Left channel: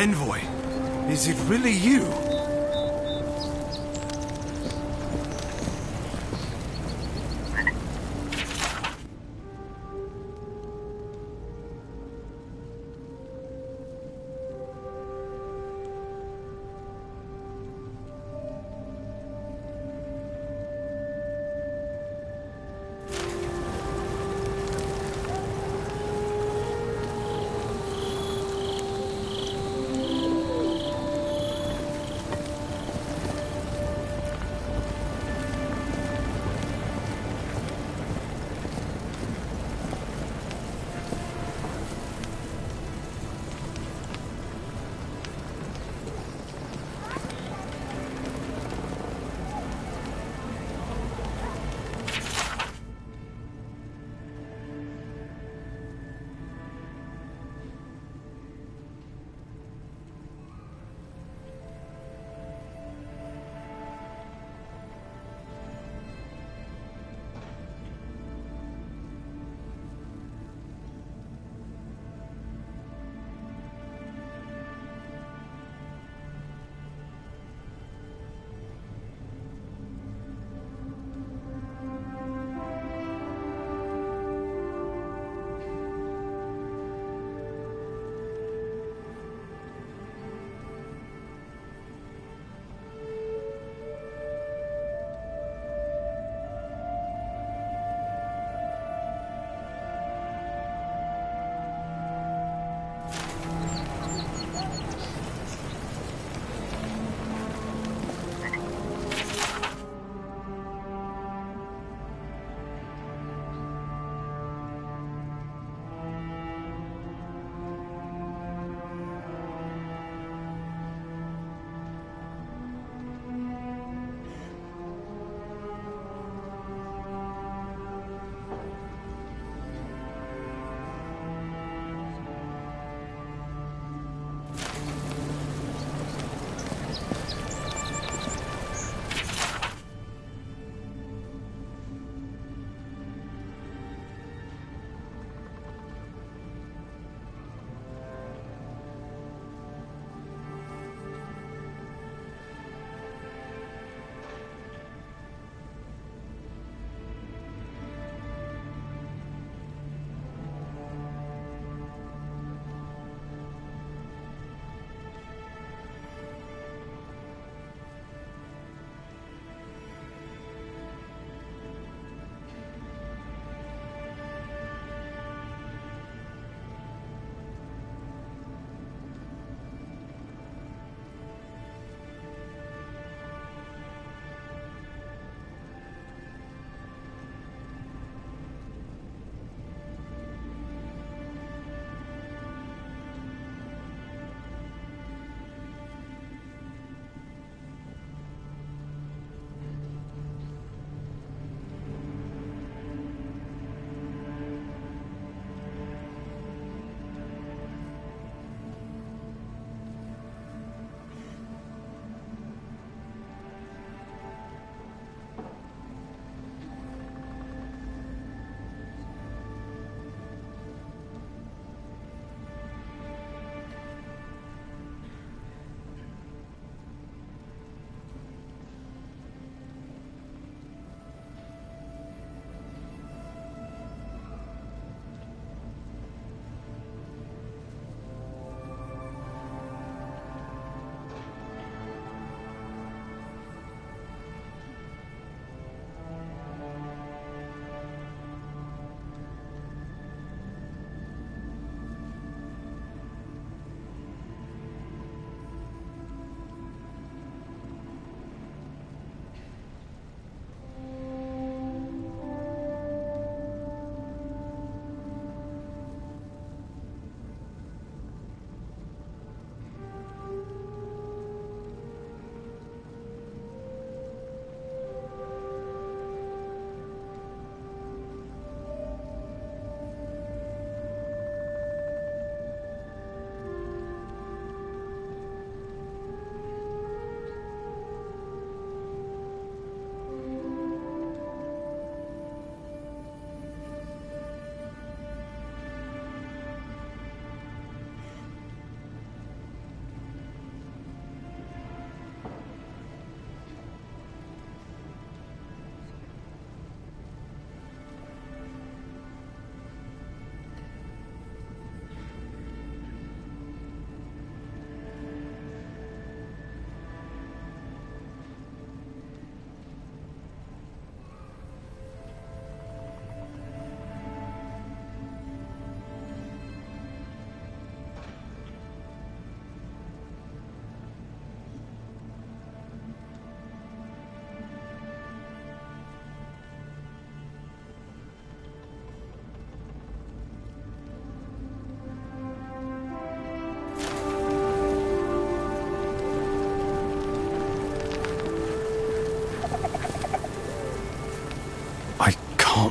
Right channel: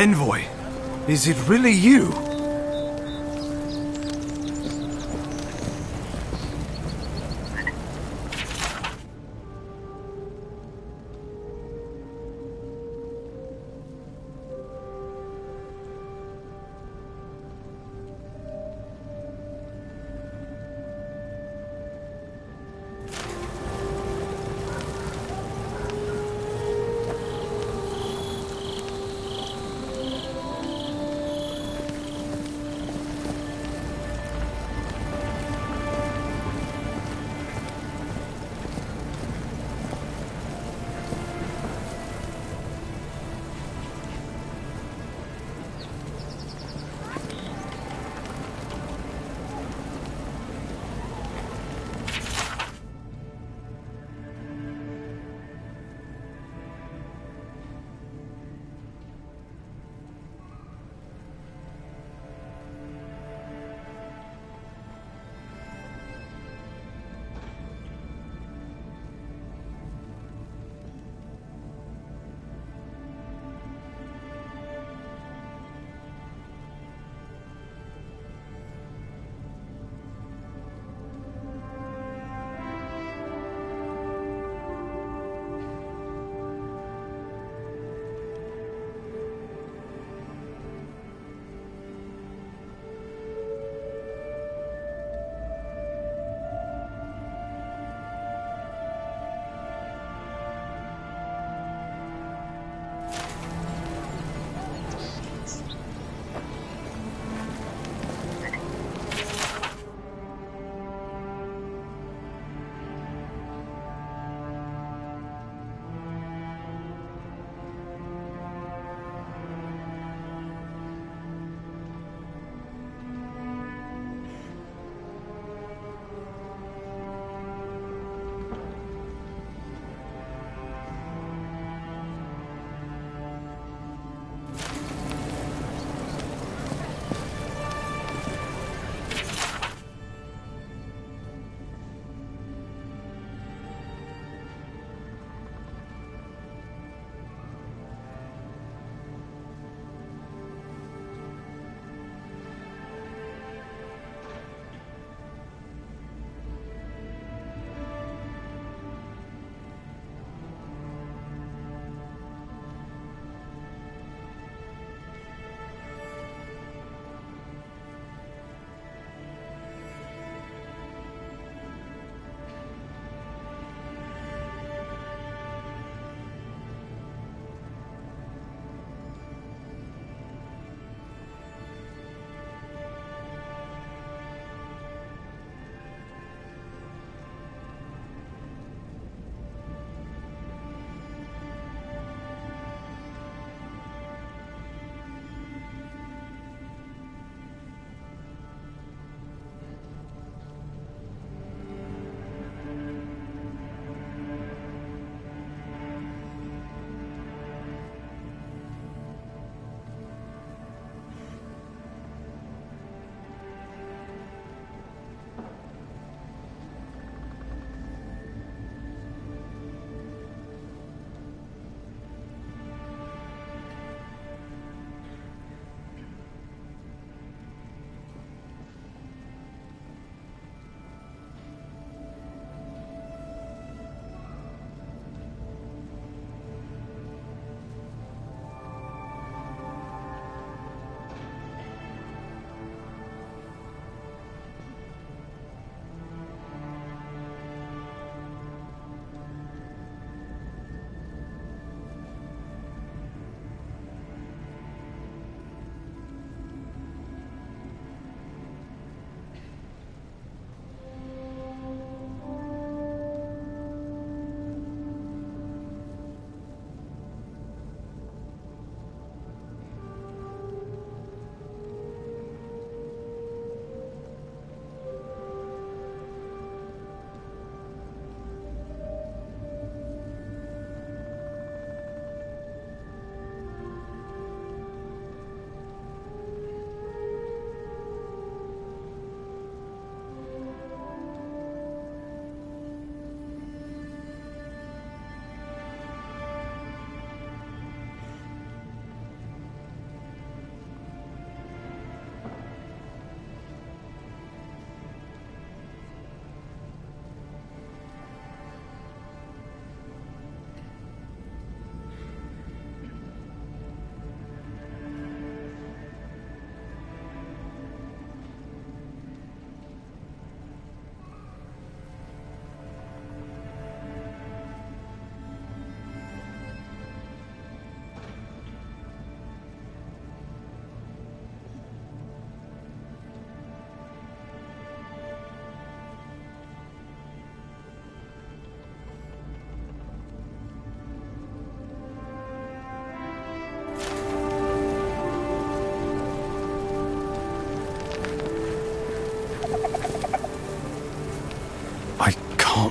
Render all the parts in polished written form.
Envoy, is it really you?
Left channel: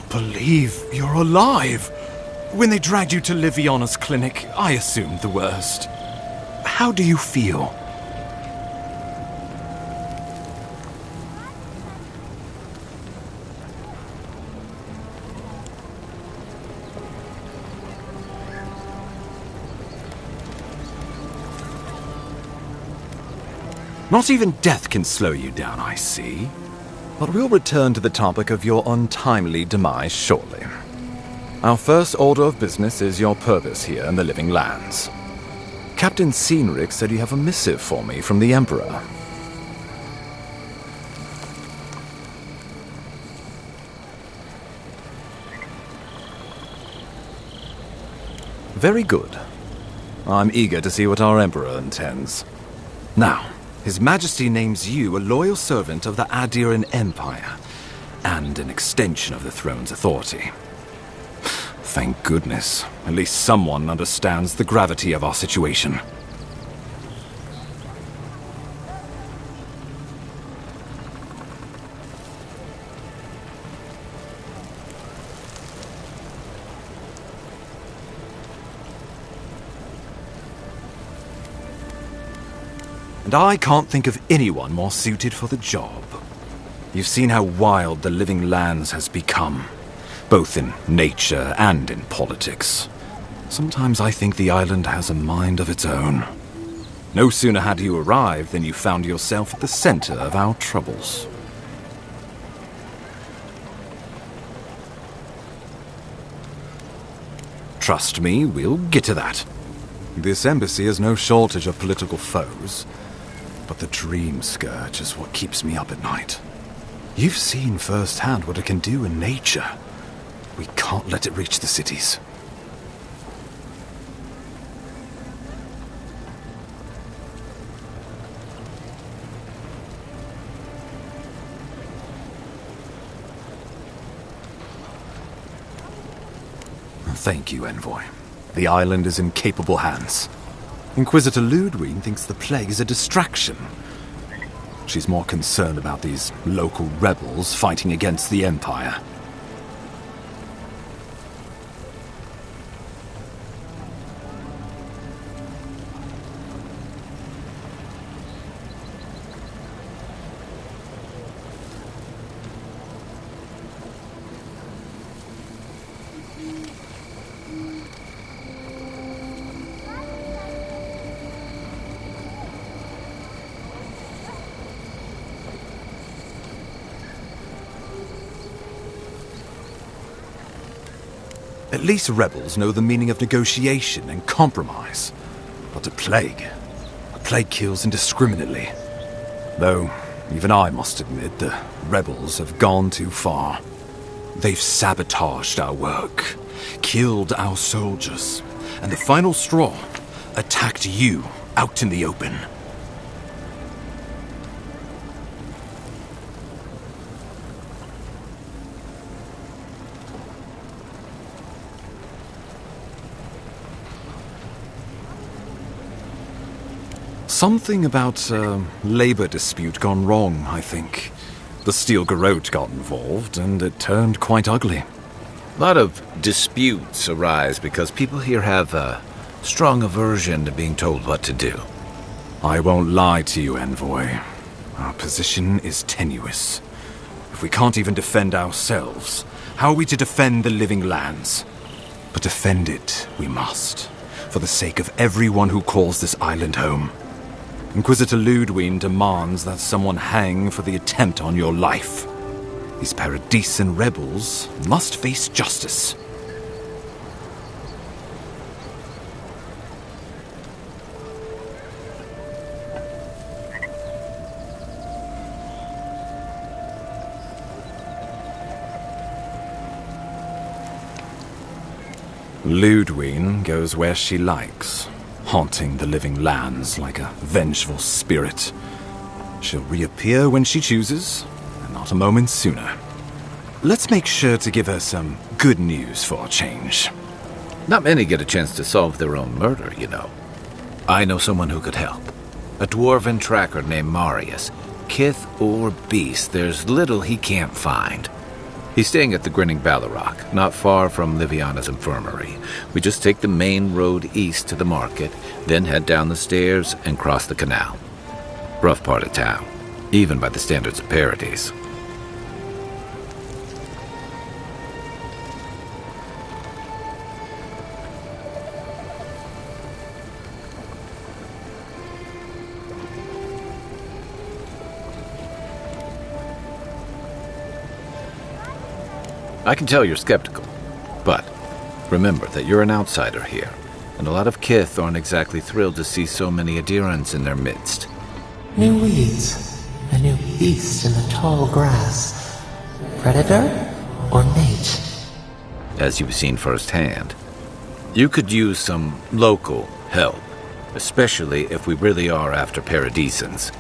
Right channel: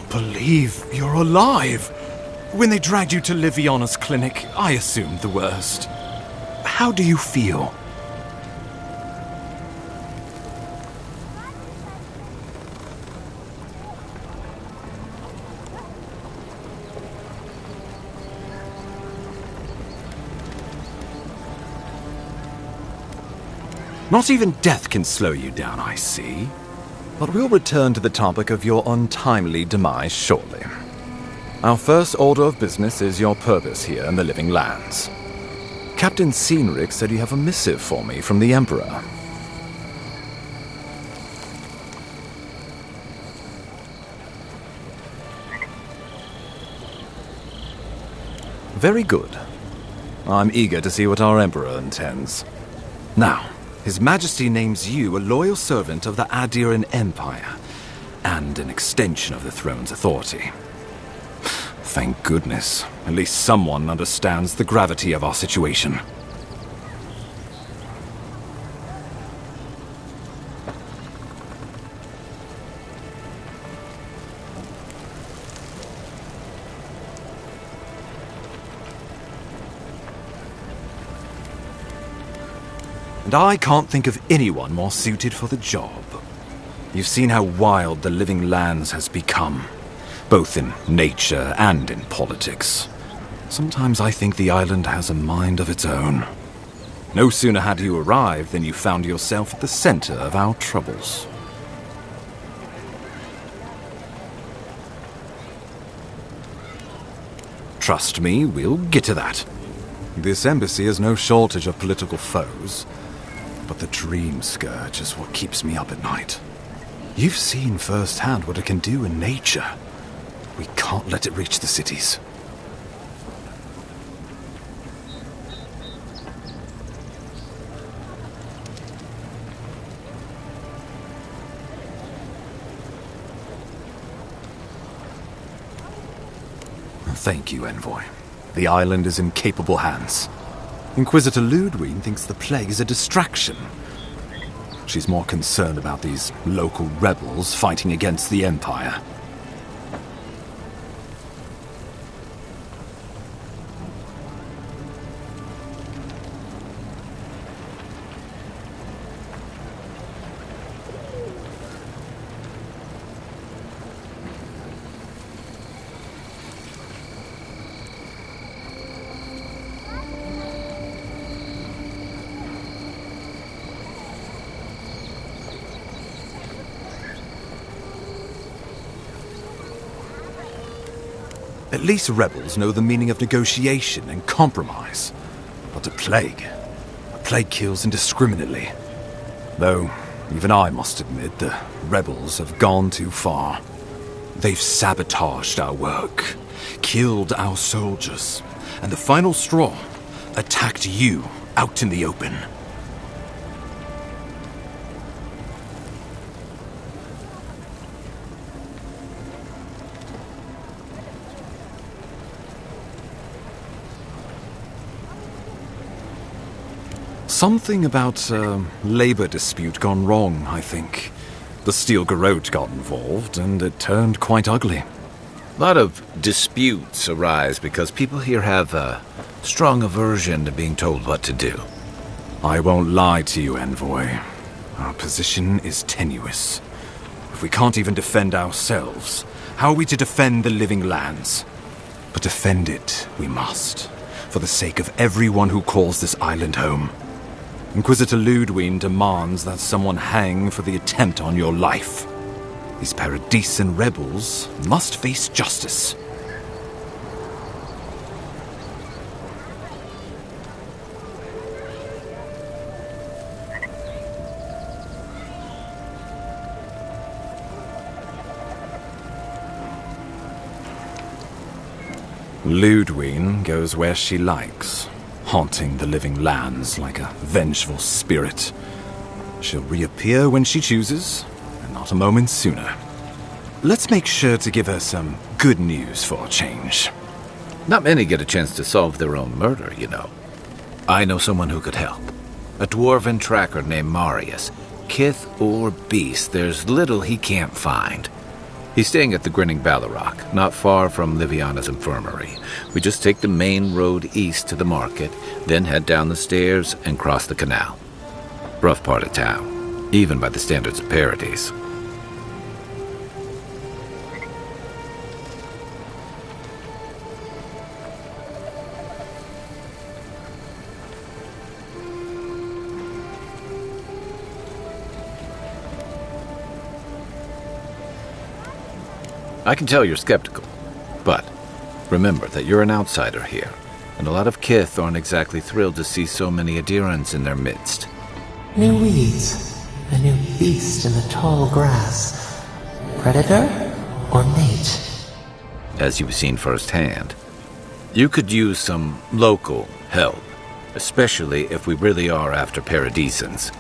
believe you're alive. When they dragged you to Liviana's clinic, I assumed the worst. How do you feel? Not even death can slow you down, I see. But we'll return to the topic of your untimely demise shortly. Our first order of business is your purpose here in the Living Lands. Captain Cynric said you have a missive for me from the Emperor. Very good. I'm eager to see what our Emperor intends. Now, His Majesty names you a loyal servant of the Adiran Empire, and an extension of the throne's authority. Thank goodness. At least someone understands the gravity of our situation. And I can't think of anyone more suited for the job. You've seen how wild the Living Lands has become, both in nature and in politics. Sometimes I think the island has a mind of its own. No sooner had you arrived than you found yourself at the center of our troubles. Trust me, we'll get to that. This embassy has no shortage of political foes. But the Dream Scourge is what keeps me up at night. You've seen firsthand what it can do in nature. We can't let it reach the cities. Thank you, Envoy. The island is in capable hands. Inquisitor Ludwig thinks the plague is a distraction. She's more concerned about these local rebels fighting against the Empire. At least rebels know the meaning of negotiation and compromise. But a plague kills indiscriminately. Though, even I must admit, the rebels have gone too far. They've sabotaged our work, killed our soldiers, and the final straw, attacked you out in the open. Something about a labor dispute gone wrong, I think. The Steel Garrote got involved, and it turned quite ugly. A lot of disputes arise because people here have a strong aversion to being told what to do. I won't lie to you, Envoy. Our position is tenuous. If we can't even defend ourselves, how are we to defend the Living Lands? But defend it we must, for the sake of everyone who calls this island home. Inquisitor Ludwig demands that someone hang for the attempt on your life. These Paradisen rebels must face justice. Ludwig goes where she likes, haunting the Living Lands like a vengeful spirit. She'll reappear when she chooses, and not a moment sooner. Let's make sure to give her some good news for a change. Not many get a chance to solve their own murder, you know. I know someone who could help. A dwarven tracker named Marius. Kith or beast, there's little he can't find. He's staying at the Grinning Ballarok, not far from Liviana's infirmary. We just take the main road east to the market, then head down the stairs and cross the canal. Rough part of town, even by the standards of Paradise. I can tell you're skeptical, but remember that you're an outsider here, and a lot of kith aren't exactly thrilled to see so many adherents in their midst. New weeds, a new beast in the tall grass. Predator or mate? As you've seen firsthand, you could use some local help, especially if we really are after Paradisans.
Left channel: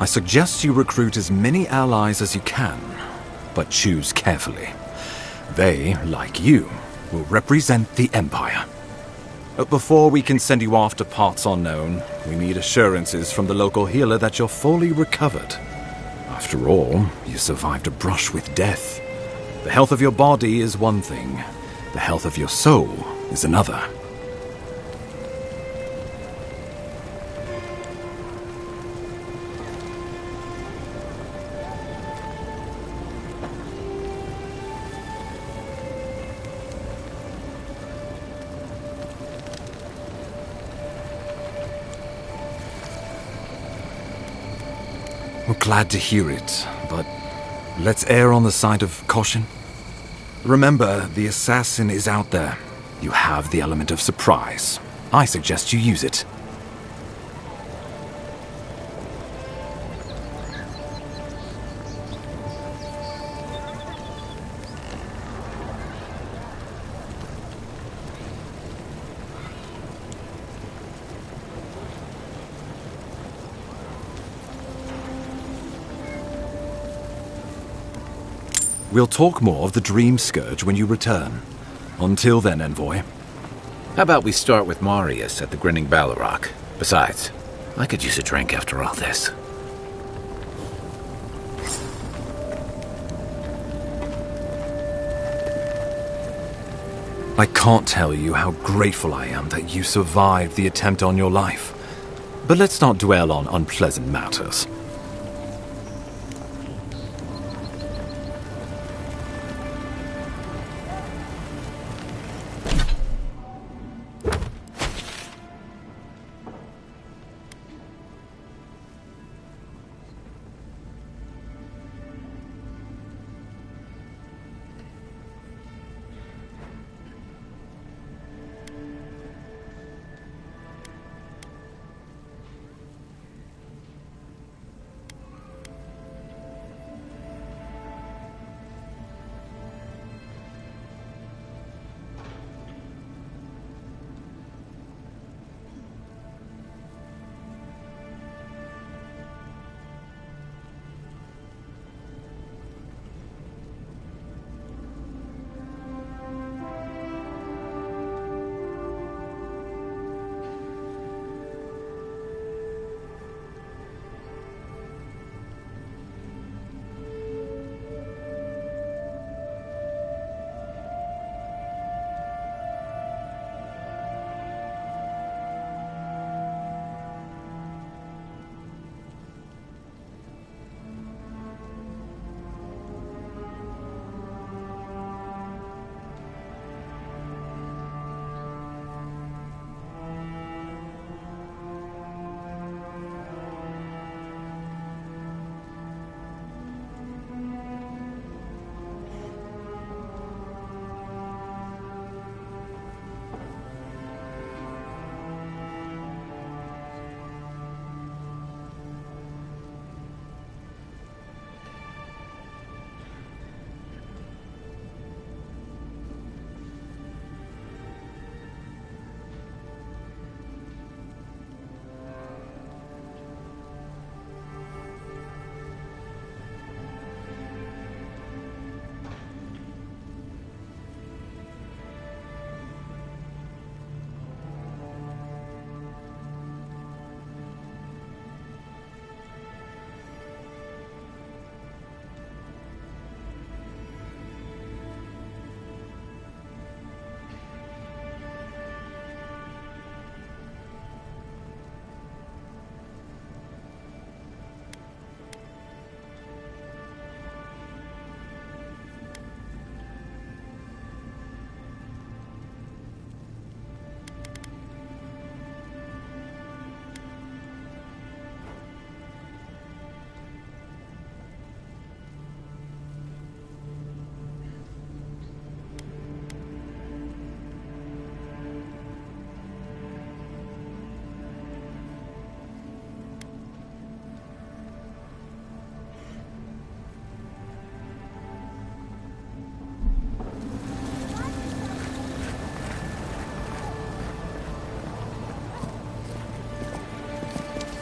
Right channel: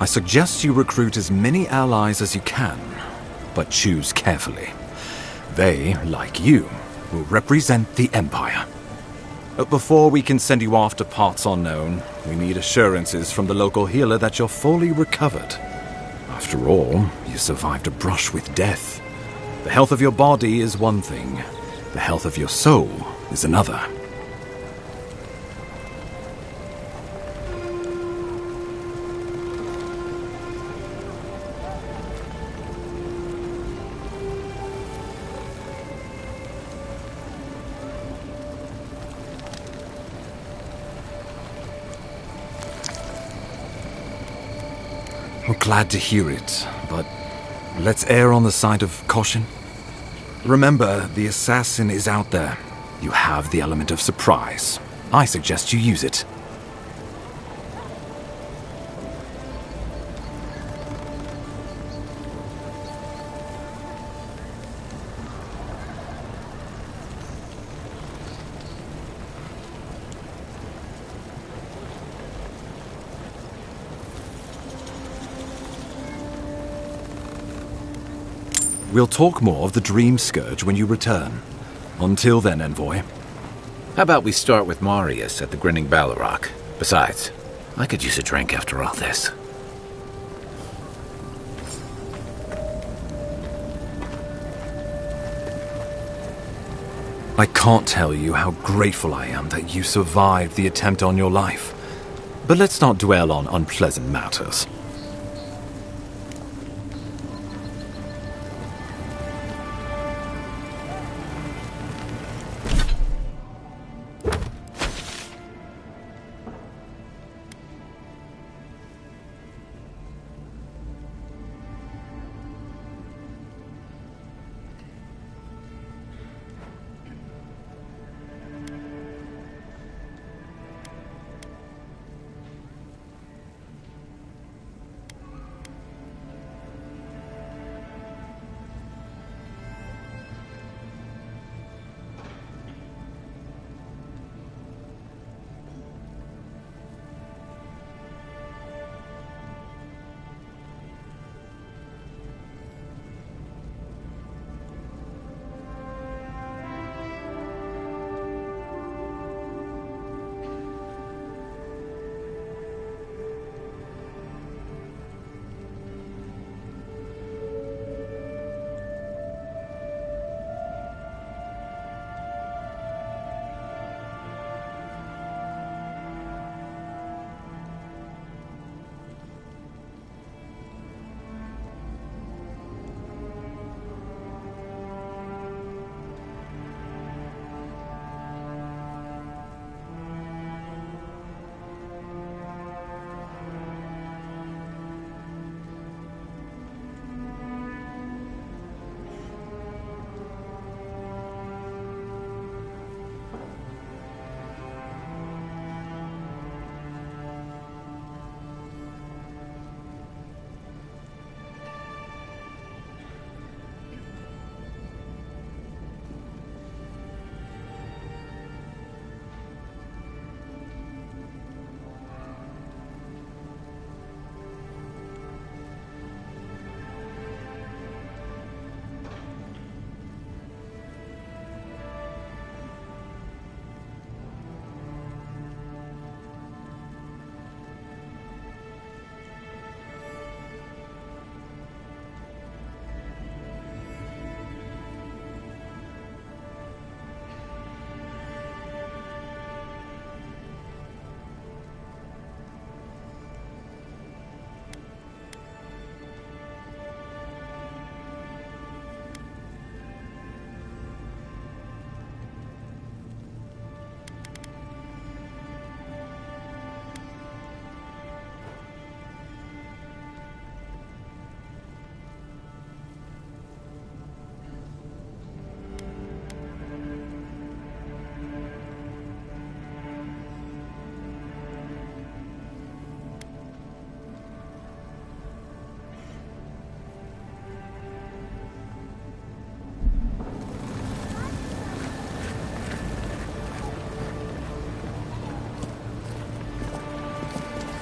I suggest you recruit as many allies as you can, but choose carefully. They, like you, will represent the Empire. But before we can send you off to parts unknown, we need assurances from the local healer that you're fully recovered. After all, you survived a brush with death. The health of your body is one thing. The health of your soul is another. We're glad to hear it, but let's err on the side of caution. Remember, the assassin is out there. You have the element of surprise. I suggest you use it. We'll talk more of the Dream Scourge when you return. Until then, Envoy. How about we start with Marius at the Grinning Ballarok? Besides, I could use a drink after all this. I can't tell you how grateful I am that you survived the attempt on your life. But let's not dwell on unpleasant matters.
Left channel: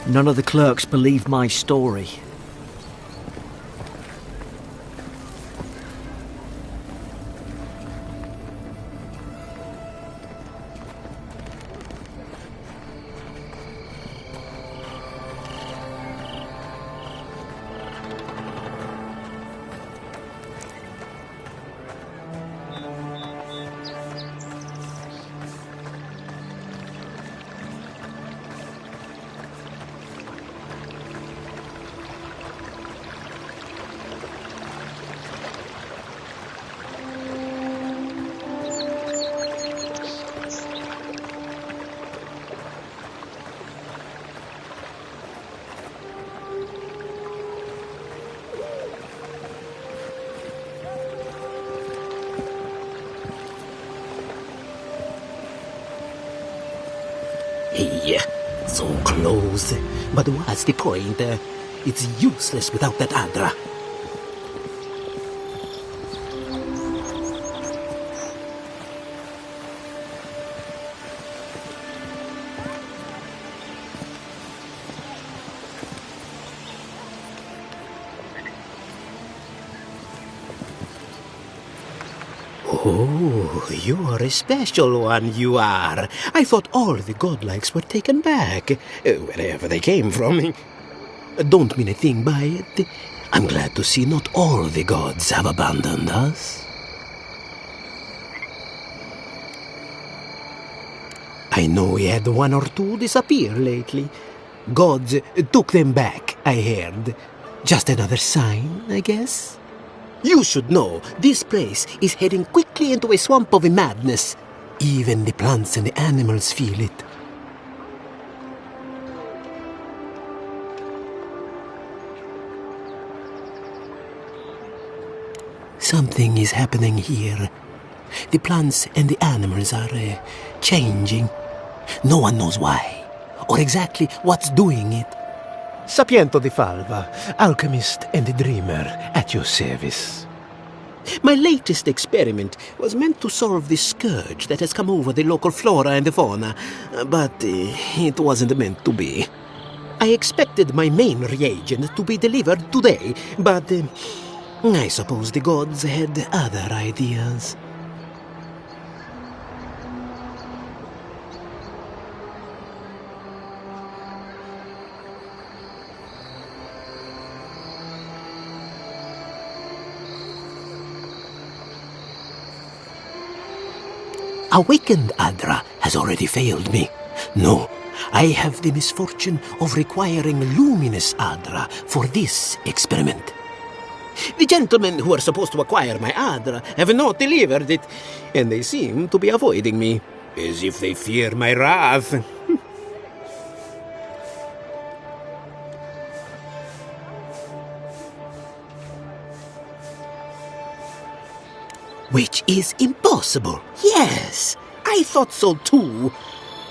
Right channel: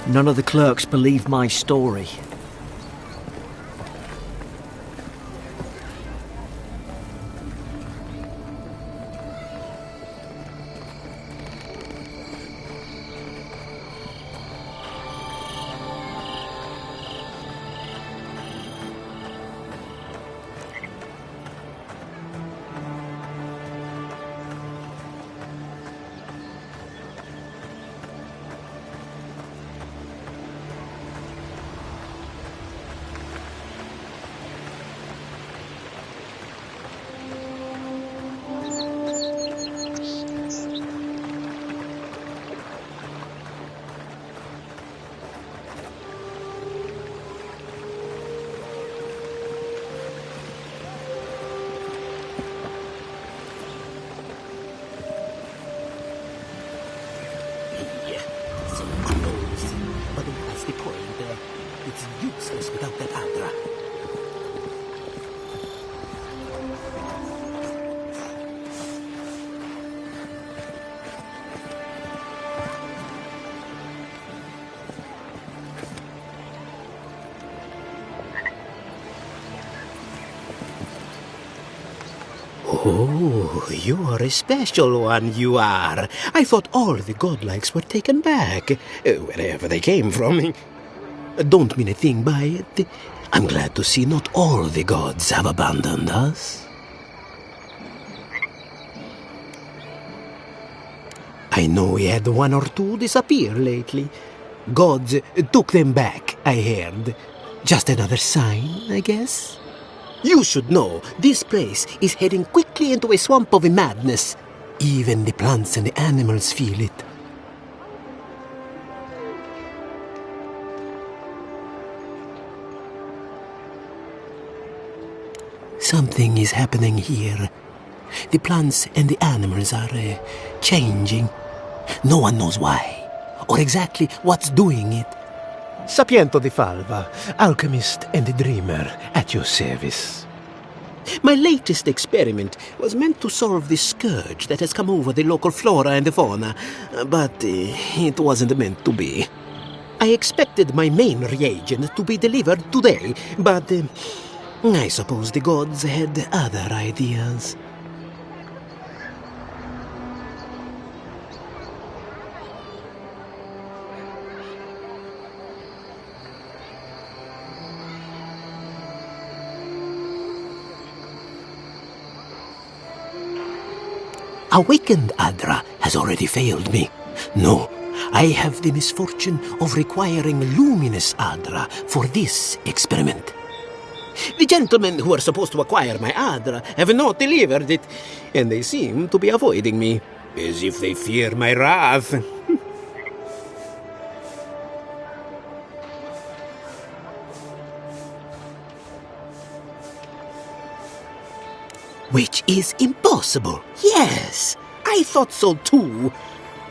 None of the clerks believed my story. Hey, so close. But what's the point? It's useless without that Adra. Oh, you're a special one, you are. I thought all the godlikes were taken back, wherever they came from. Don't mean a thing by it. I'm glad to see not all the gods have abandoned us. I know we had one or two disappear lately. Gods took them back, I heard. Just another sign, I guess. You should know, this place is heading quickly into a swamp of madness. Even the plants and the animals feel it. Something is happening here. The plants and the animals are changing. No one knows why, or exactly what's doing it. Sapiento di Falva, alchemist and dreamer, at your service. My latest experiment was meant to solve the scourge that has come over the local flora and the fauna, but it wasn't meant to be. I expected my main reagent to be delivered today, but I suppose the gods had other ideas. Awakened Adra has already failed me. No, I have the misfortune of requiring luminous Adra for this experiment. The gentlemen who are supposed to acquire my Adra have not delivered it, and they seem to be avoiding me, as if they fear my wrath. Which is impossible. Yes, I thought so too.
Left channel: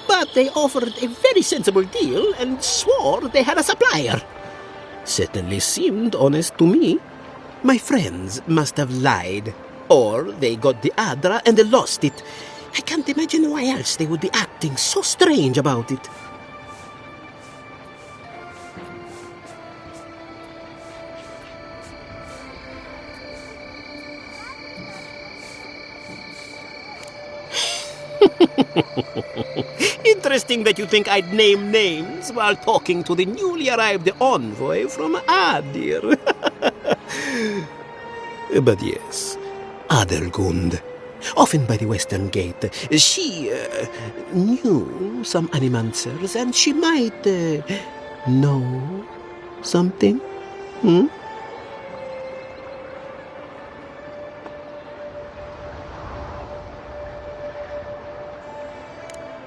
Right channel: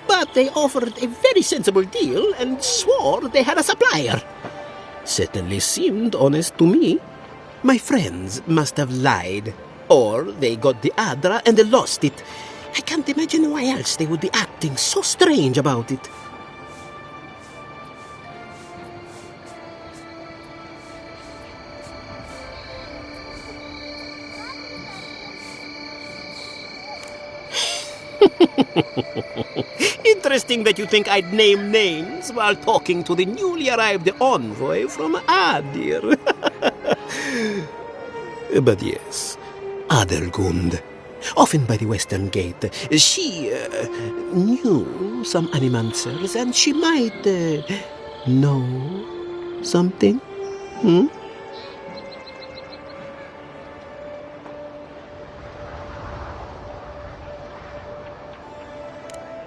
But they offered a very sensible deal and swore they had a supplier. Certainly seemed honest to me. My friends must have lied. Or they got the Adra and they lost it. I can't imagine why else they would be acting so strange about it. Interesting that you think I'd name names while talking to the newly arrived envoy from Adir. But yes, Adelgund, often by the western gate, she knew some animancers, and she might know something.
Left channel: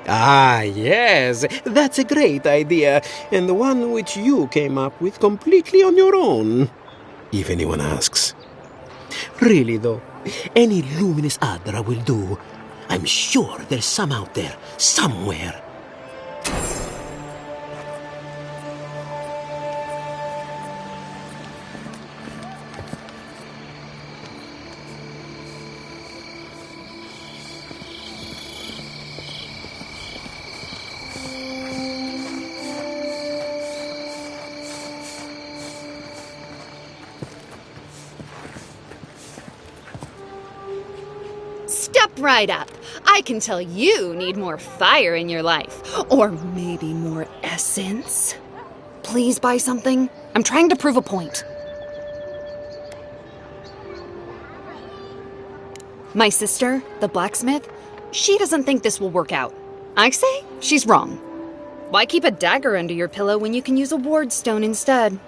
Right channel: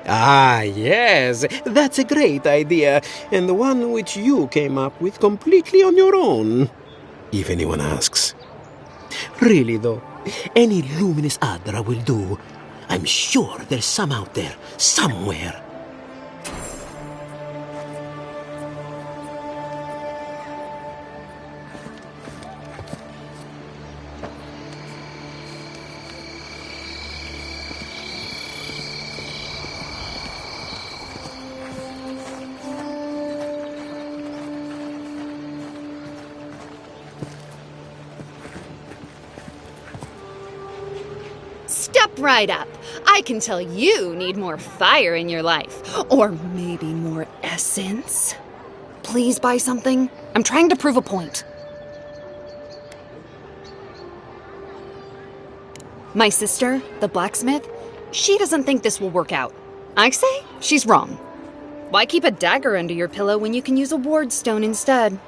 Ah, yes, that's a great idea, and one which you came up with completely on your own, if anyone asks. Really, though, any luminous Adra will do. I'm sure there's some out there, somewhere. right up. I can tell you need more fire in your life. Or maybe more essence. Please buy something. I'm trying to prove a point. My sister, the blacksmith, she doesn't think this will work out. I say she's wrong. Why keep a dagger under your pillow when you can use a ward stone instead?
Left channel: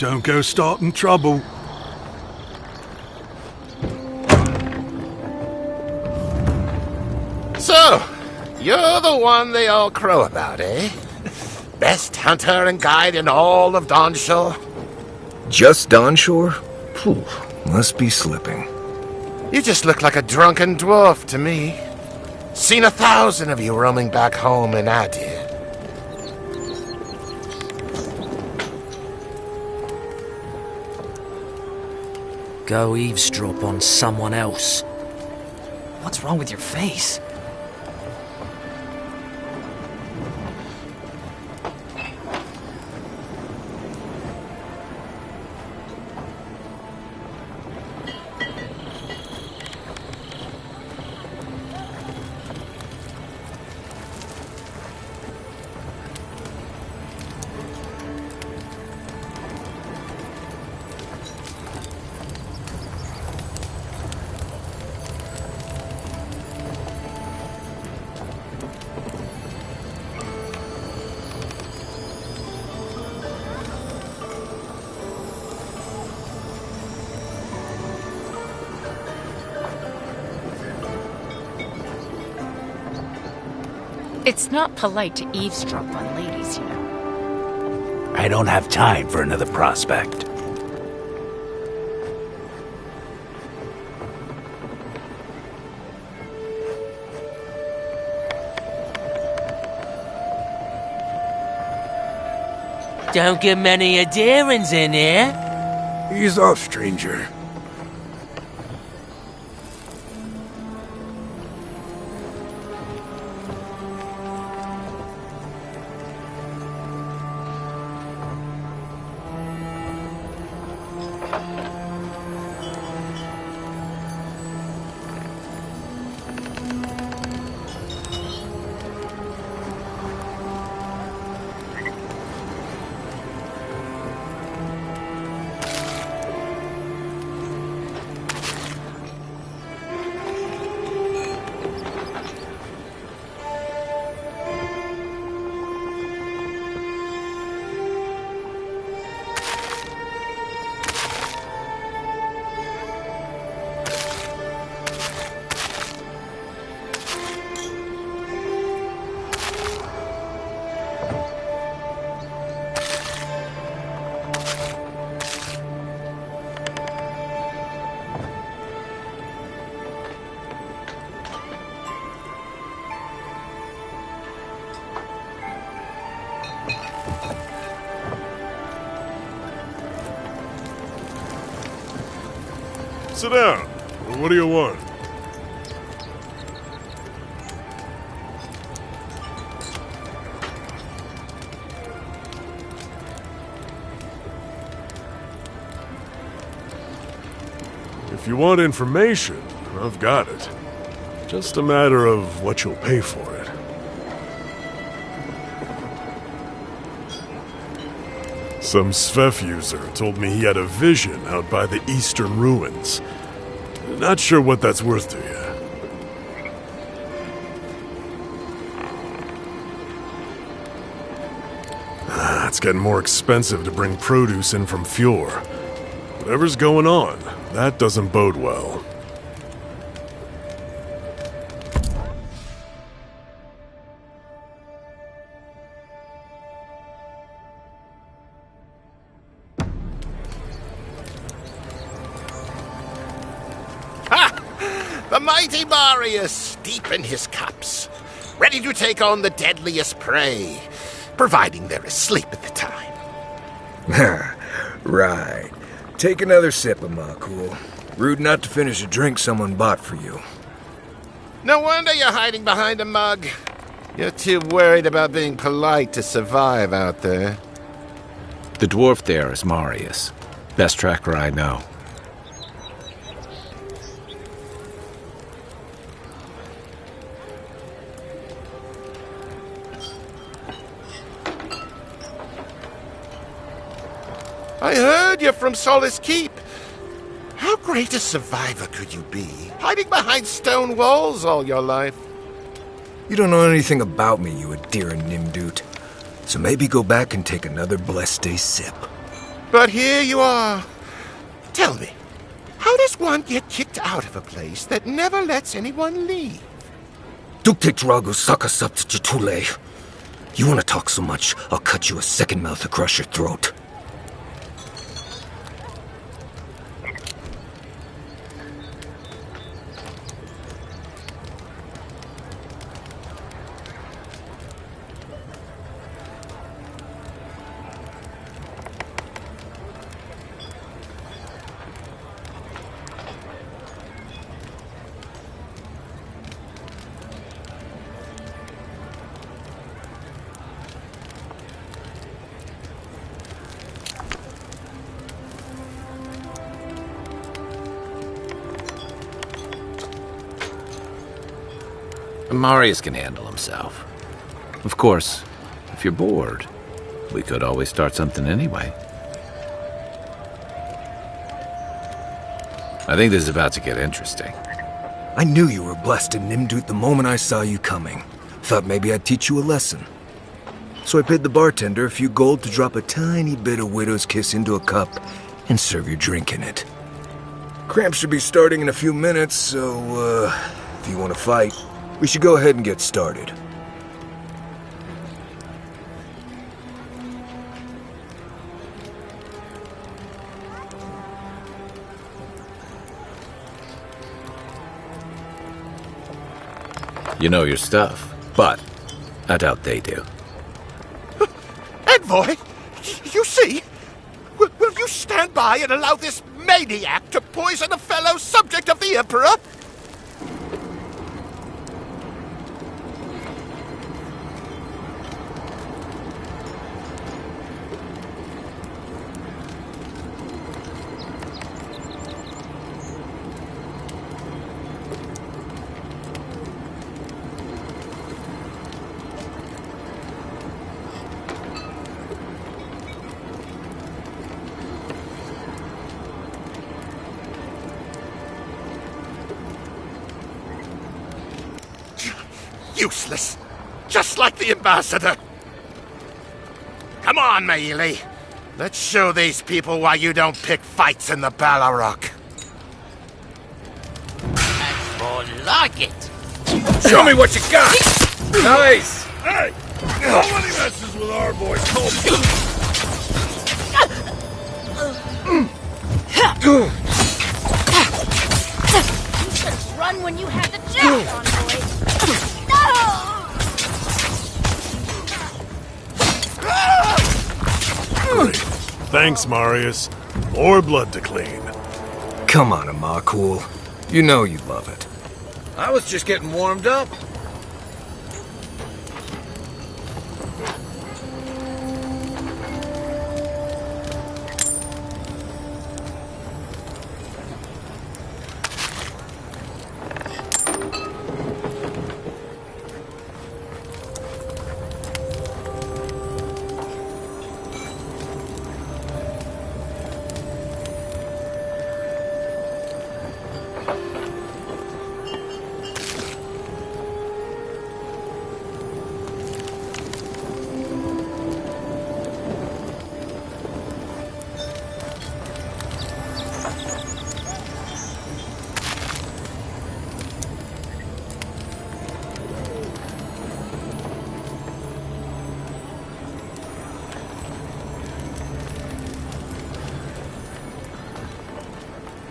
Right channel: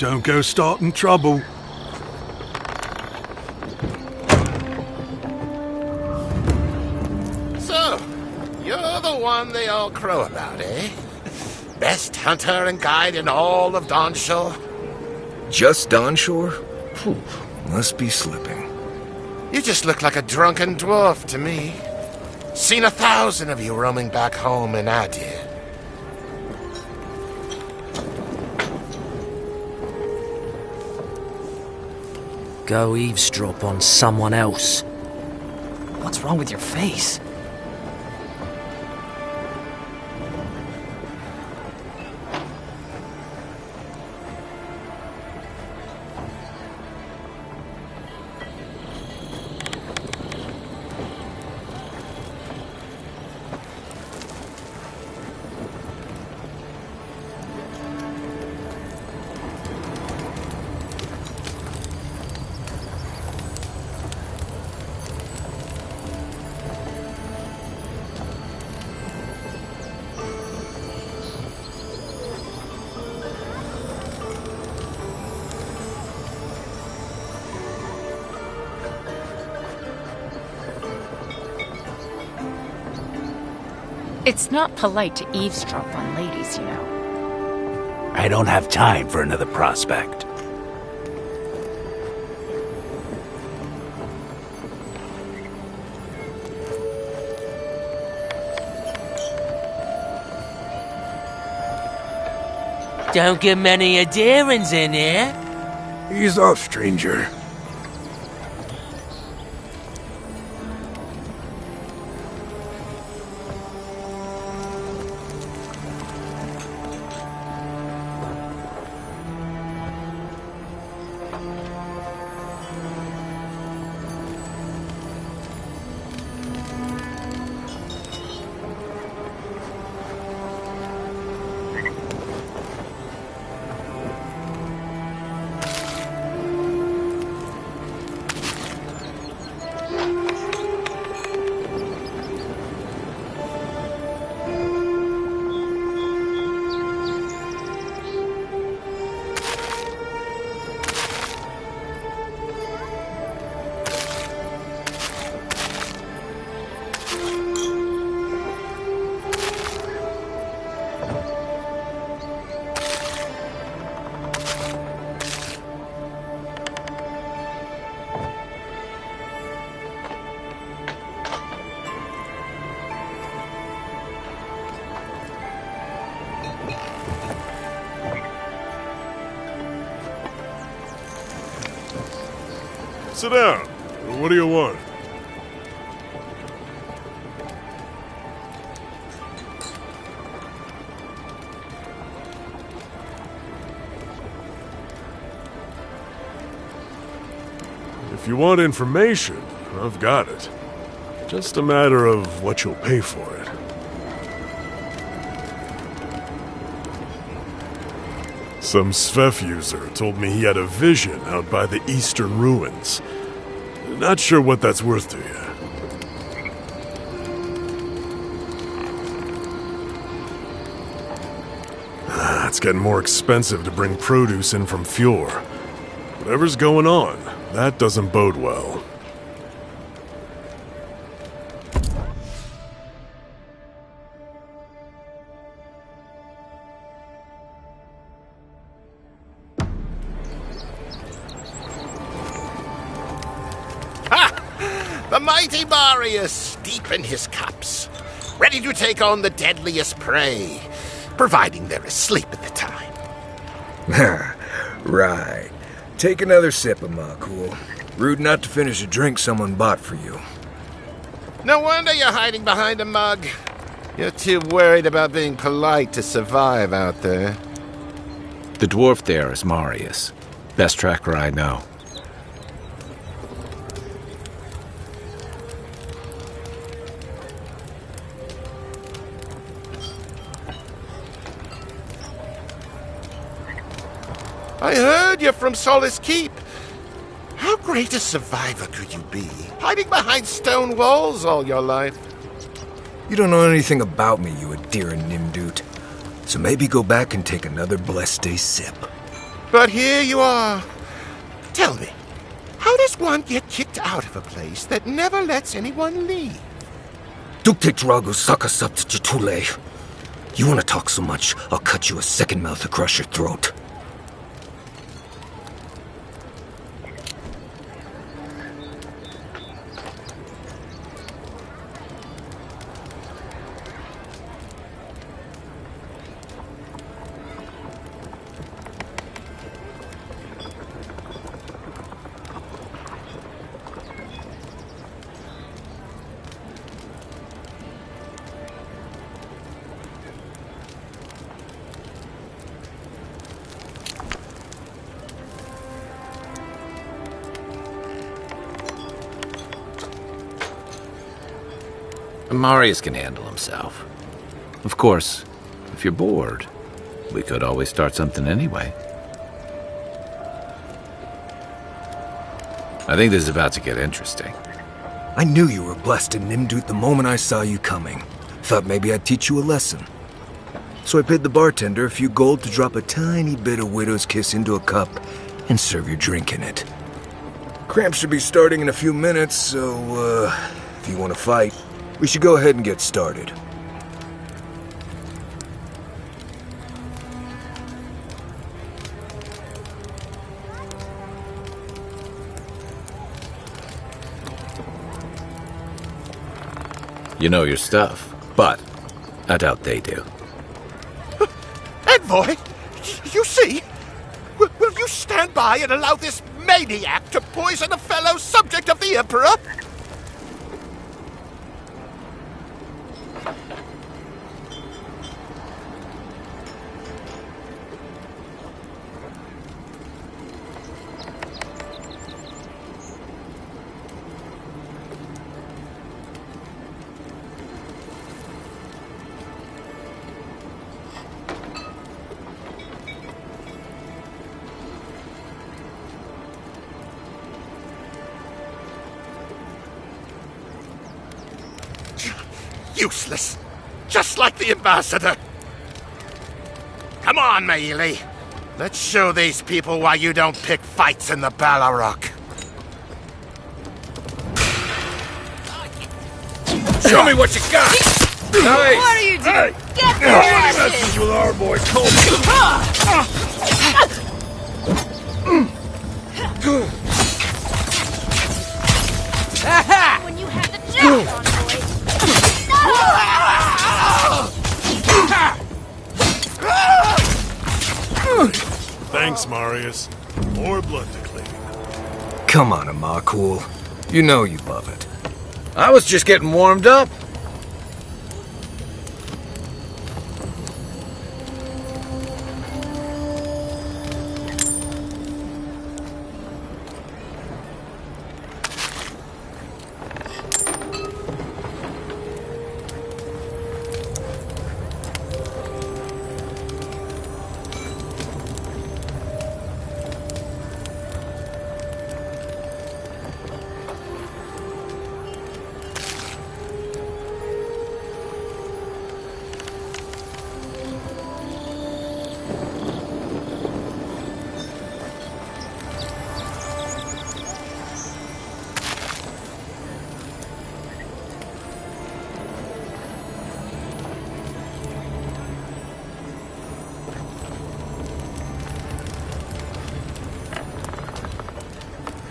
Don't go starting trouble. So, you're the one they all crow about, eh? Best hunter and guide in all of Dawnshore? Just Dawnshore? Phew, must be slipping. You just look like a drunken dwarf to me. Seen 1,000 of you roaming back home in Adir. Go eavesdrop on someone else. What's wrong with your face? It's not polite to eavesdrop on ladies, you know. I don't have time for another prospect. Don't get many adherents in here. Ease off, stranger. Sit down. What do you want? If you want information, I've got it. Just a matter of what you'll pay for it. Some Svef user told me he had a vision out by the eastern ruins. Not sure what that's worth to you. It's getting more expensive to bring produce in from Fjord. Whatever's going on, that doesn't bode well. The mighty Marius, deep in his cups, ready to take on the deadliest prey, providing they're asleep at the time. Right. Take another sip of my cool. Rude not to finish a drink someone bought for you. No wonder you're hiding behind a mug. You're too worried about being polite to survive out there. The dwarf there is Marius. Best tracker I know. I heard you're from Solace Keep. How great a survivor could you be, hiding behind stone walls all your life? You don't know anything about me, you adherent Nimdut. So maybe go back and take another blessed day sip. But here you are. Tell me, how does one get kicked out of a place that never lets anyone leave? Dukte Drago Sakasapt Jitule. You want to talk so much, I'll cut you a second mouth across your throat. Marius can handle himself. Of course, if you're bored, we could always start something anyway. I think this is about to get interesting. I knew you were blessed in Nimdut the moment I saw you coming. Thought maybe I'd teach you a lesson. So I paid the bartender a few gold to drop a tiny bit of widow's kiss into a cup and serve your drink in it. Cramps should be starting in a few minutes, so, if you want to fight, we should go ahead and get started. You know your stuff, but I doubt they do. Envoy, you see? Will you stand by and allow this maniac to poison a fellow subject of the Emperor? Useless. Just like the ambassador. Come on, Maili. Let's show these people why you don't pick fights in the Ballarok. Oh, like it. Show me what you got! Nice! What are you doing? Hey! Get Nobody messes with our boy Colby! Run when you have the chance on, boy. Thanks, Marius. More blood to clean. Come on, Amakul. You know you love it. I was just getting warmed up.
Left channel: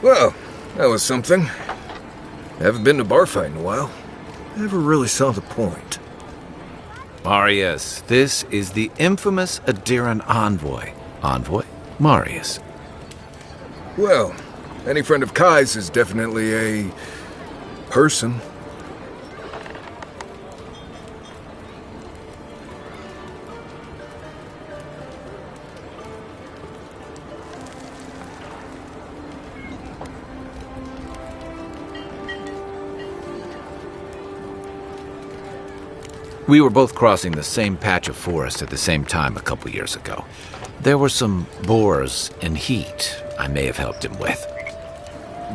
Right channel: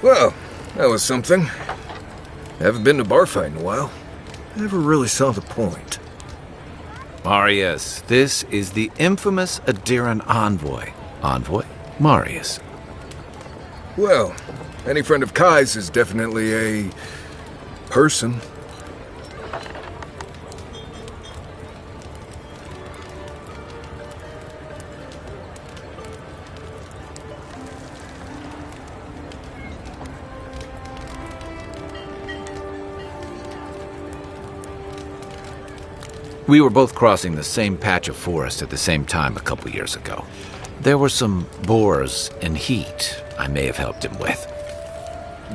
Well, that was something. Haven't been to a bar fight in a while. Never really saw the point. Marius, this is the infamous Adiran envoy. Envoy? Marius. Well, any friend of Kai's is definitely a person. We were both crossing the same patch of forest at the same time a couple years ago. There were some boars in heat I may have helped him with.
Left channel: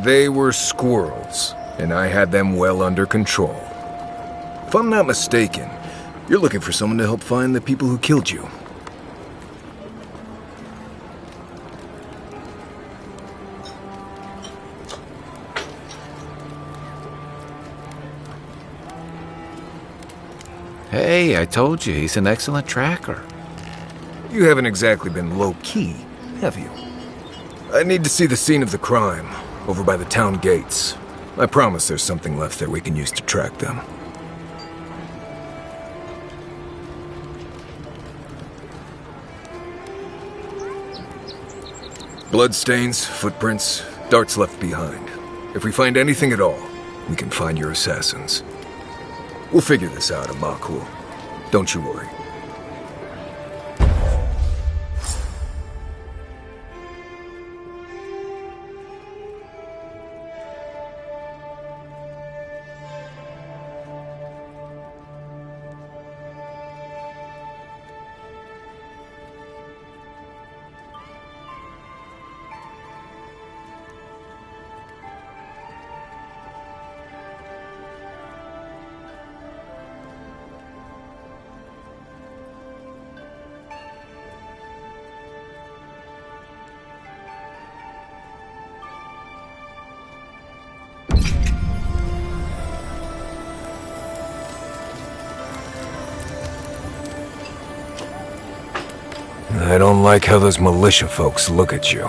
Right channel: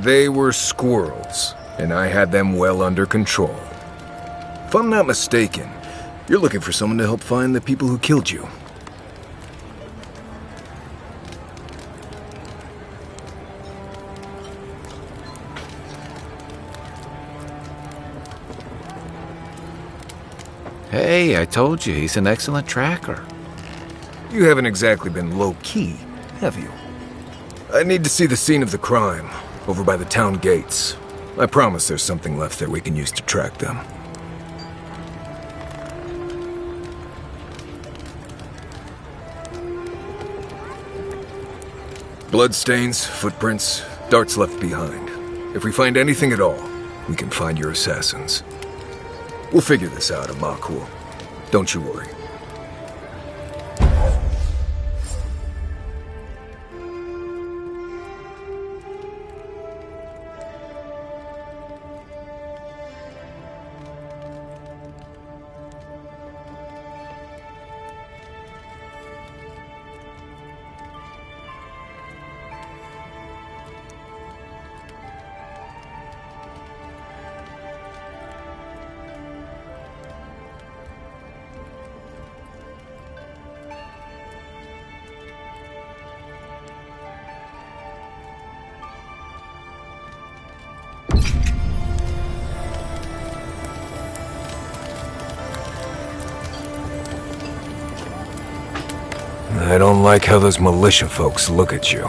They were squirrels, and I had them well under control. If I'm not mistaken, you're looking for someone to help find the people who killed you. Hey, I told you, he's an excellent tracker. You haven't exactly been low-key, have you? I need to see the scene of the crime, over by the town gates. I promise there's something left there we can use to track them. Bloodstains, footprints, darts left behind. If we find anything at all, we can find your assassins. We'll figure this out, Amakul. Don't you worry. I don't like how those militia folks look at you.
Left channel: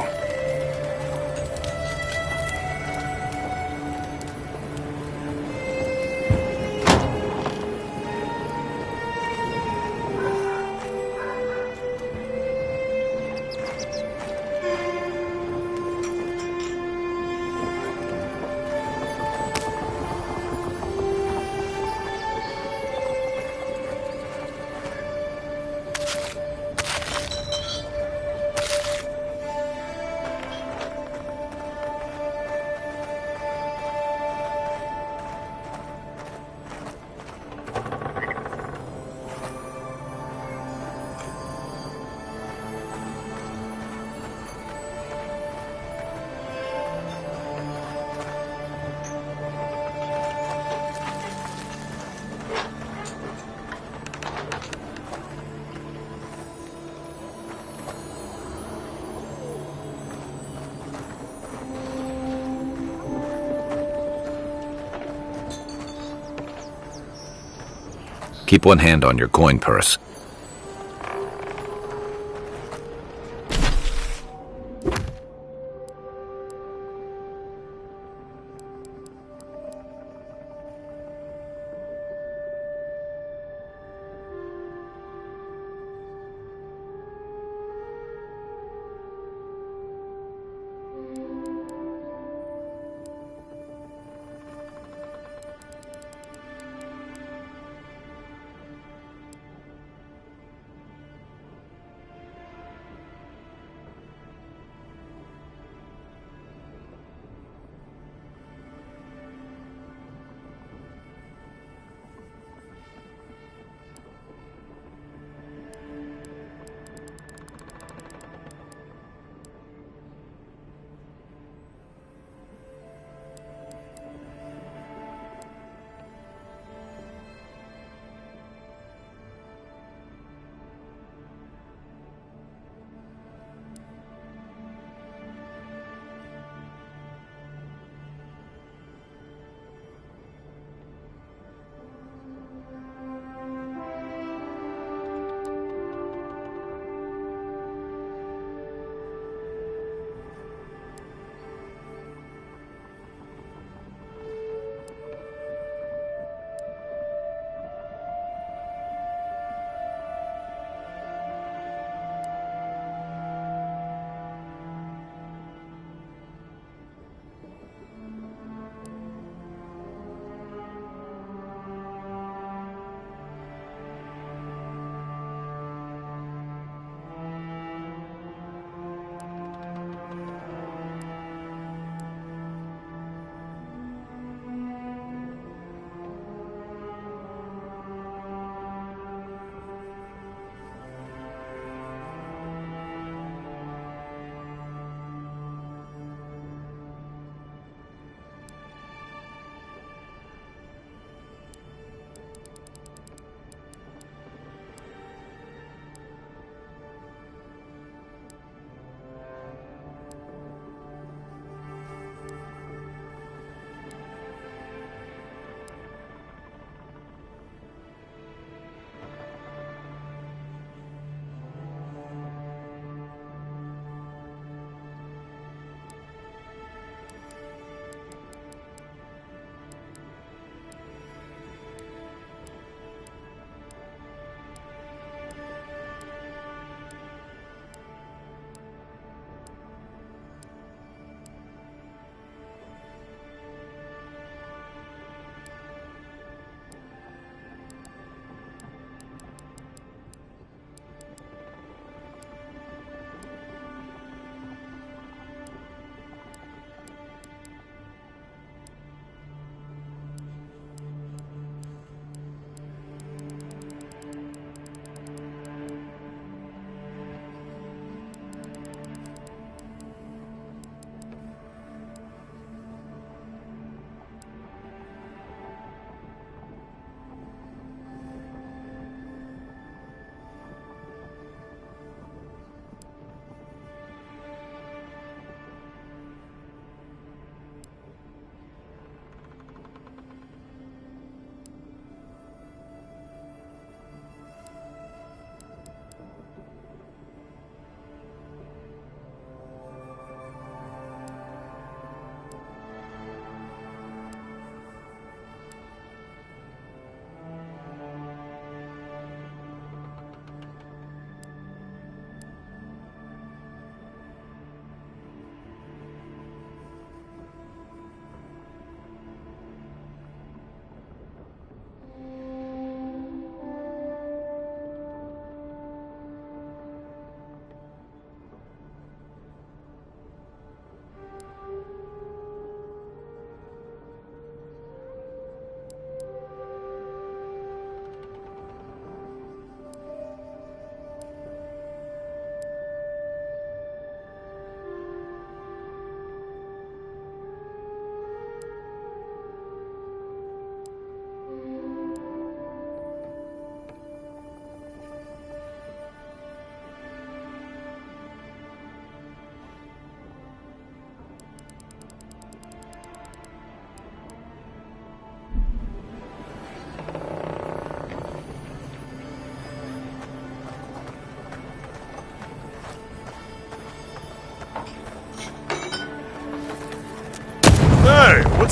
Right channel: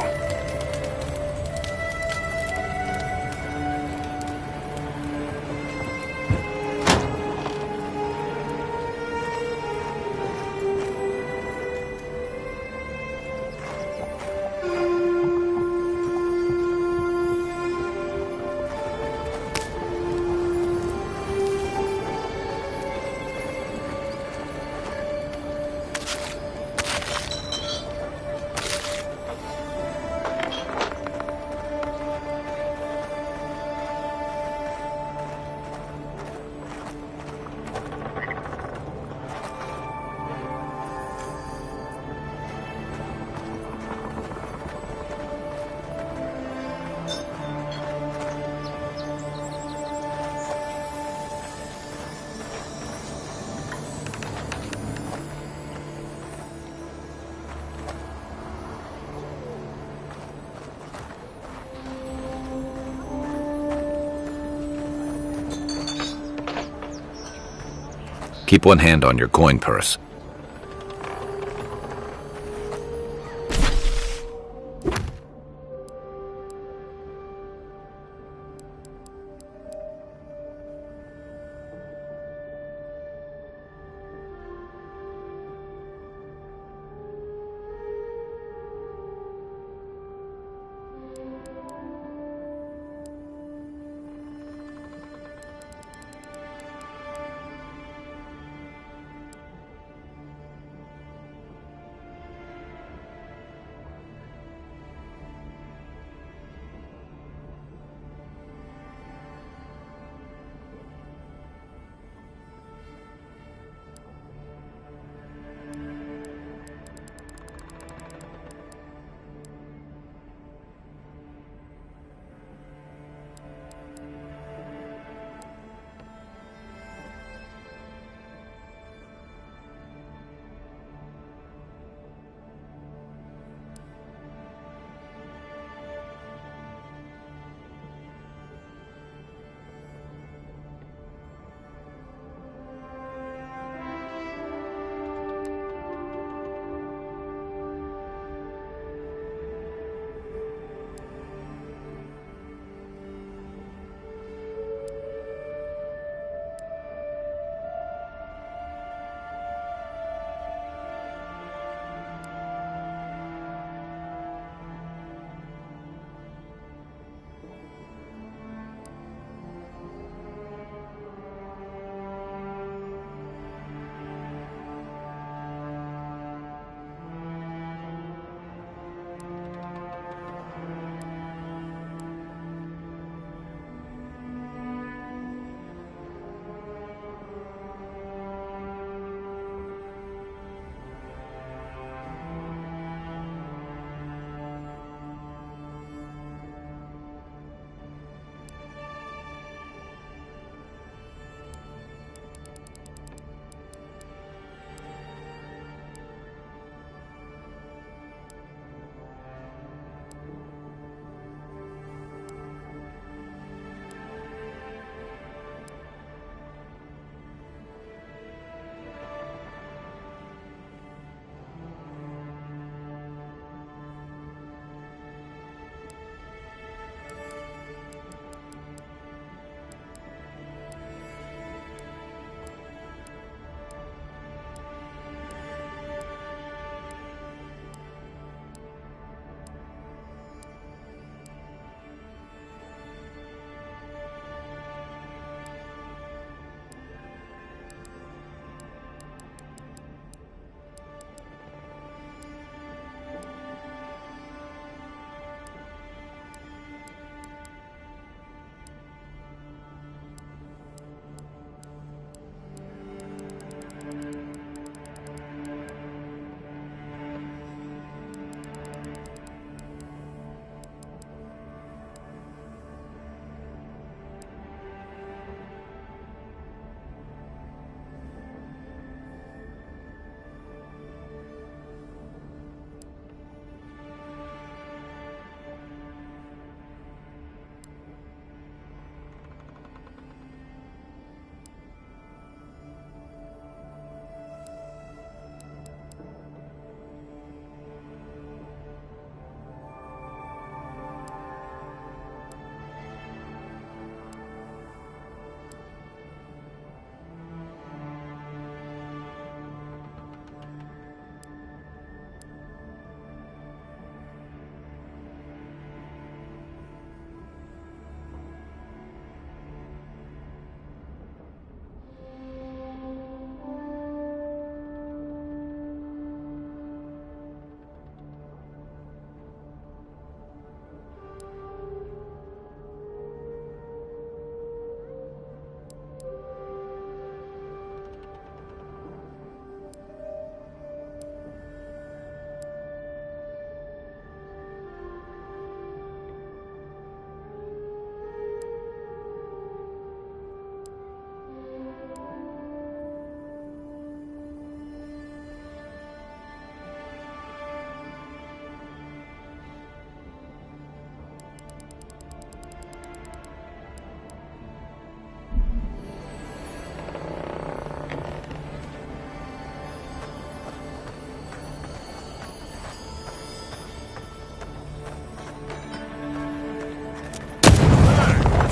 Keep one hand on your coin purse.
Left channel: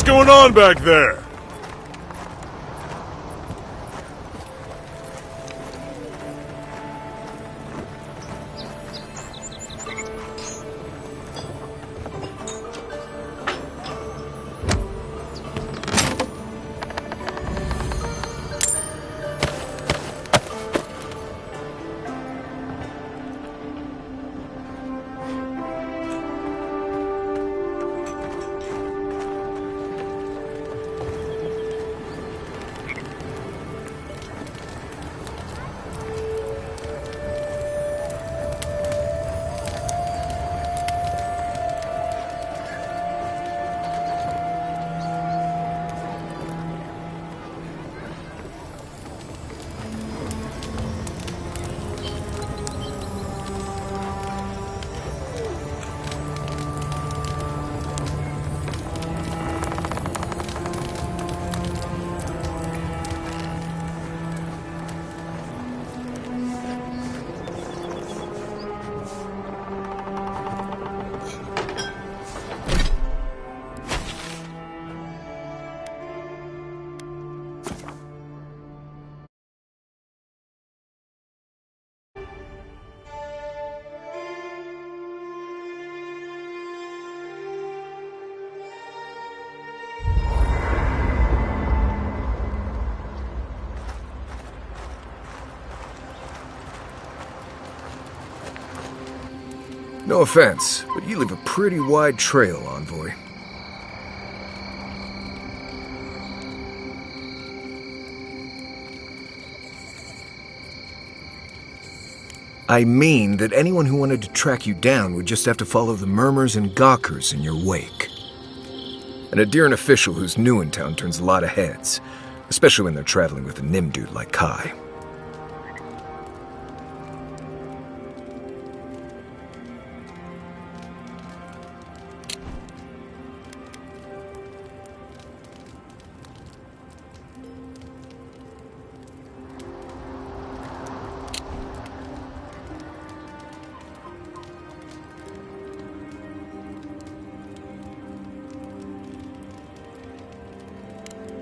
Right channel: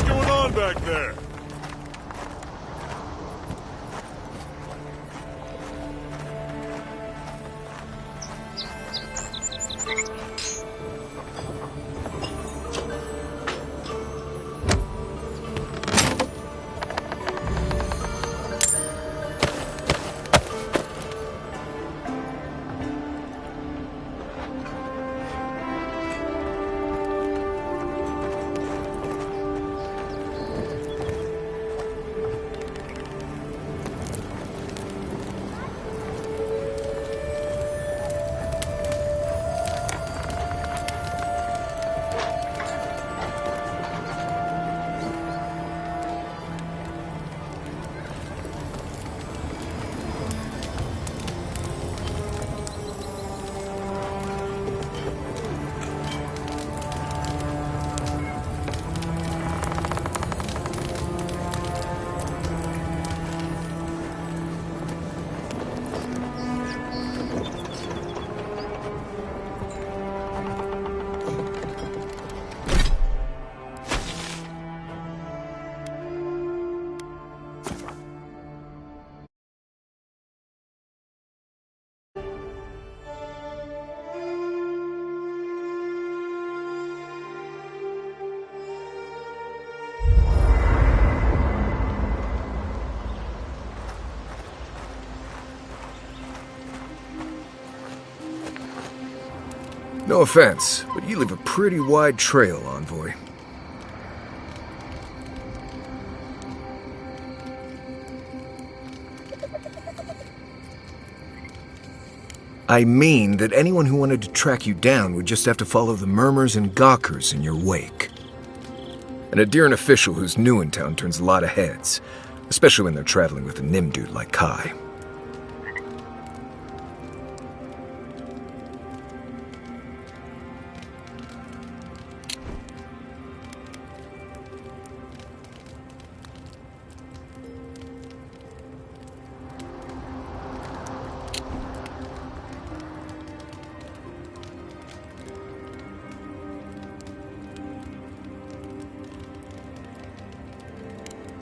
What's going on back there? No offense, but you leave a pretty wide trail, Envoy. I mean that anyone who wanted to track you down would just have to follow the murmurs and gawkers in your wake. And a Deeren official who's new in town turns a lot of heads, especially when they're traveling with a Nim dude like Kai.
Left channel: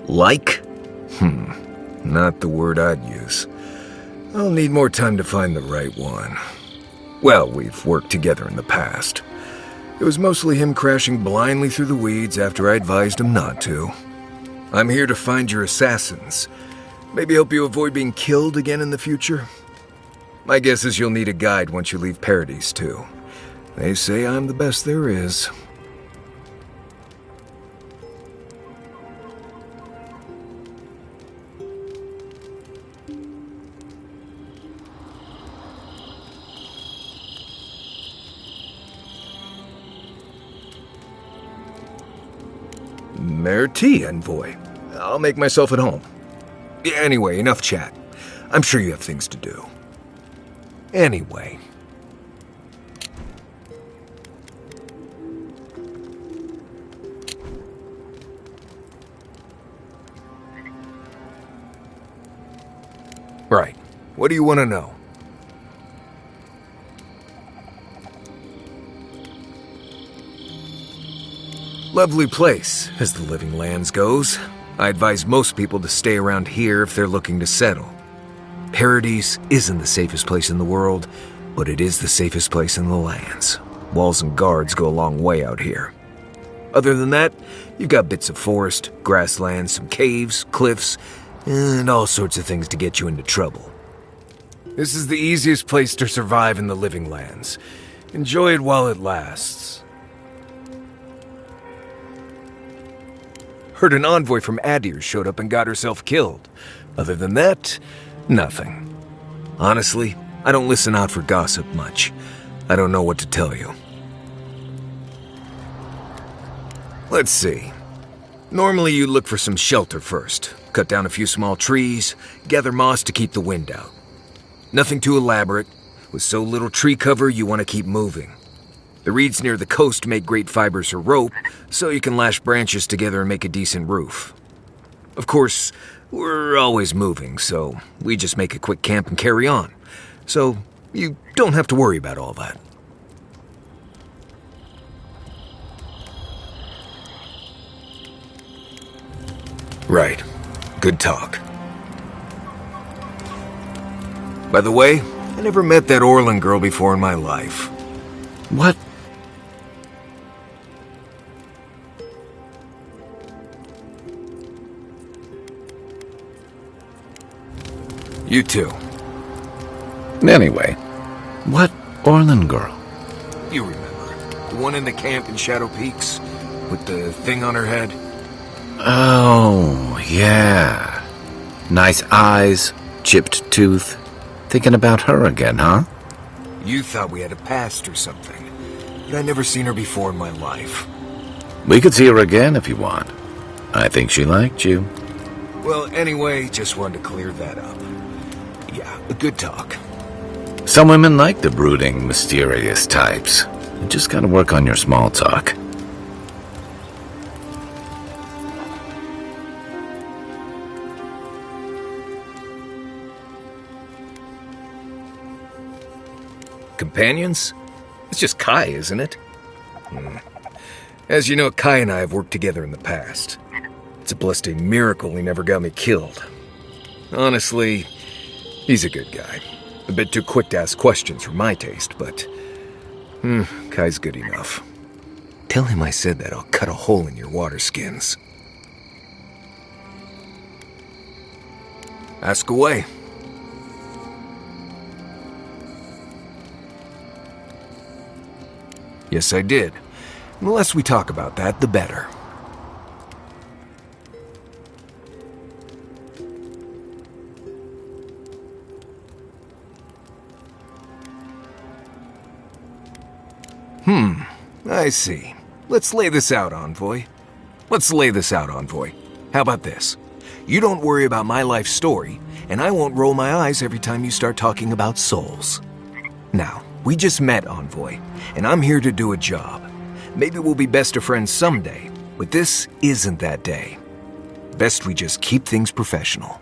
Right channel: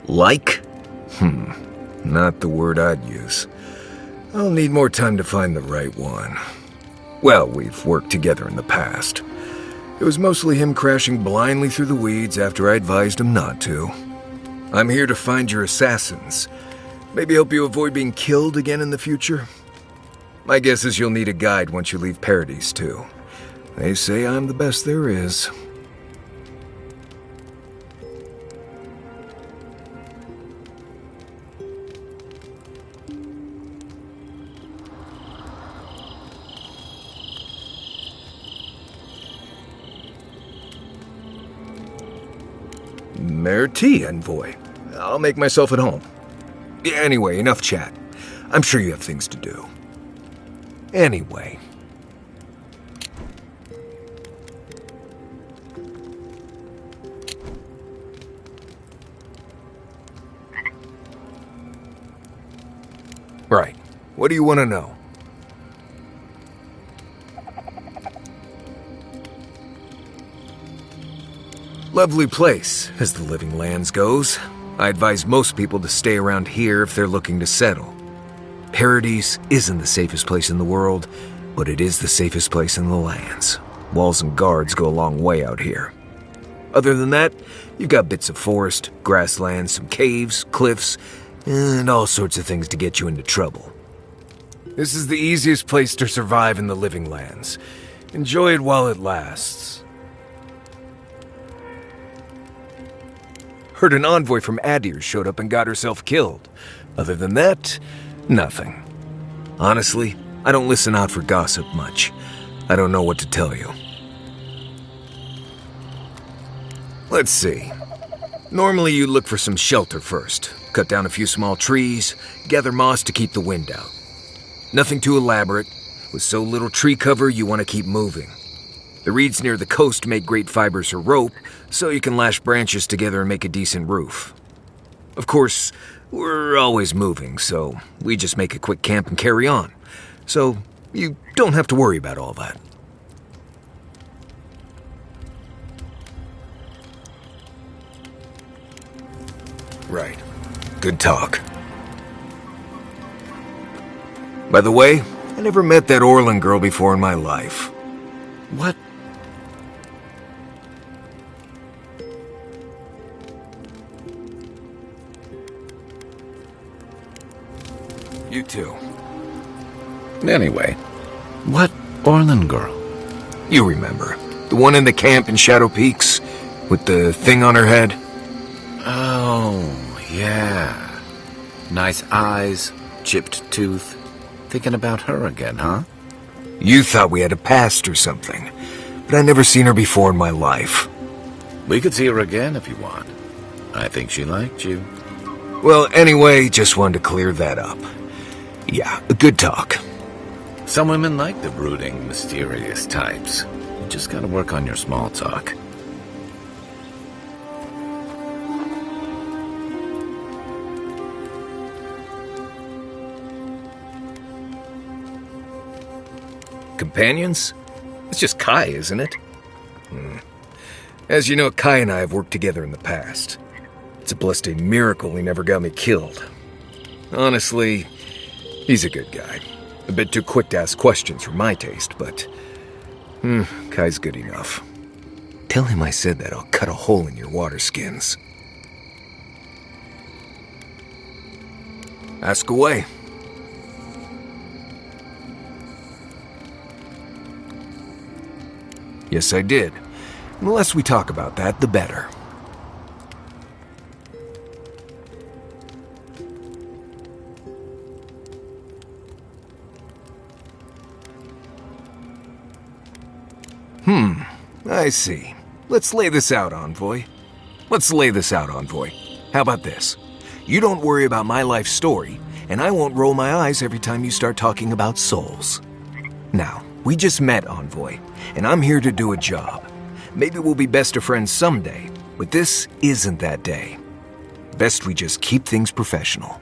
Like? Not the word I'd use. I'll need more time to find the right one. Well, we've worked together in the past. It was mostly him crashing blindly through the weeds after I advised him not to. I'm here to find your assassins. Maybe help you avoid being killed again in the future? My guess is you'll need a guide once you leave Paradise, too. They say I'm the best there is. Merci, Envoy. I'll make myself at home. Anyway, enough chat. I'm sure you have things to do. Anyway. Right. What do you want to know? Lovely place, as the Living Lands goes. I advise most people to stay around here if they're looking to settle. Paradise isn't the safest place in the world, but it is the safest place in the lands. Walls and guards go a long way out here. Other than that, you've got bits of forest, grasslands, some caves, cliffs, and all sorts of things to get you into trouble. This is the easiest place to survive in the Living Lands. Enjoy it while it lasts. Heard an envoy from Adir showed up and got herself killed. Other than that, nothing. Honestly, I don't listen out for gossip much. I don't know what to tell you. Let's see. Normally you look for some shelter first. Cut down a few small trees, gather moss to keep the wind out. Nothing too elaborate. With so little tree cover, you want to keep moving. The reeds near the coast make great fibers for rope, so you can lash branches together and make a decent roof. Of course, we're always moving, so we just make a quick camp and carry on. So you don't have to worry about all that. Right. Good talk. By the way, I never met that Orlin girl before in my life. What? You too. Anyway, what Orlin girl? You remember. The one in the camp in Shadow Peaks? With the thing on her head? Oh, yeah. Nice eyes, chipped tooth. Thinking about her again, huh? You thought we had a past or something. But I never seen her before in my life. We could see her again if you want. I think she liked you. Well, anyway, just wanted to clear that up. Yeah, a good talk. Some women like the brooding, mysterious types. You just gotta work on your small talk. Companions? It's just Kai, isn't it? As you know, Kai and I have worked together in the past. It's a blessed miracle he never got me killed. Honestly, he's a good guy. A bit too quick to ask questions for my taste, but... Kai's good enough. Tell him I said that I'll cut a hole in your water skins. Ask away. Yes, I did. The less we talk about that, the better. I see. Let's lay this out, Envoy. How about this? You don't worry about my life story, and I won't roll my eyes every time you start talking about souls. Now, we just met, Envoy, and I'm here to do a job. Maybe we'll be best of friends someday, but this isn't that day. Best we just keep things professional.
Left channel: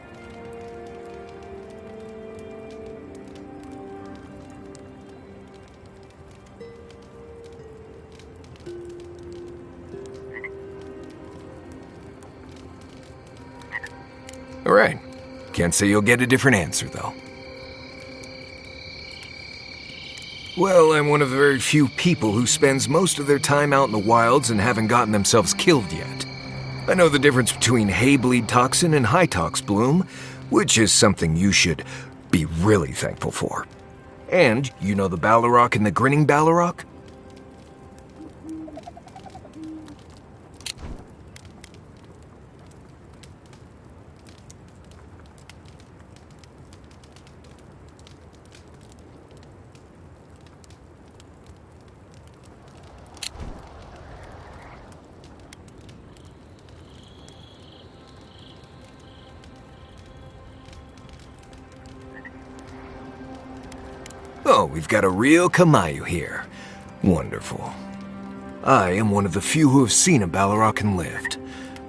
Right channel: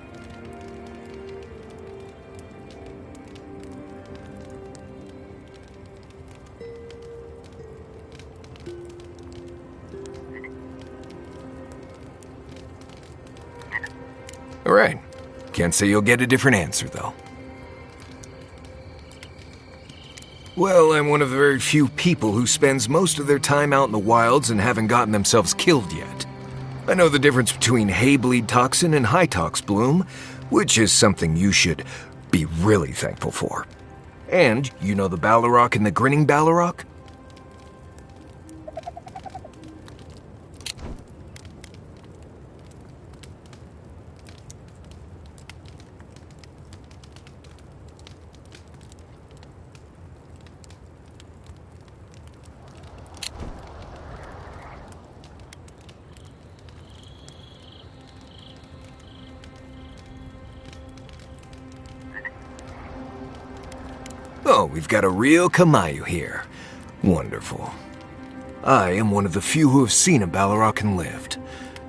All right. Can't say you'll get a different answer, though. Well, I'm one of the very few people who spends most of their time out in the wilds and haven't gotten themselves killed yet. I know the difference between hay-bleed toxin and high-tox bloom, which is something you should be really thankful for. And you know the Balrog and the grinning Balrog? Oh, we've got a real Kamayu here. Wonderful. I am one of the few who have seen a Balrog and lived.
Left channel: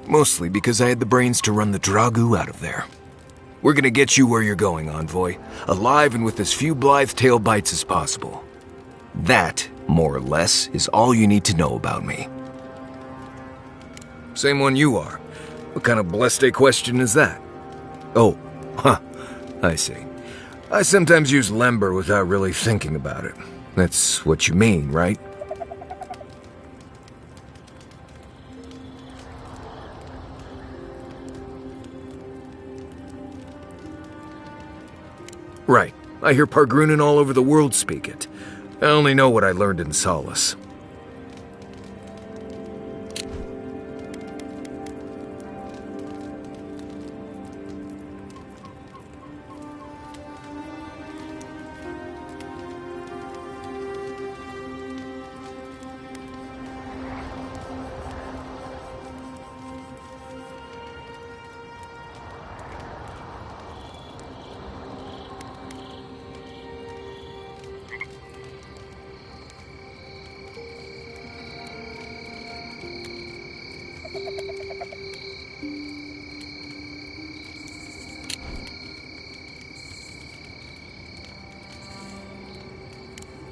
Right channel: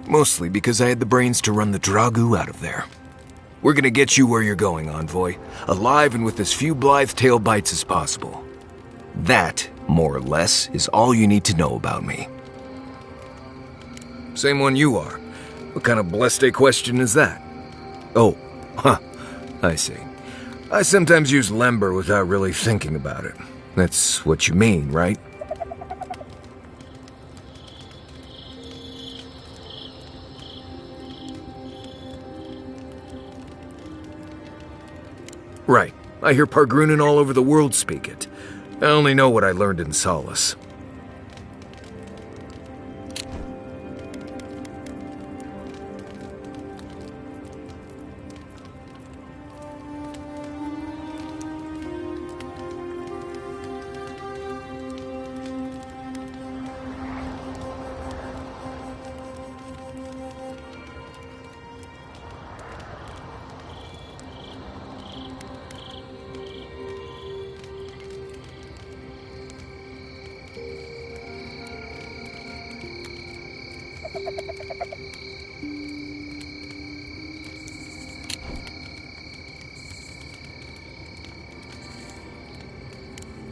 Mostly because I had the brains to run the Dragu out of there. We're gonna get you where you're going, Envoy. Alive and with as few blithe tail bites as possible. That, more or less, is all you need to know about me. Same one you are. What kind of blessed question is that? Oh, I see. I sometimes use lember without really thinking about it. That's what you mean, right? Right. I hear Pargrunen all over the world speak it. I only know what I learned in Solace.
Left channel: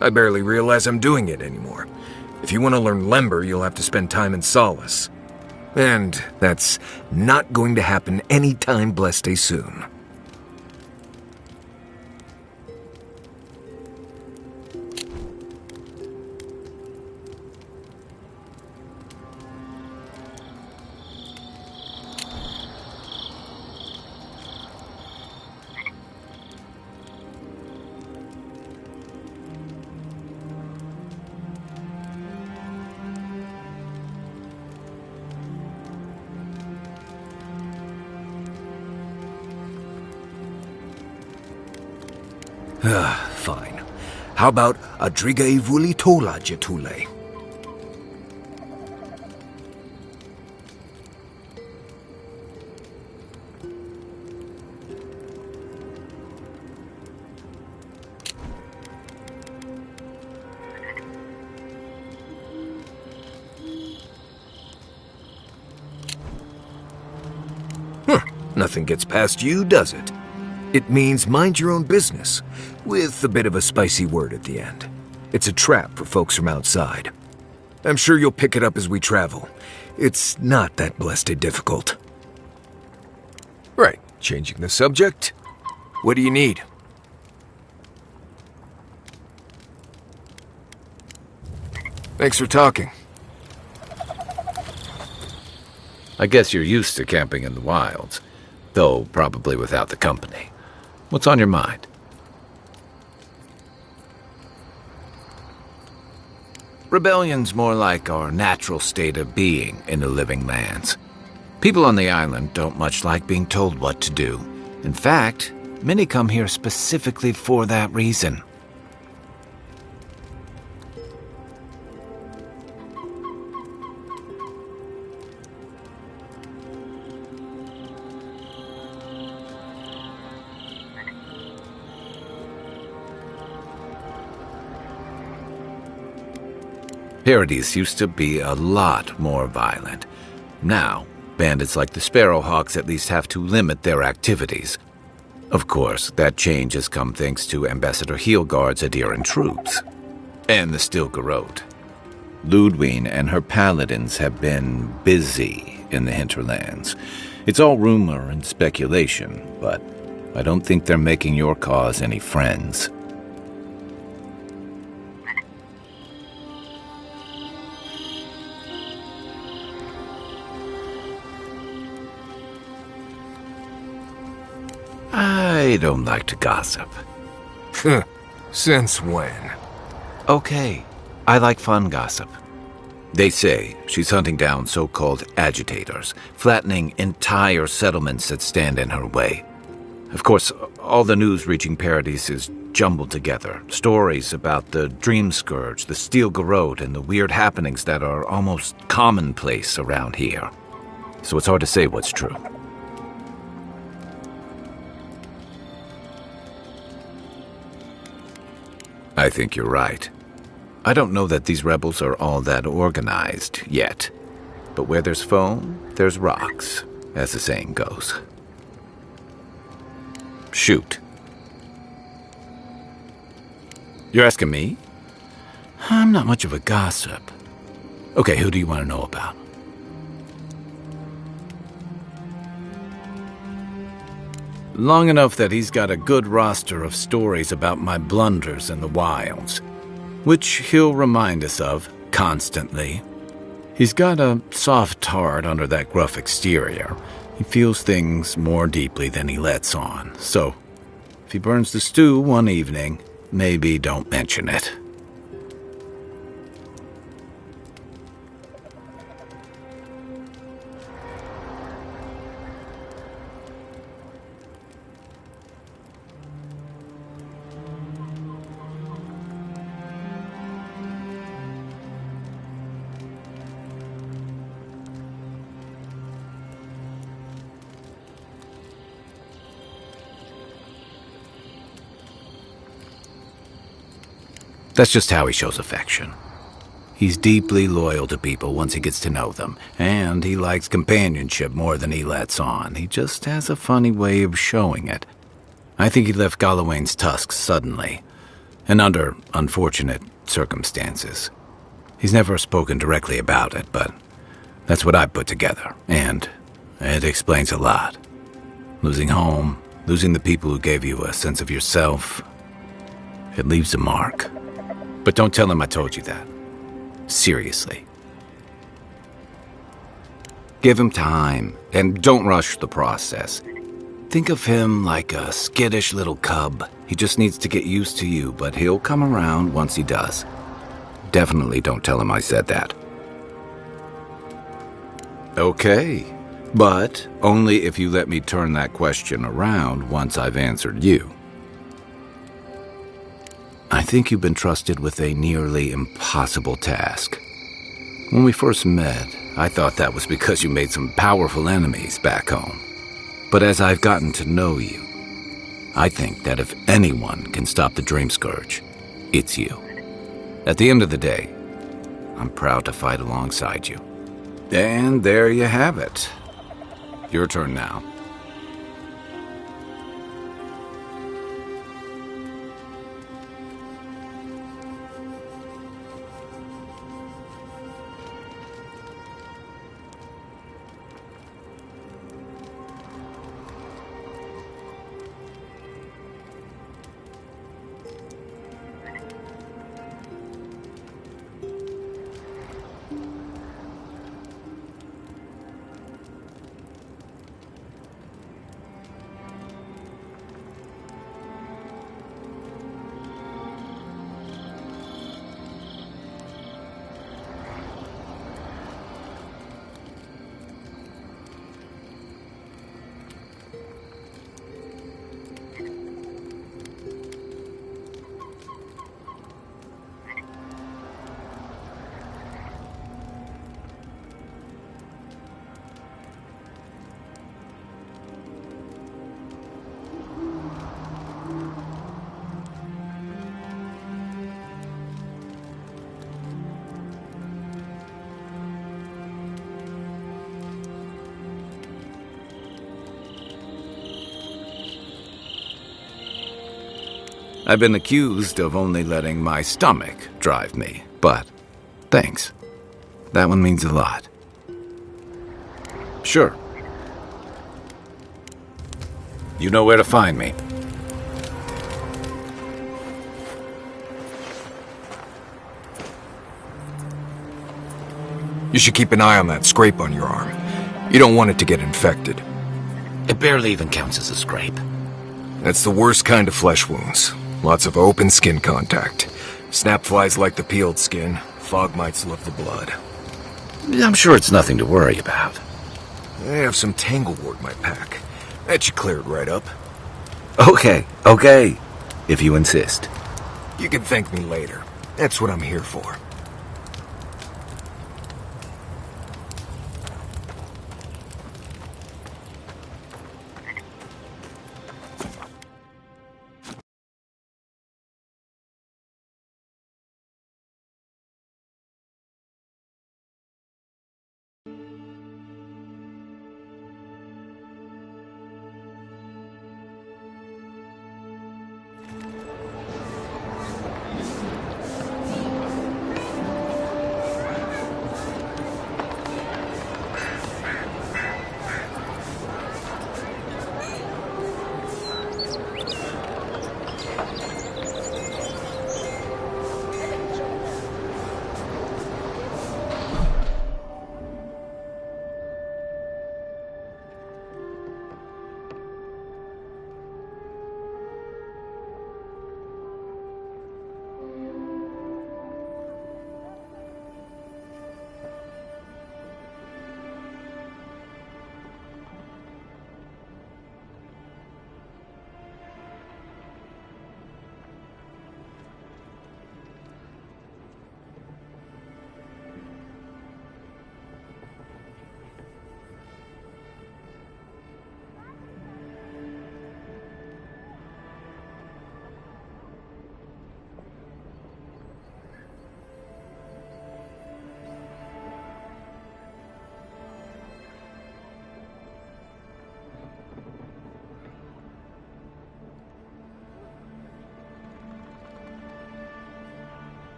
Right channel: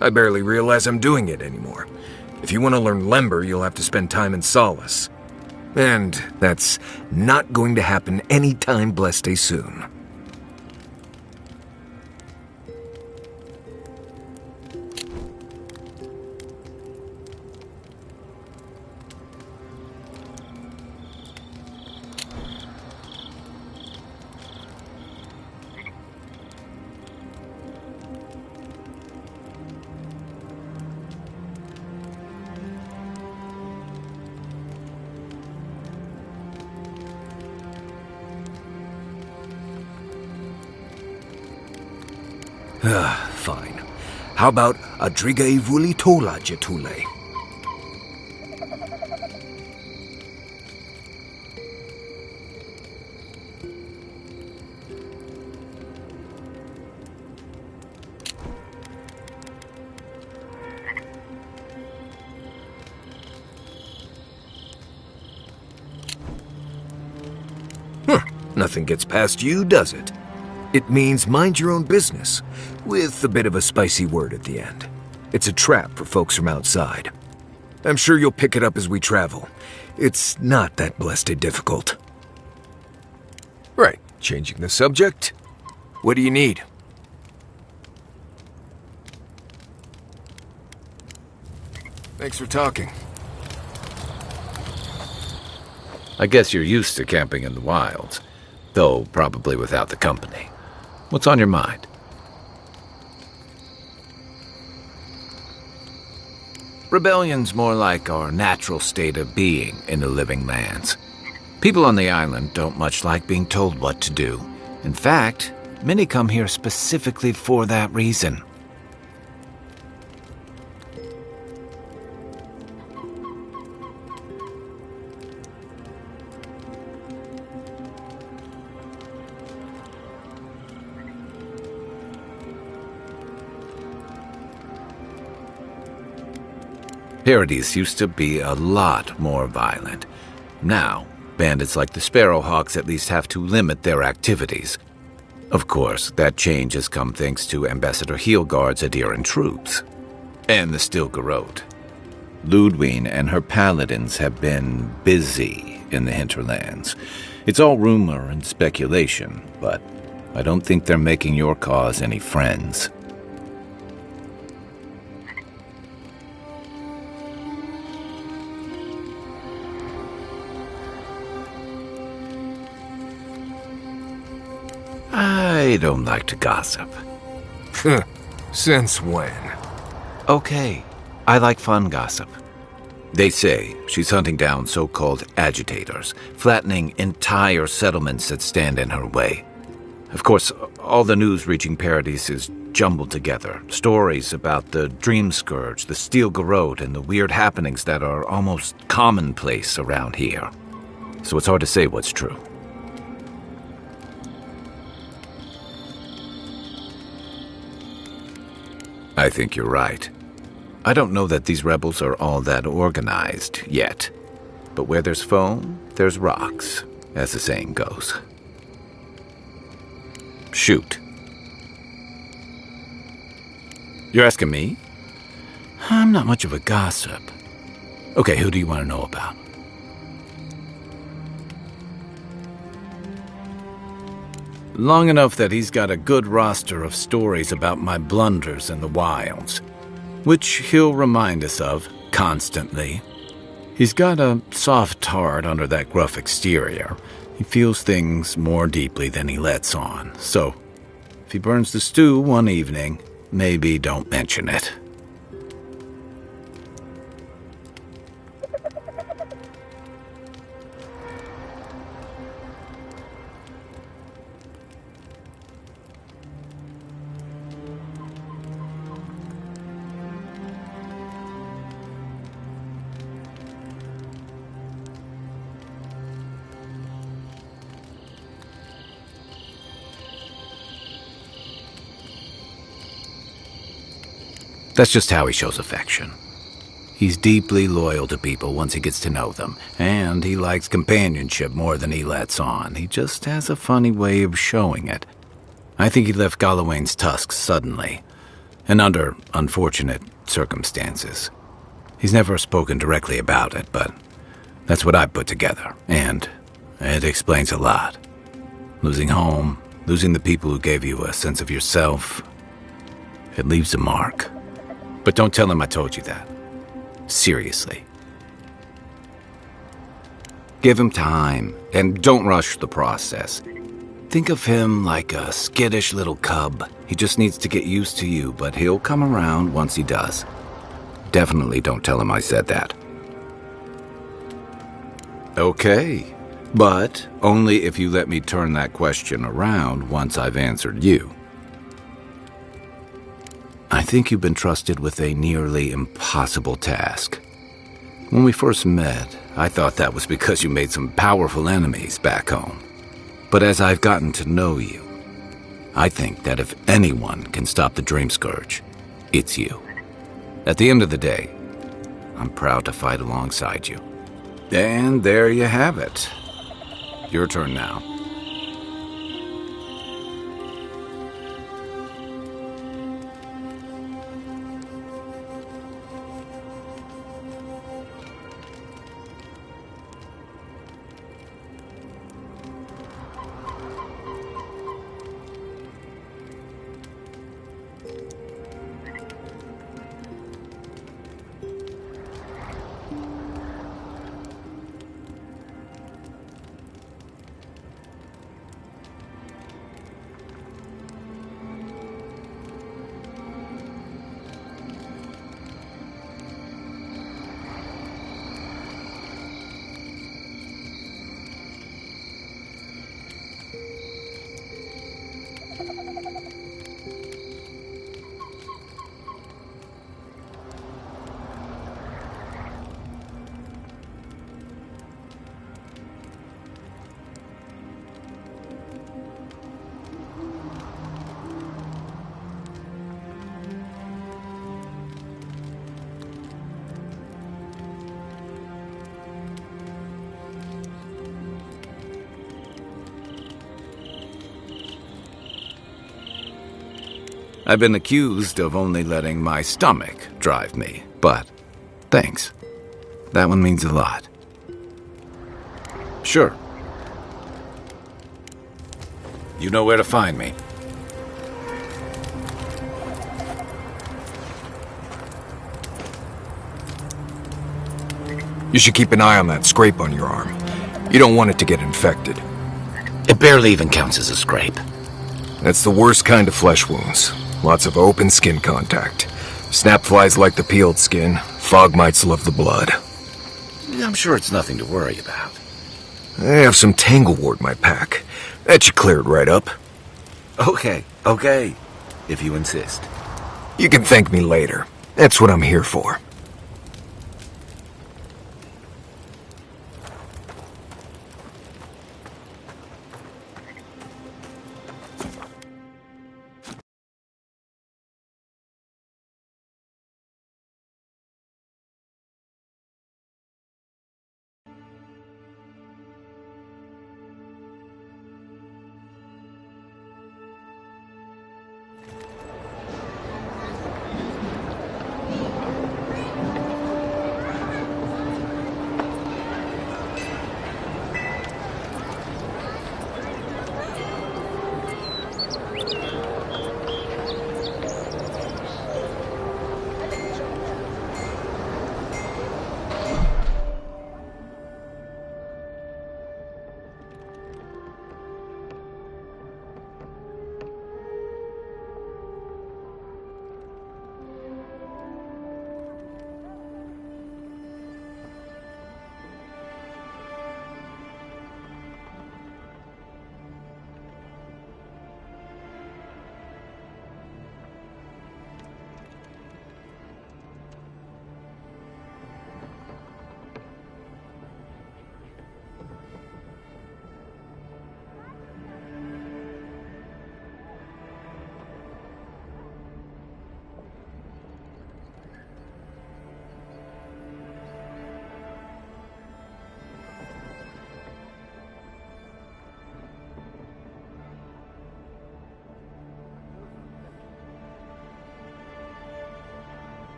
I barely realize I'm doing it anymore. If you want to learn lember, you'll have to spend time in Solace. And that's not going to happen anytime blessed soon. Fine. How about Adriga Ivuli Tola Jetule? Nothing gets past you, does it? It means mind your own business, with a bit of a spicy word at the end. It's a trap for folks from outside. I'm sure you'll pick it up as we travel. It's not that blessed difficult. Right, changing the subject. What do you need? Thanks for talking. I guess you're used to camping in the wilds, though probably without the company. What's on your mind? Rebellion's more like our natural state of being in the living lands. People on the island don't much like being told what to do. In fact, many come here specifically for that reason. Paradise used to be a lot more violent. Now, bandits like the Sparrowhawks at least have to limit their activities. Of course, that change has come thanks to Ambassador Heelgard's adherent troops. And the Stilgarode. Ludwine and her paladins have been busy in the hinterlands. It's all rumor and speculation, but I don't think they're making your cause any friends. I don't like to gossip. Since when? Okay, I like fun gossip. They say she's hunting down so-called agitators, flattening entire settlements that stand in her way. Of course, all the news reaching Paradise is jumbled together. Stories about the Dream Scourge, the Steel Garrote, and the weird happenings that are almost commonplace around here. So it's hard to say what's true. I think you're right. I don't know that these rebels are all that organized yet. But where there's foam, there's rocks, as the saying goes. Shoot. You're asking me? I'm not much of a gossip. Okay, who do you want to know about? Long enough that he's got a good roster of stories about my blunders in the wilds, which he'll remind us of constantly. He's got a soft heart under that gruff exterior. He feels things more deeply than he lets on, so if he burns the stew one evening, maybe don't mention it. That's just how he shows affection. He's deeply loyal to people once he gets to know them, and he likes companionship more than he lets on. He just has a funny way of showing it. I think he left Galawain's tusks suddenly, and under unfortunate circumstances. He's never spoken directly about it, but That's what I put together, and it explains a lot. Losing home, losing the people who gave you a sense of yourself, it leaves a mark. But don't tell him I told you that. Seriously. Give him time, and don't rush the process. Think of him like a skittish little cub. He just needs to get used to you, but he'll come around once he does. Definitely don't tell him I said that. Okay, but only if you let me turn that question around once I've answered you. I think you've been trusted with a nearly impossible task. When we first met, I thought that was because you made some powerful enemies back home. But as I've gotten to know you, I think that if anyone can stop the Dream Scourge, it's you. At the end of the day, I'm proud to fight alongside you. And there you have it. Your turn now. I've been accused of only letting my stomach drive me, but thanks. That one means a lot. Sure. You know where to find me. You should keep an eye on that scrape on your arm. You don't want it to get infected. It barely even counts as a scrape. That's the worst kind of flesh wounds. Lots of open skin contact. Snapflies like the peeled skin. Fog mites love the blood. I'm sure it's nothing to worry about. I have some tanglewort in my pack. That should clear it right up. Okay. If you insist. You can thank me later. That's what I'm here for.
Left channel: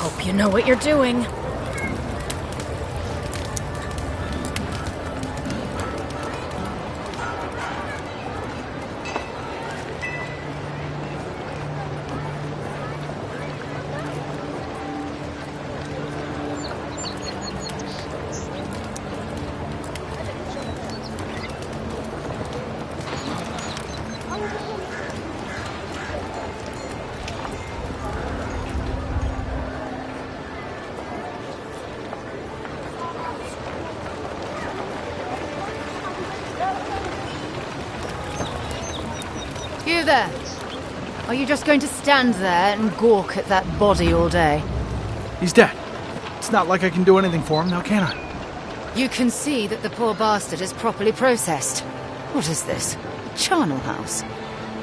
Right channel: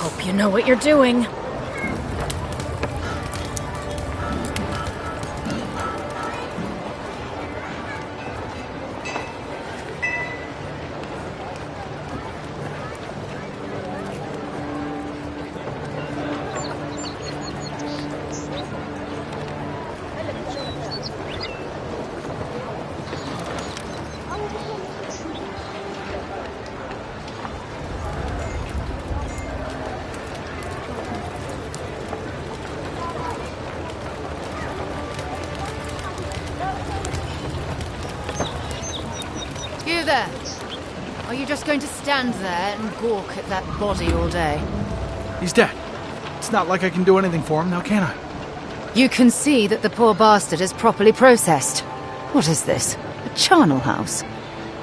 Hope you know what you're doing. You there? Are you just going to stand there and gawk at that body all day? He's dead. It's not like I can do anything for him now, can I? You can see that the poor bastard is properly processed. What is this? A charnel house?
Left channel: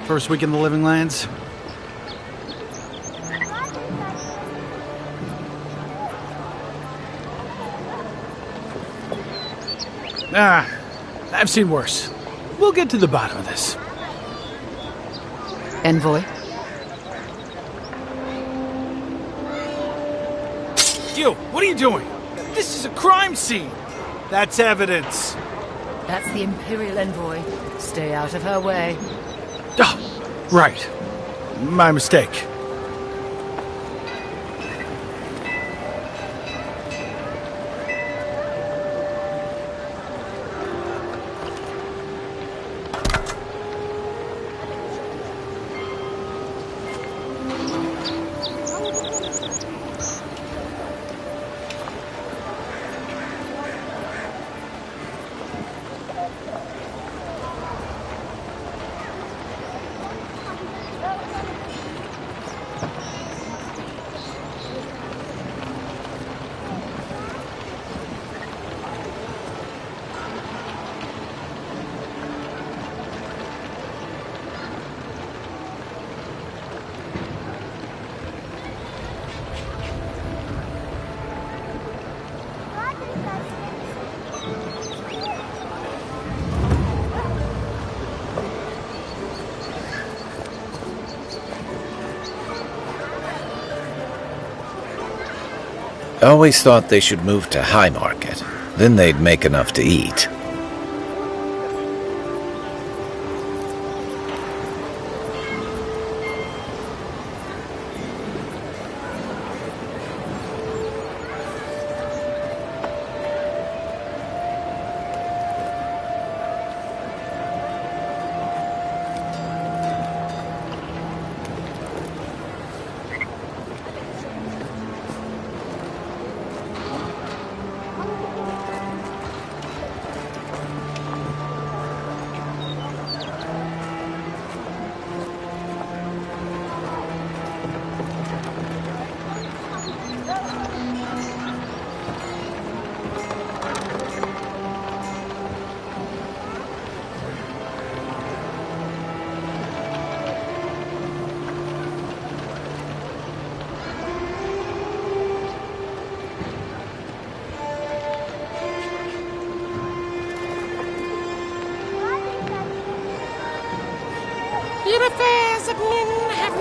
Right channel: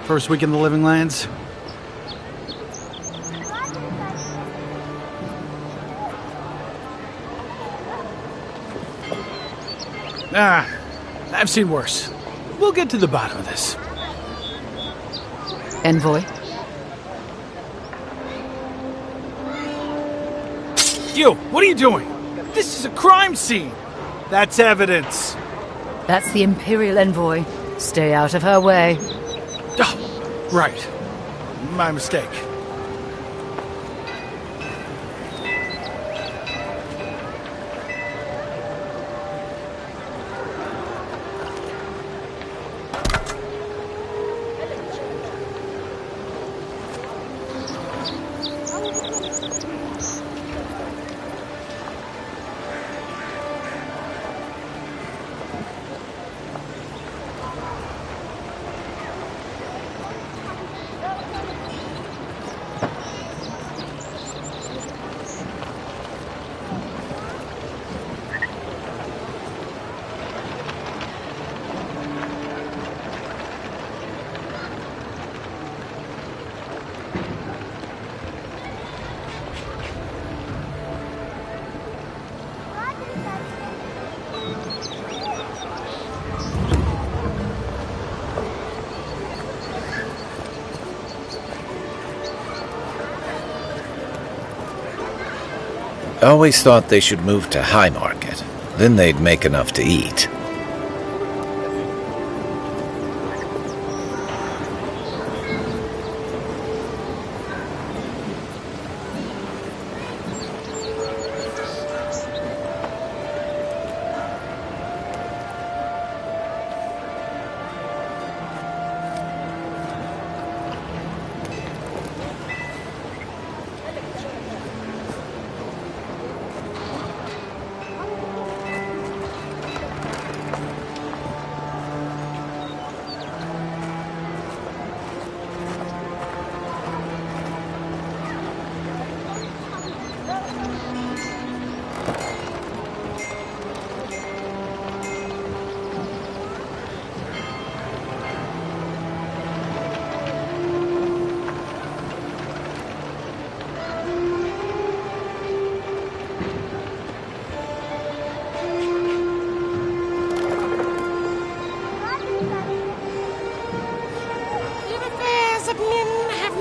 First week in the Living Lands. I've seen worse. We'll get to the bottom of this. Envoy? You, what are you doing? This is a crime scene. That's evidence. That's the Imperial Envoy. Stay out of her way. Oh, right. My mistake. I always thought they should move to High Market. Then they'd make enough to eat.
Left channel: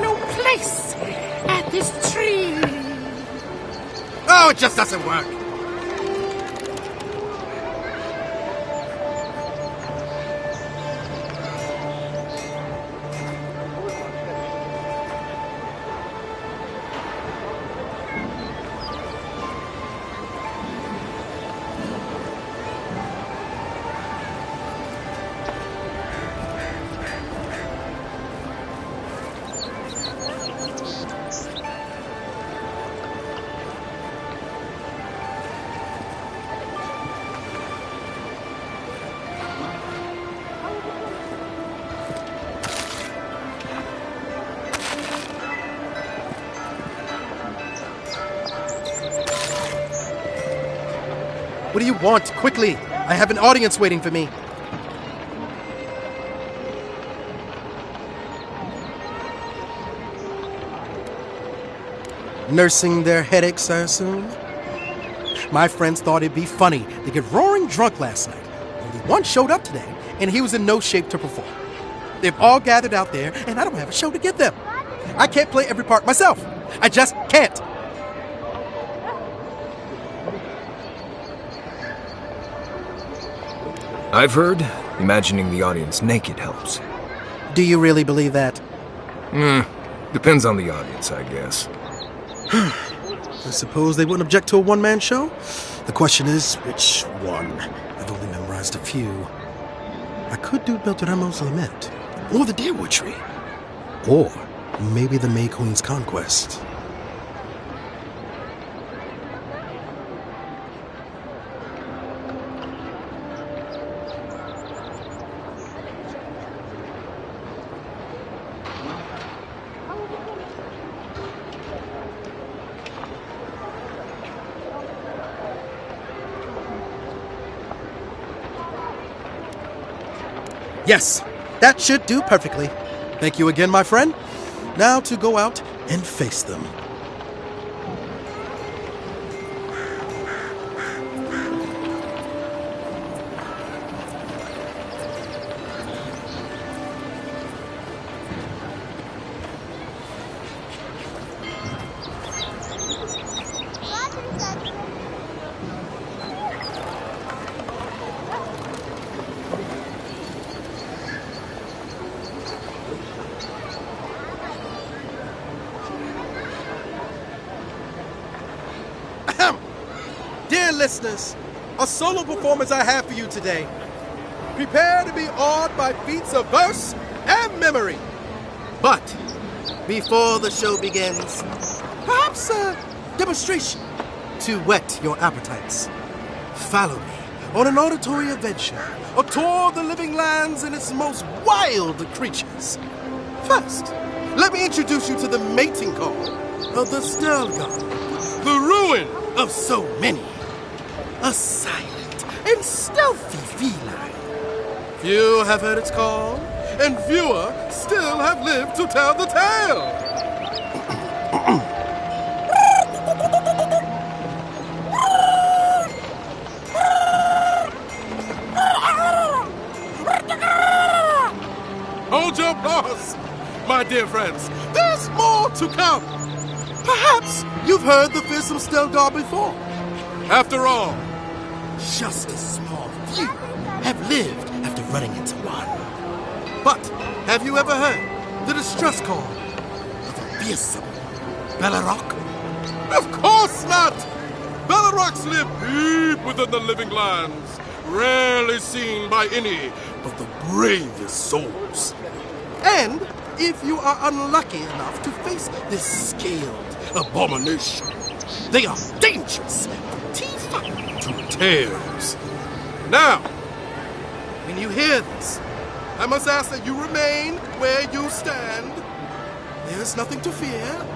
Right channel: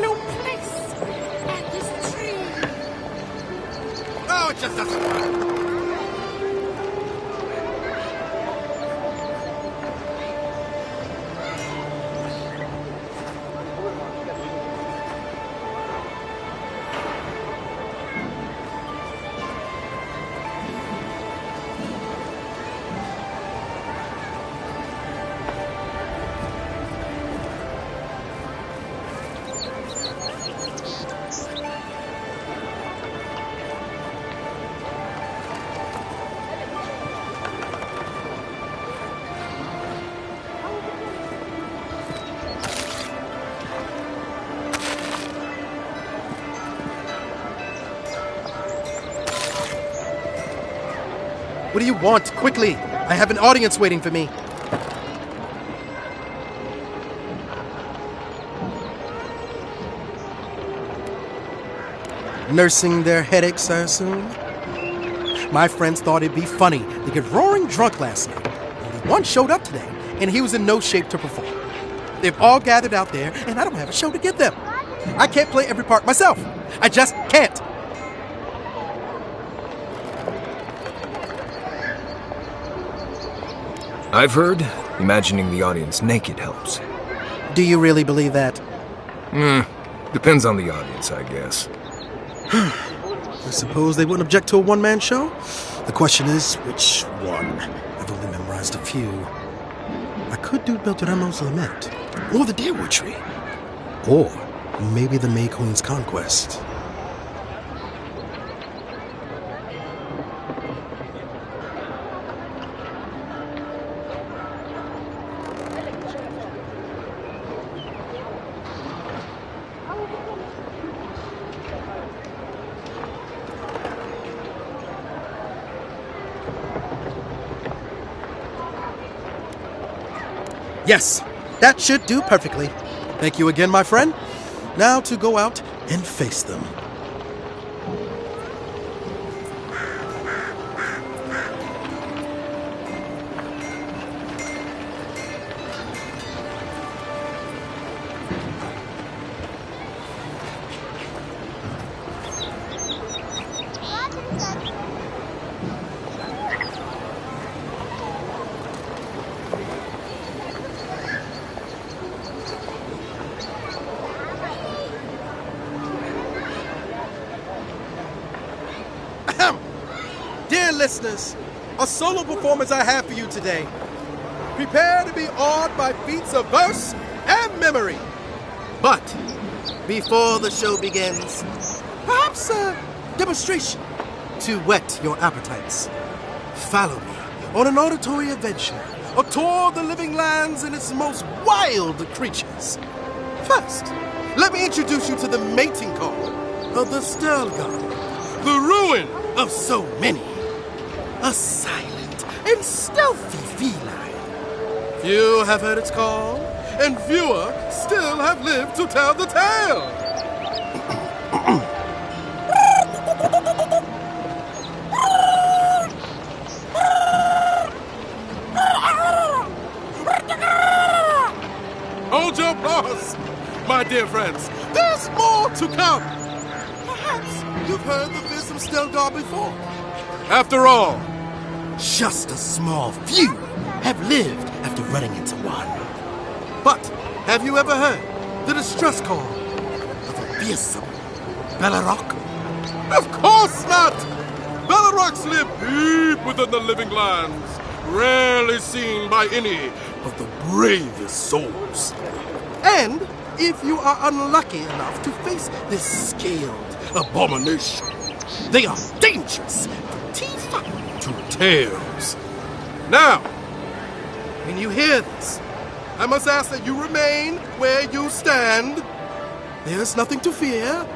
no place at this tree. Oh, it just doesn't work. What do you want? Quickly! I have an audience waiting for me. Nursing their headaches, I assume? My friends thought it'd be funny to get roaring drunk last night. Only one showed up today, and he was in no shape to perform. They've all gathered out there, and I don't have a show to give them. I can't play every part myself. I just can't. I've heard imagining the audience naked helps. Do you really believe that? Depends on the audience, I guess. I suppose they wouldn't object to a one-man show? The question is, which one? I've only memorized a few. I could do Beltramo's Lament, or the Deerwood Tree, or maybe the May Queen's Conquest. Yes, that should do perfectly. Thank you again, my friend. Now to go out and face them. Dear listeners, a solo performance I have for you today. Prepare to be awed by feats of verse and memory. But before the show begins, perhaps a demonstration to whet your appetites. Follow me on an auditory adventure, a tour of the living lands and its most wild creatures. First, let me introduce you to the mating call of the Stelgar, the ruin of so many. A silent and stealthy feline. Few have heard its call, and fewer still have lived to tell the tale. Hold your applause, my dear friends. There's more to come. Perhaps you've heard the fearsome Stelgar before. After all, just a small few have lived after running into one. But have you ever heard the distress call of a fearsome Belarock? Of course not! Belarocks live deep within the living lands, rarely seen by any but the bravest souls. And if you are unlucky enough to face this scaled abomination, they are dangerous from teeth to tails. Now, when you hear this, I must ask that you remain where you stand. There is nothing to fear.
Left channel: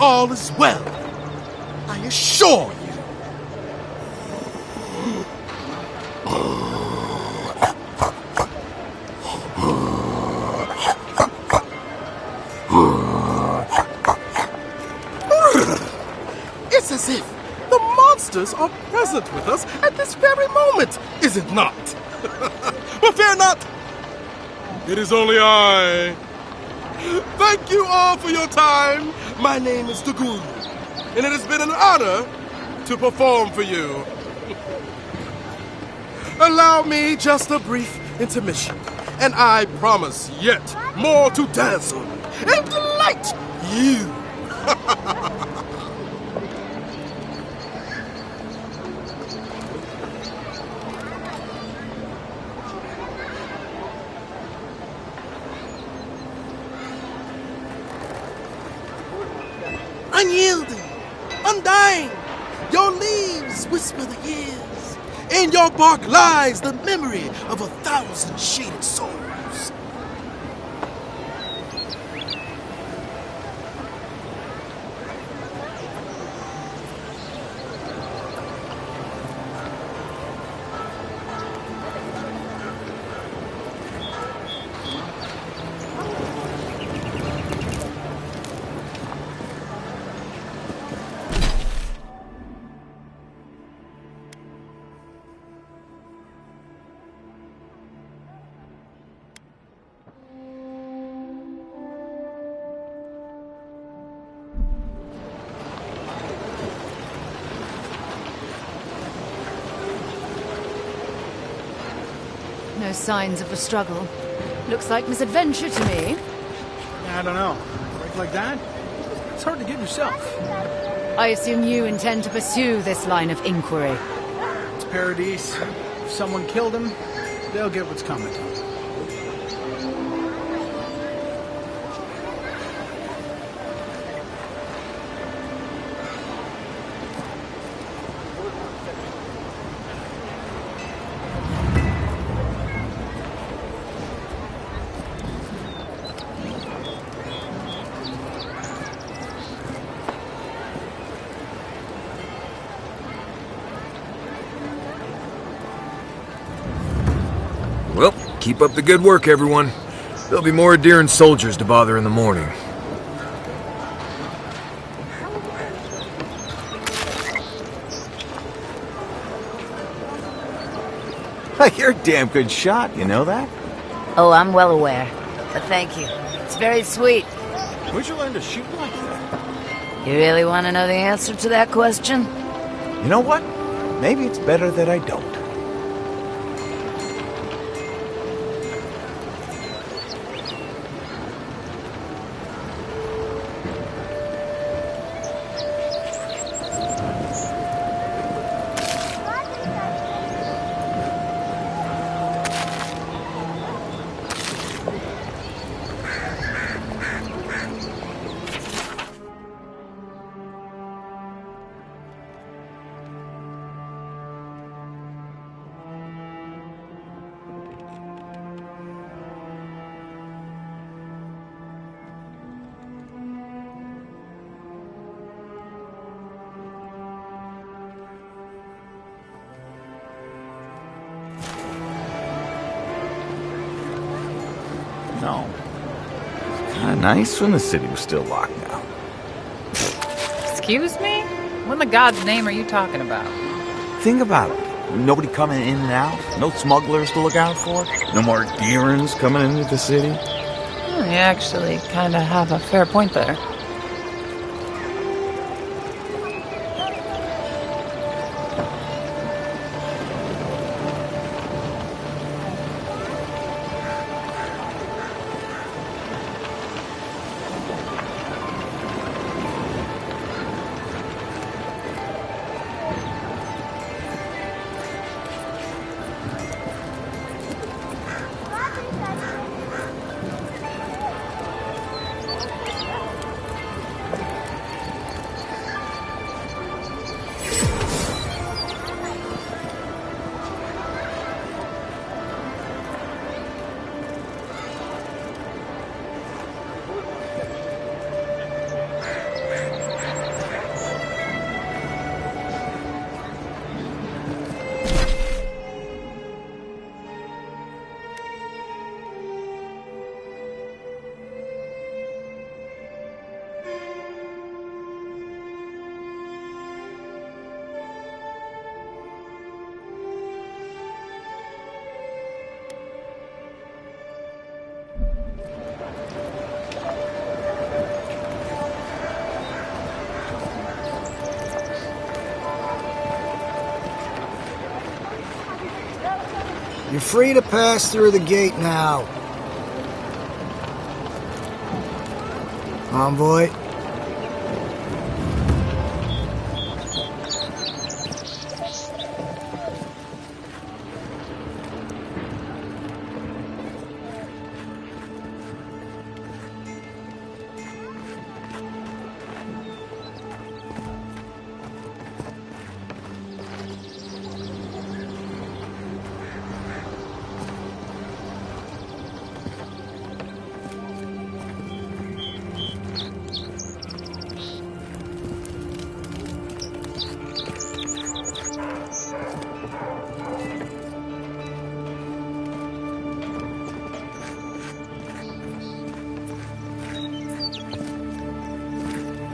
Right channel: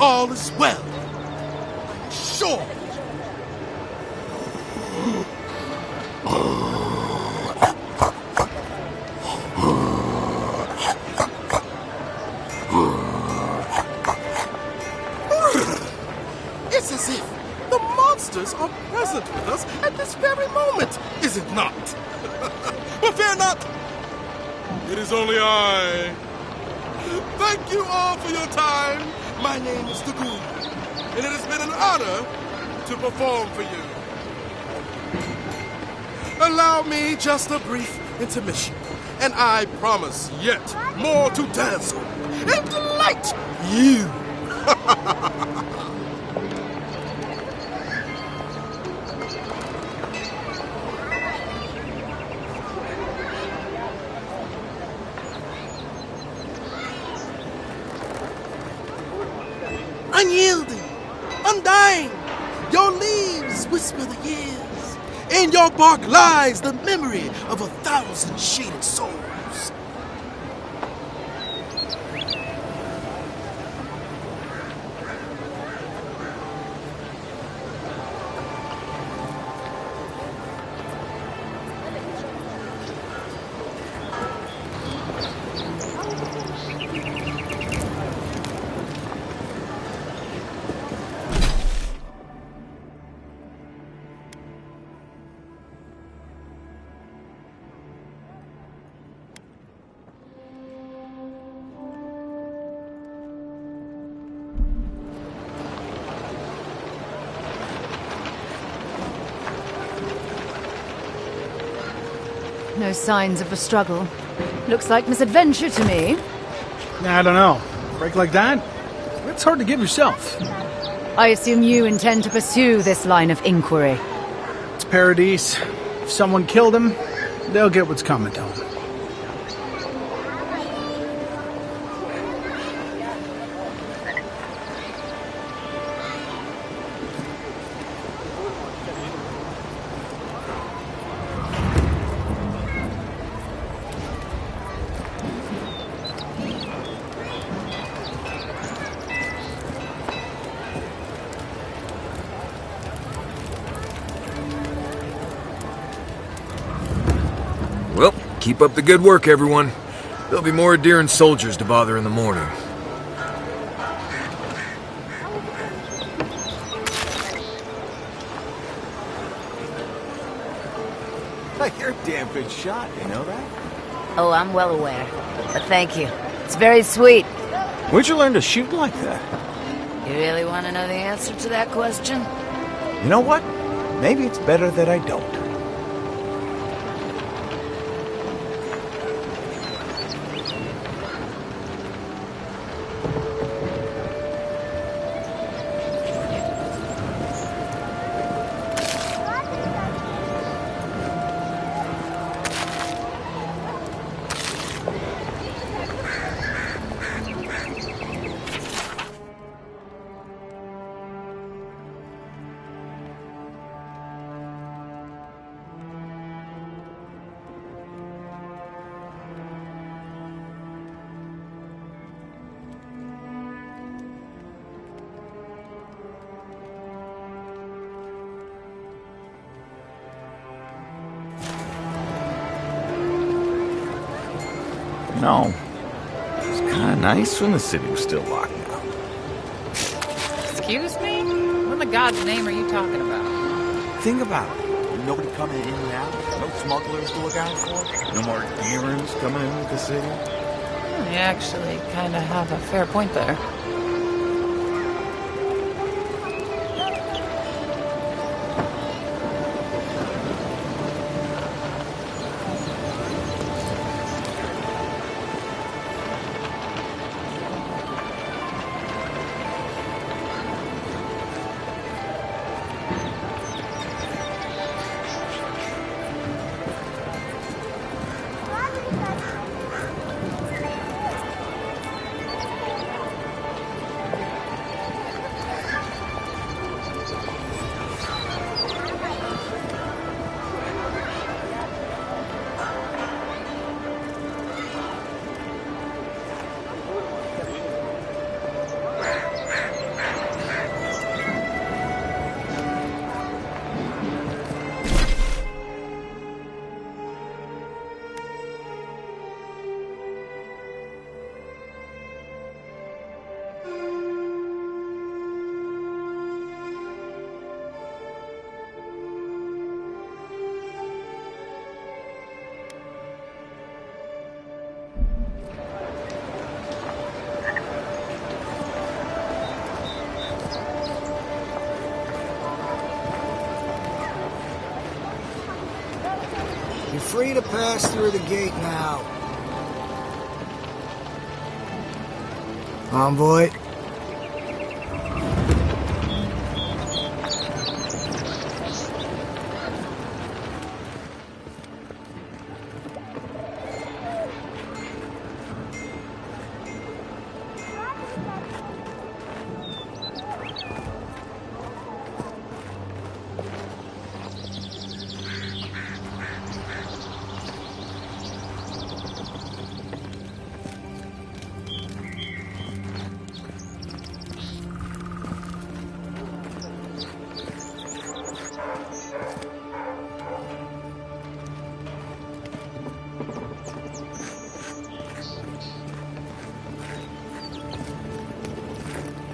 All is well. I assure you. It's as if the monsters are present with us at this very moment, is it not? But fear not! It is only I, Thank you all for your time. My name is Dagoon, and it has been an honor to perform for you. Allow me just a brief intermission, and I promise yet more to dazzle and delight you. Unyielding, undying, your leaves whisper the years. In your bark lies the memory of 1,000 shaded souls. No signs of a struggle. Looks like misadventure to me. I don't know. A break like that? It's hard to give yourself. I assume you intend to pursue this line of inquiry. It's Paradise. If someone killed him, they'll get what's coming to them. Well, keep up the good work, everyone. There'll be more deer and soldiers to bother in the morning. You're a damn good shot, you know that? Oh, I'm well aware. But thank you. It's very sweet. Where'd you learn to shoot like that? You really want to know the answer to that question? You know what? Maybe it's better that I don't. No. It's kind of nice when the city was still locked down. Excuse me? What in the God's name are you talking about? Think about it. Nobody coming in and out. No smugglers to look out for. No more errands coming into the city. Well, you actually kind of have a fair point there. You're free to pass through the gate now. Envoy.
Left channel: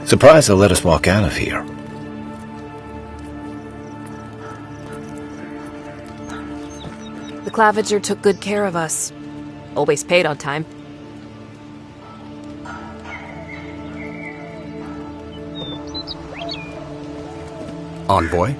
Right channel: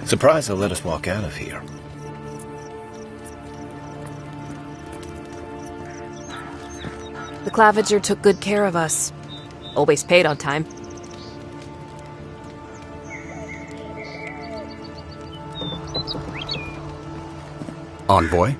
Surprised they'll let us walk out of here. The Claviger took good care of us. Always paid on time. Envoy?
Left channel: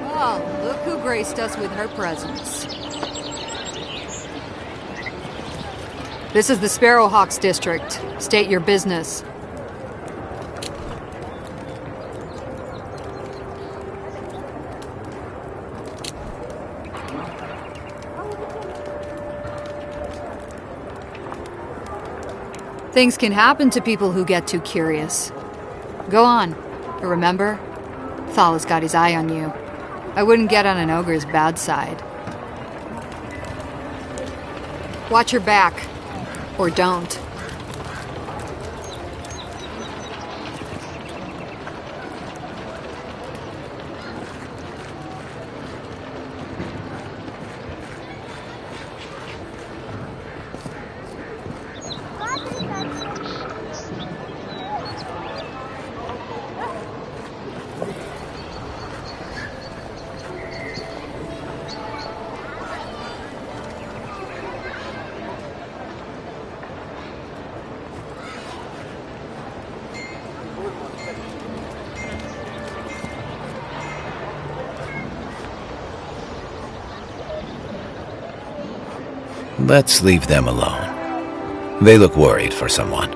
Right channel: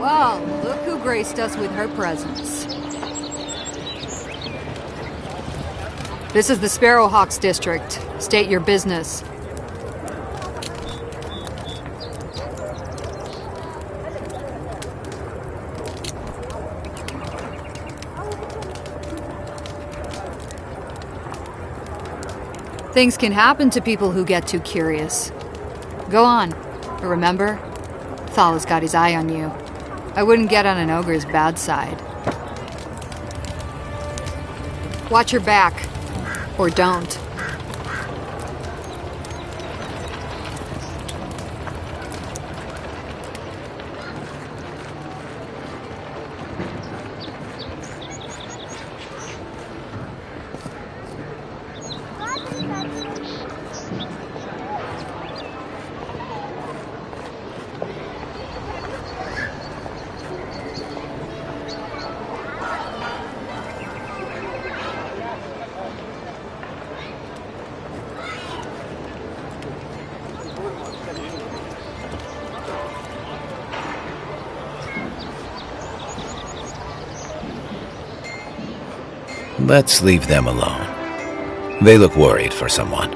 Well, look who graced us with her presence. This is the Sparrowhawks district. State your business. Things can happen to people who get too curious. Go on. But remember, Thal's got his eye on you. I wouldn't get on an ogre's bad side. Watch your back. Or don't. Let's leave them alone. They look worried for someone.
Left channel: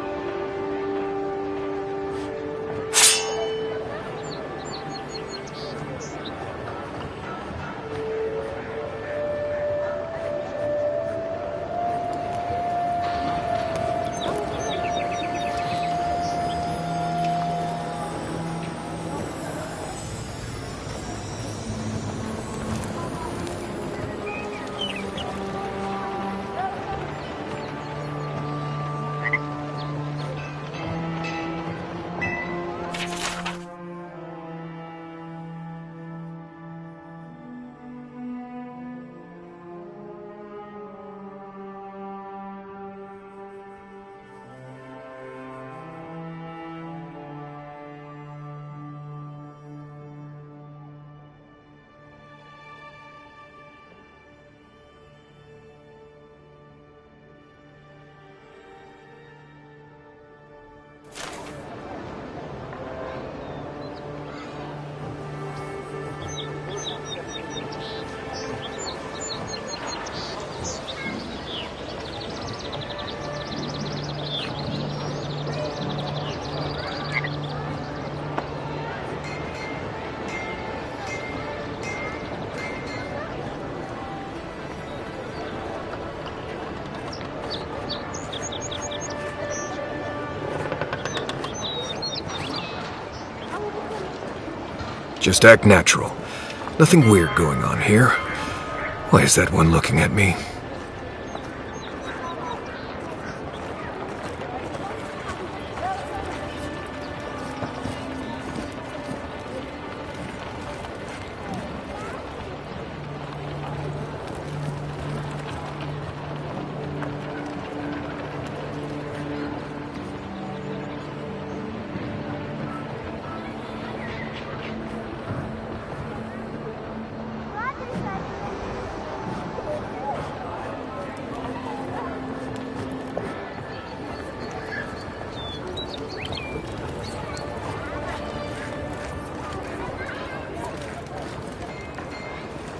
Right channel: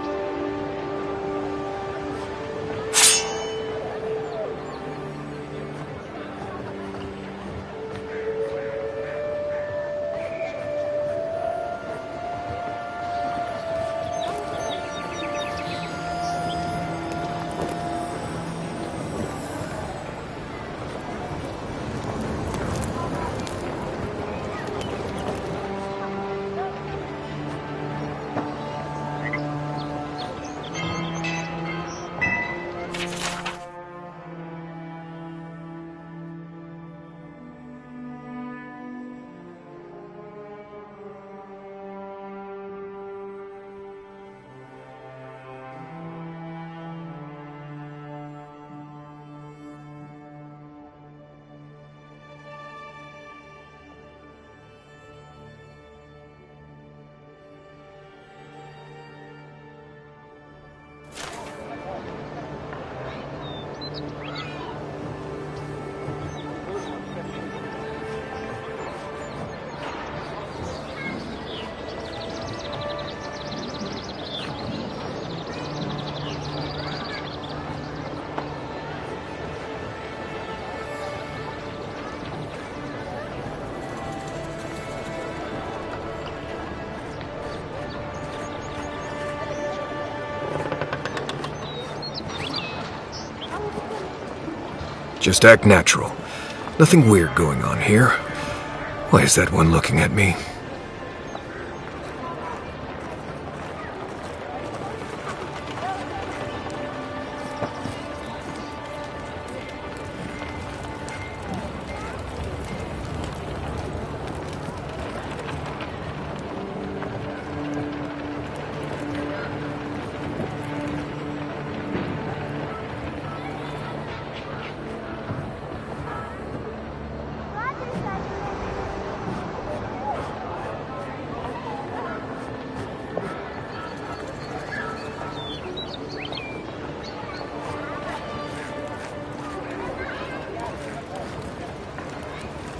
Just act natural. Nothing weird going on here. Why is that one looking at me?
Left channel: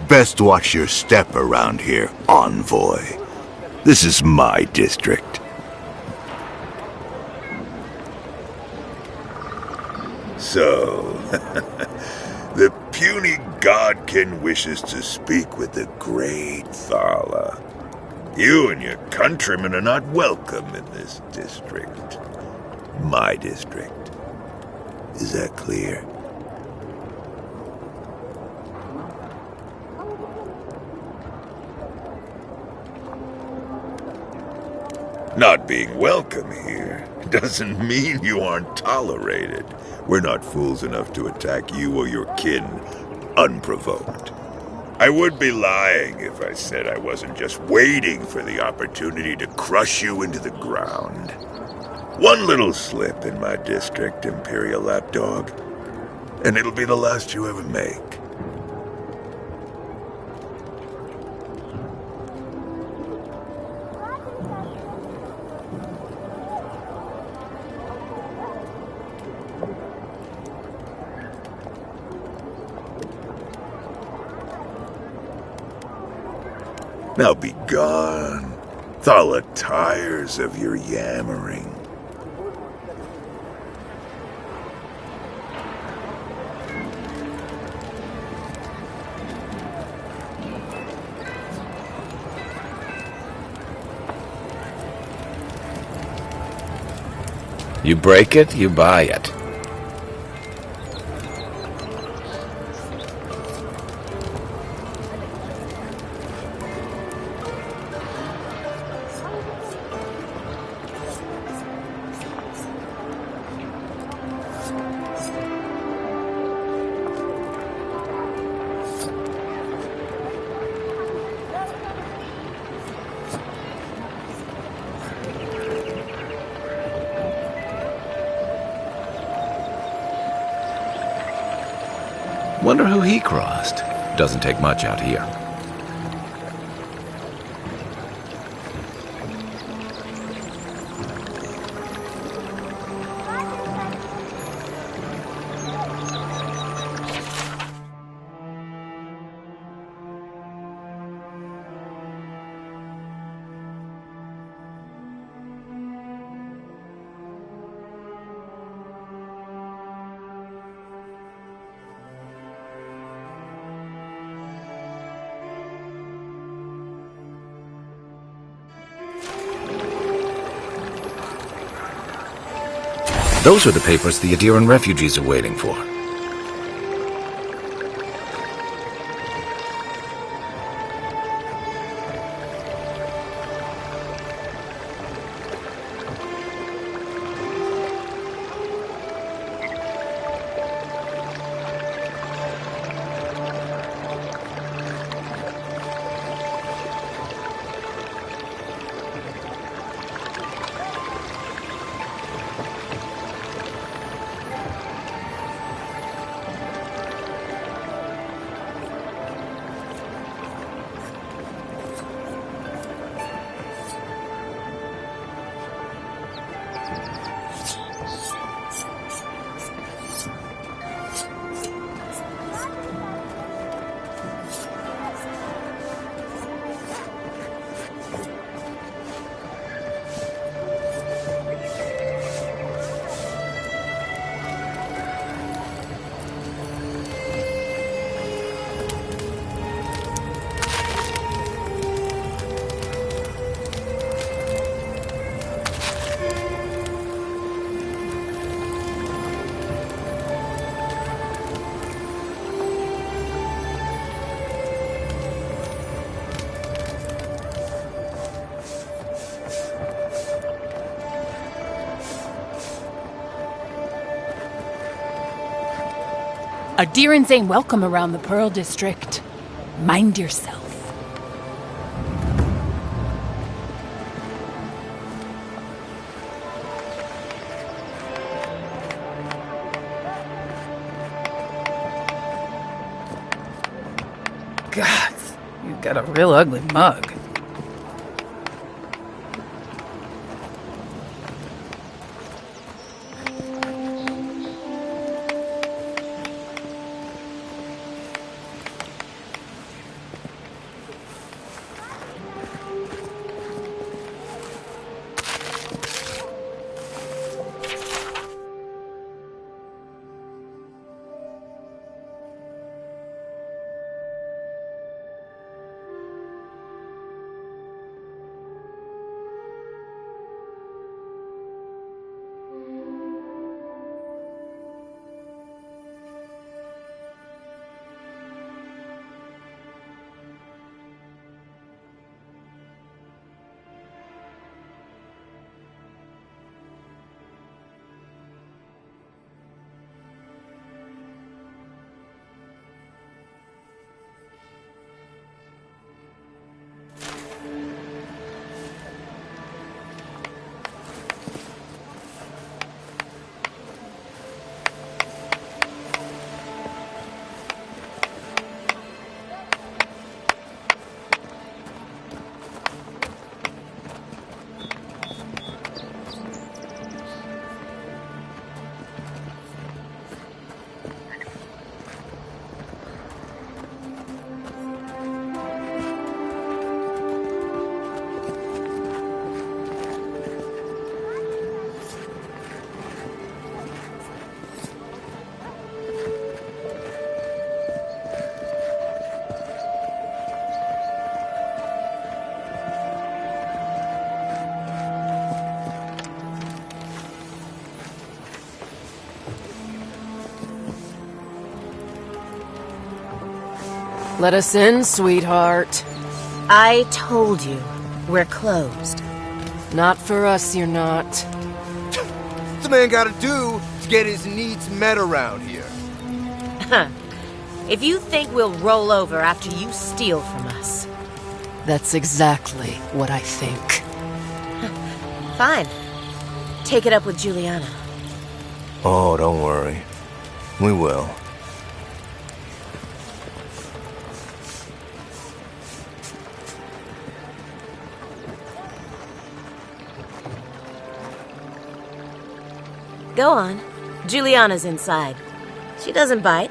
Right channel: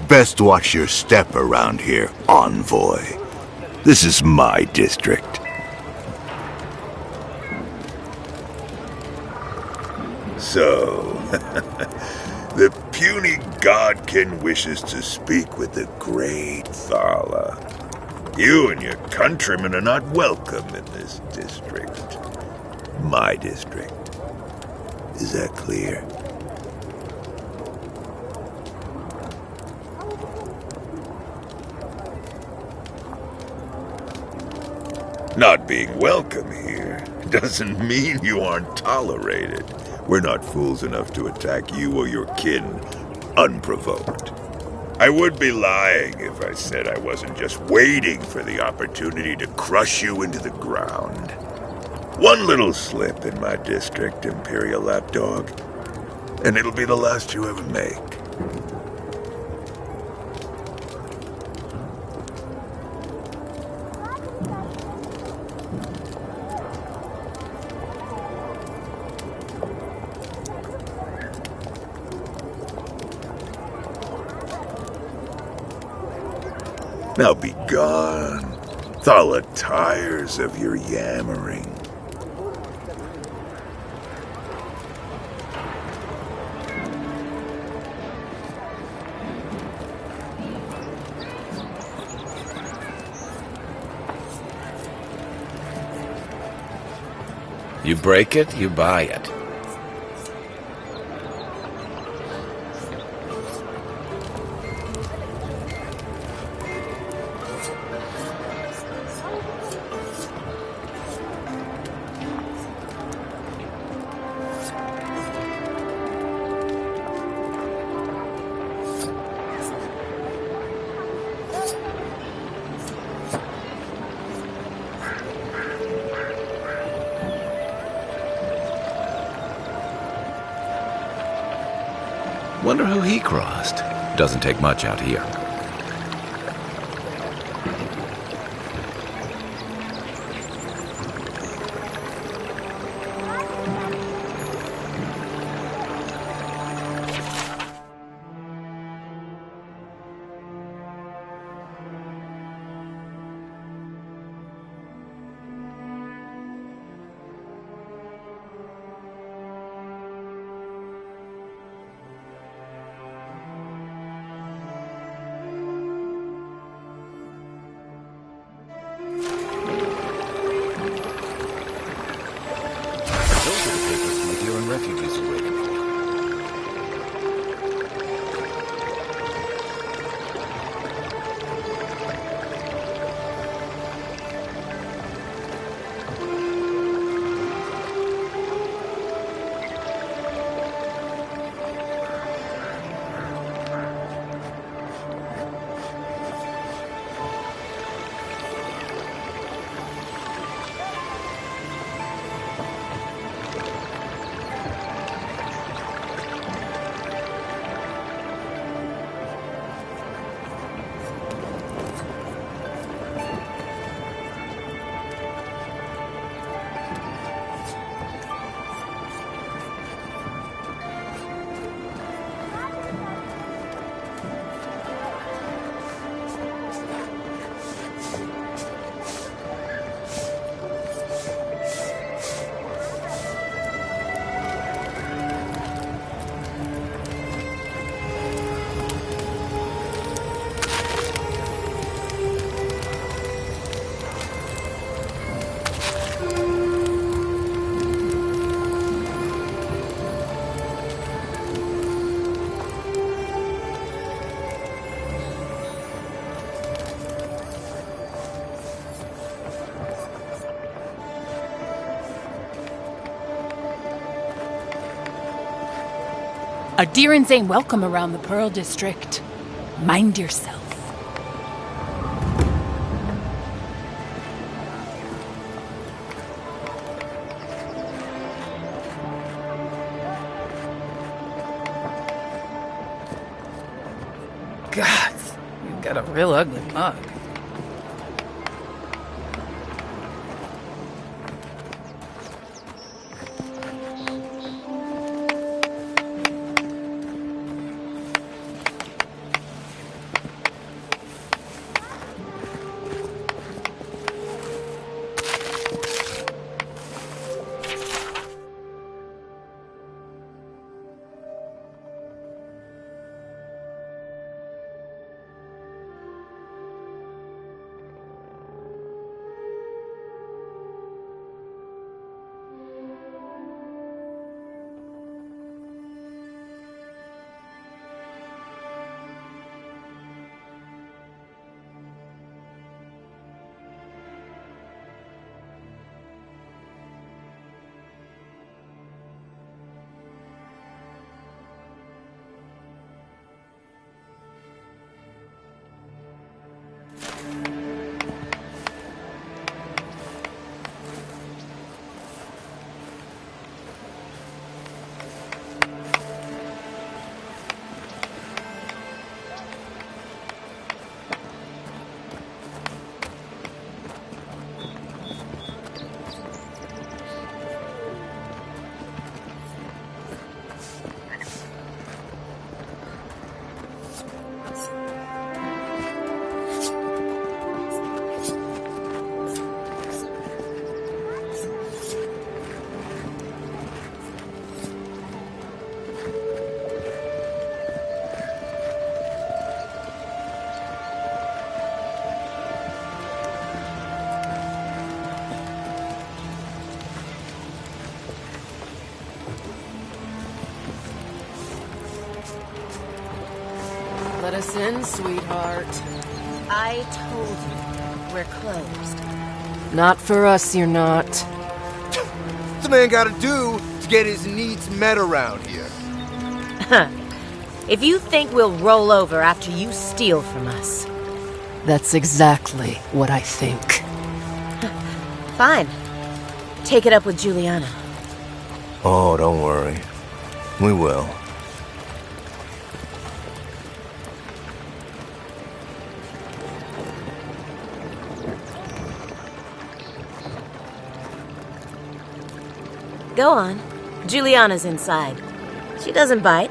Best watch your step around here, envoy. This is my district. So, the puny godkin wishes to speak with the great Thala. You and your countrymen are not welcome in this district. My district. Is that clear? Not being welcome here doesn't mean you aren't tolerated. We're not fools enough to attack you or your kin unprovoked. I would be lying if I said I wasn't just waiting for the opportunity to crush you into the ground. One little slip in my district, Imperial Lapdog, and it'll be the last you ever make. Now be gone. Thala tires of your yammering. You break it, you buy it. Wonder who he crossed. Doesn't take much out here. Those are the papers the Adiran refugees are waiting for. Our deerins ain't welcome around the Pearl District. Mind yourself. God, you've got a real ugly mug. Let us in, sweetheart. I told you, we're closed. Not for us, you're not. What's the man gotta do to get his needs met around here? If you think we'll roll over after you steal from us. That's exactly what I think. Fine. Take it up with Juliana. Oh, don't worry. We will. Go on. Juliana's inside. She doesn't bite,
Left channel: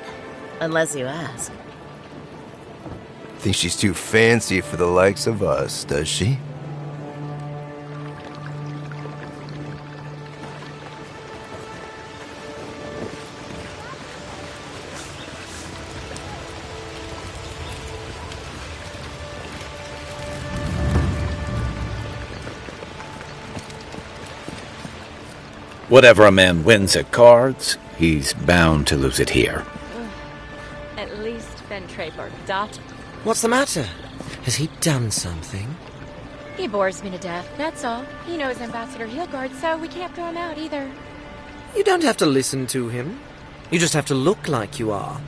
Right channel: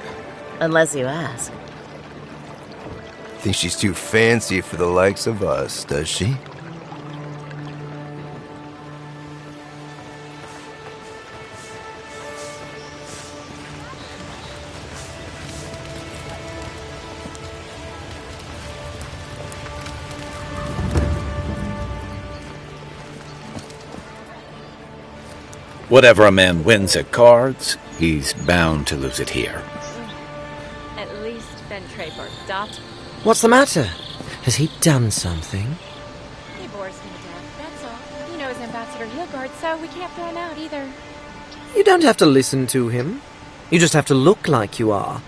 unless you ask. Think she's too fancy for the likes of us, does she? Whatever a man wins at cards, he's bound to lose it here. At least Ventraper dot. What's the matter? Has he done something? He bores me to death, that's all. You know his Ambassador Heelguard, so we can't throw him out either. You don't have to listen to him. You just have to look like you are.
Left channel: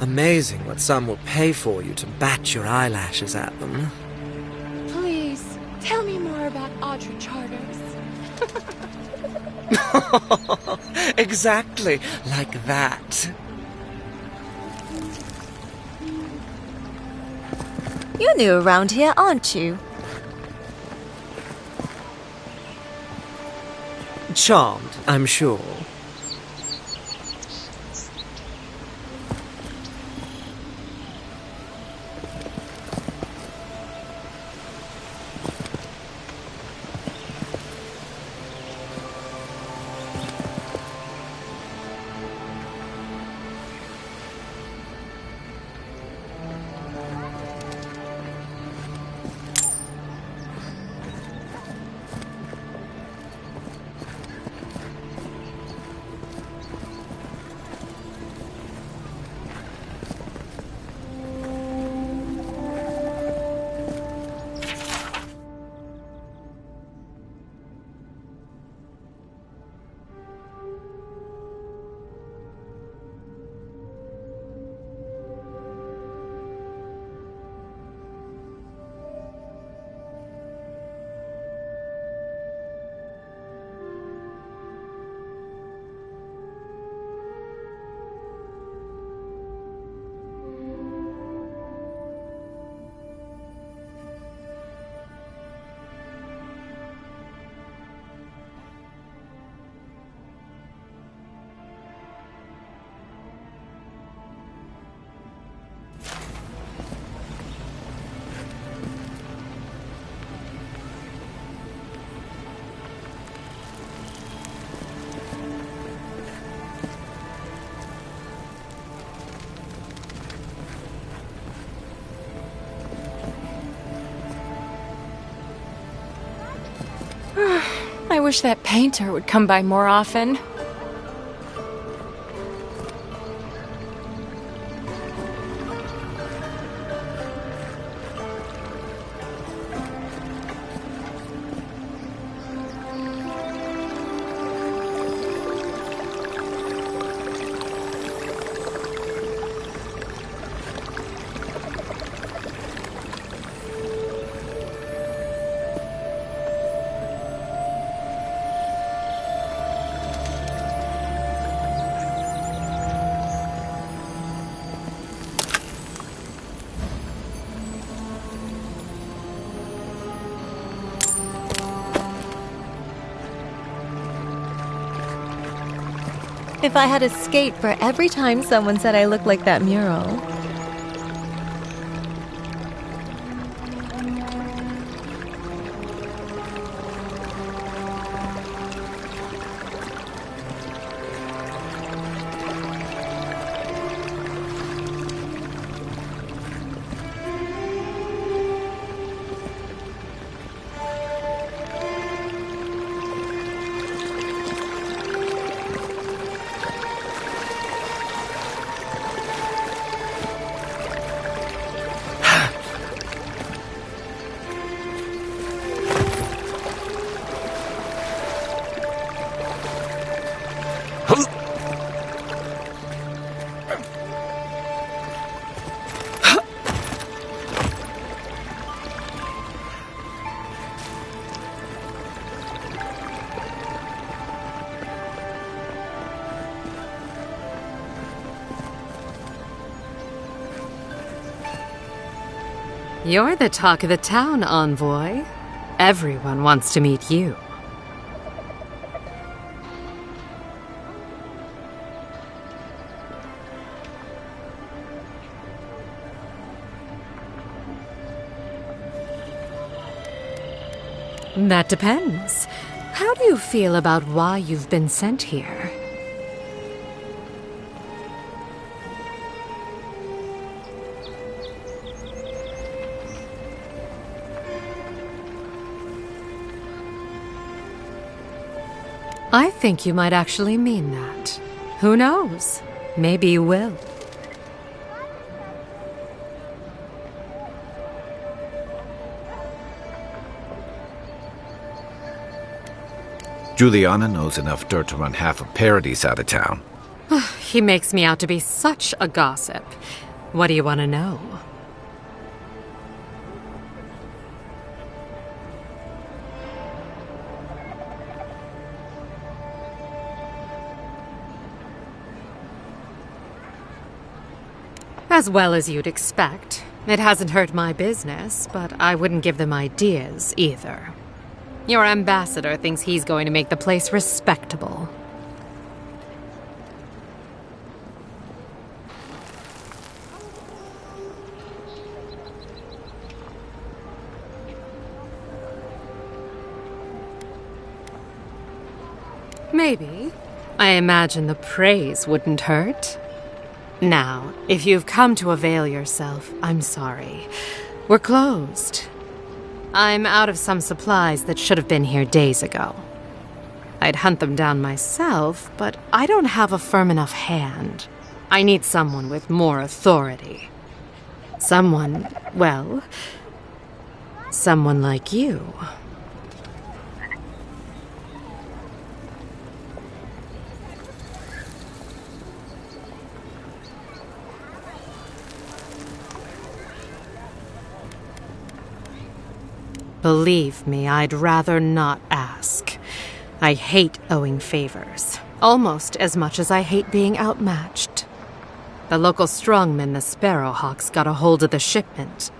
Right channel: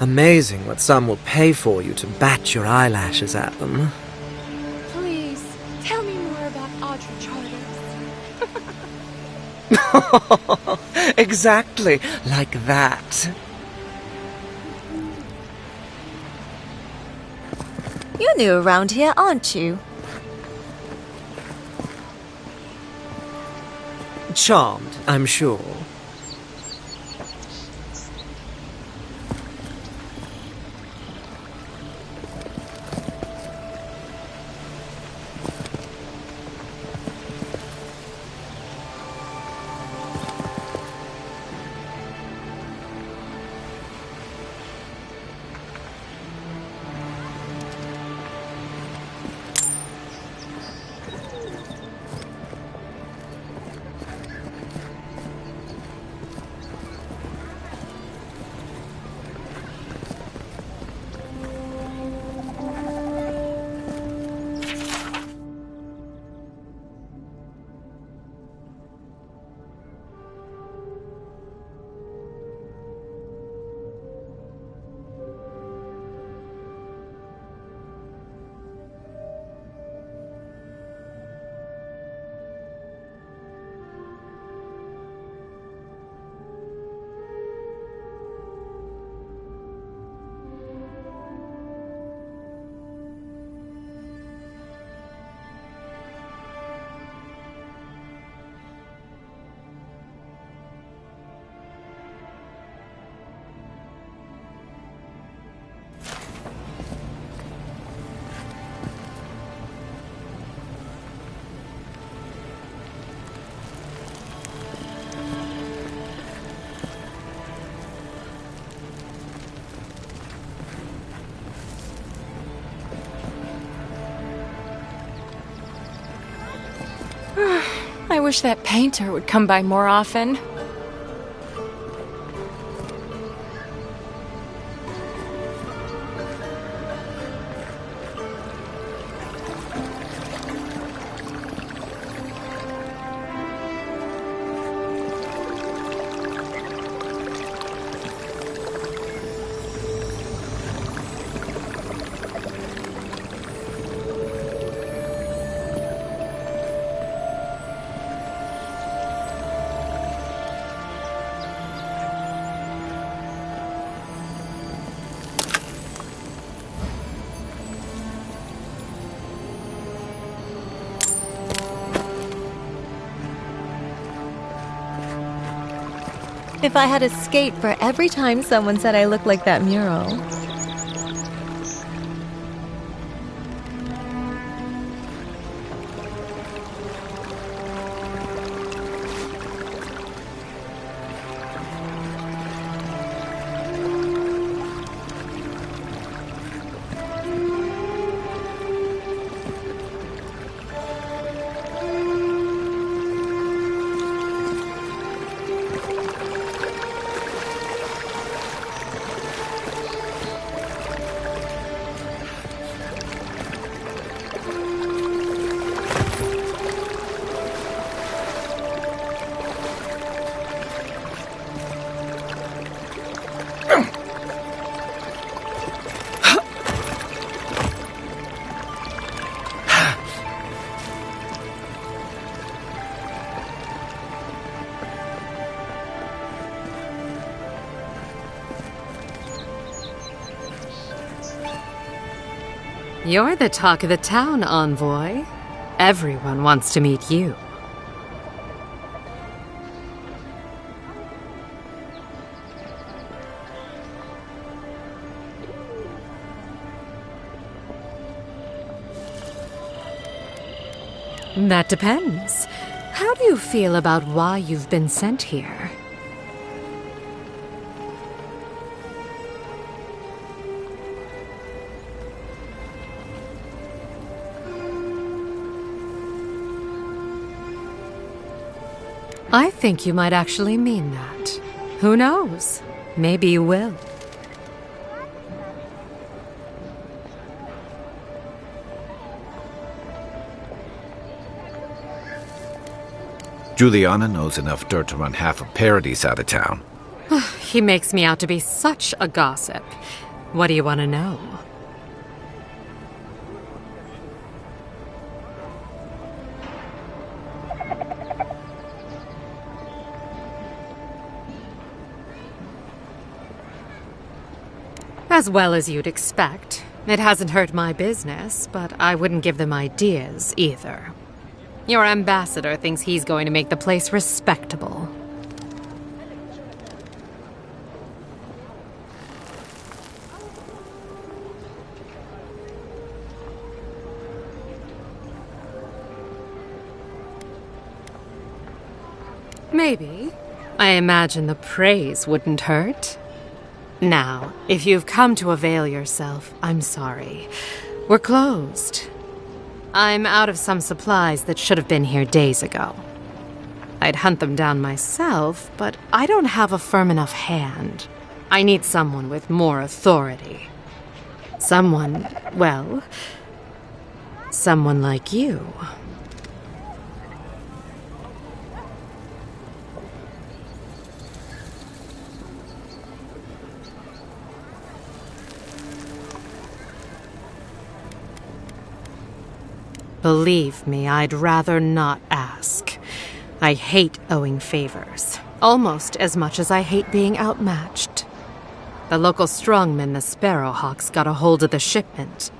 Amazing what some will pay for you to bat your eyelashes at them. Please, tell me more about Audra Charters. Exactly like that. You're new around here, aren't you? Charmed, I'm sure. wish that painter would come by more often. If I had a skate for every time someone said I looked like that mural. You're the talk of the town, envoy. Everyone wants to meet you. That depends. How do you feel about why you've been sent here? I think you might actually mean that. Who knows? Maybe you will. Juliana knows enough dirt to run half of Paradise out of town. He makes me out to be such a gossip. What do you want to know? As well as you'd expect. It hasn't hurt my business, but I wouldn't give them ideas either. Your ambassador thinks he's going to make the place respectable. Maybe. I imagine the praise wouldn't hurt. Now, if you've come to avail yourself, I'm sorry. We're closed. I'm out of some supplies that should have been here days ago. I'd hunt them down myself, but I don't have a firm enough hand. I need someone with more authority. Someone, well, someone like you. Believe me, I'd rather not ask. I hate owing favors, almost as much as I hate being outmatched. The local strongmen, the Sparrowhawks, got a hold of the shipment.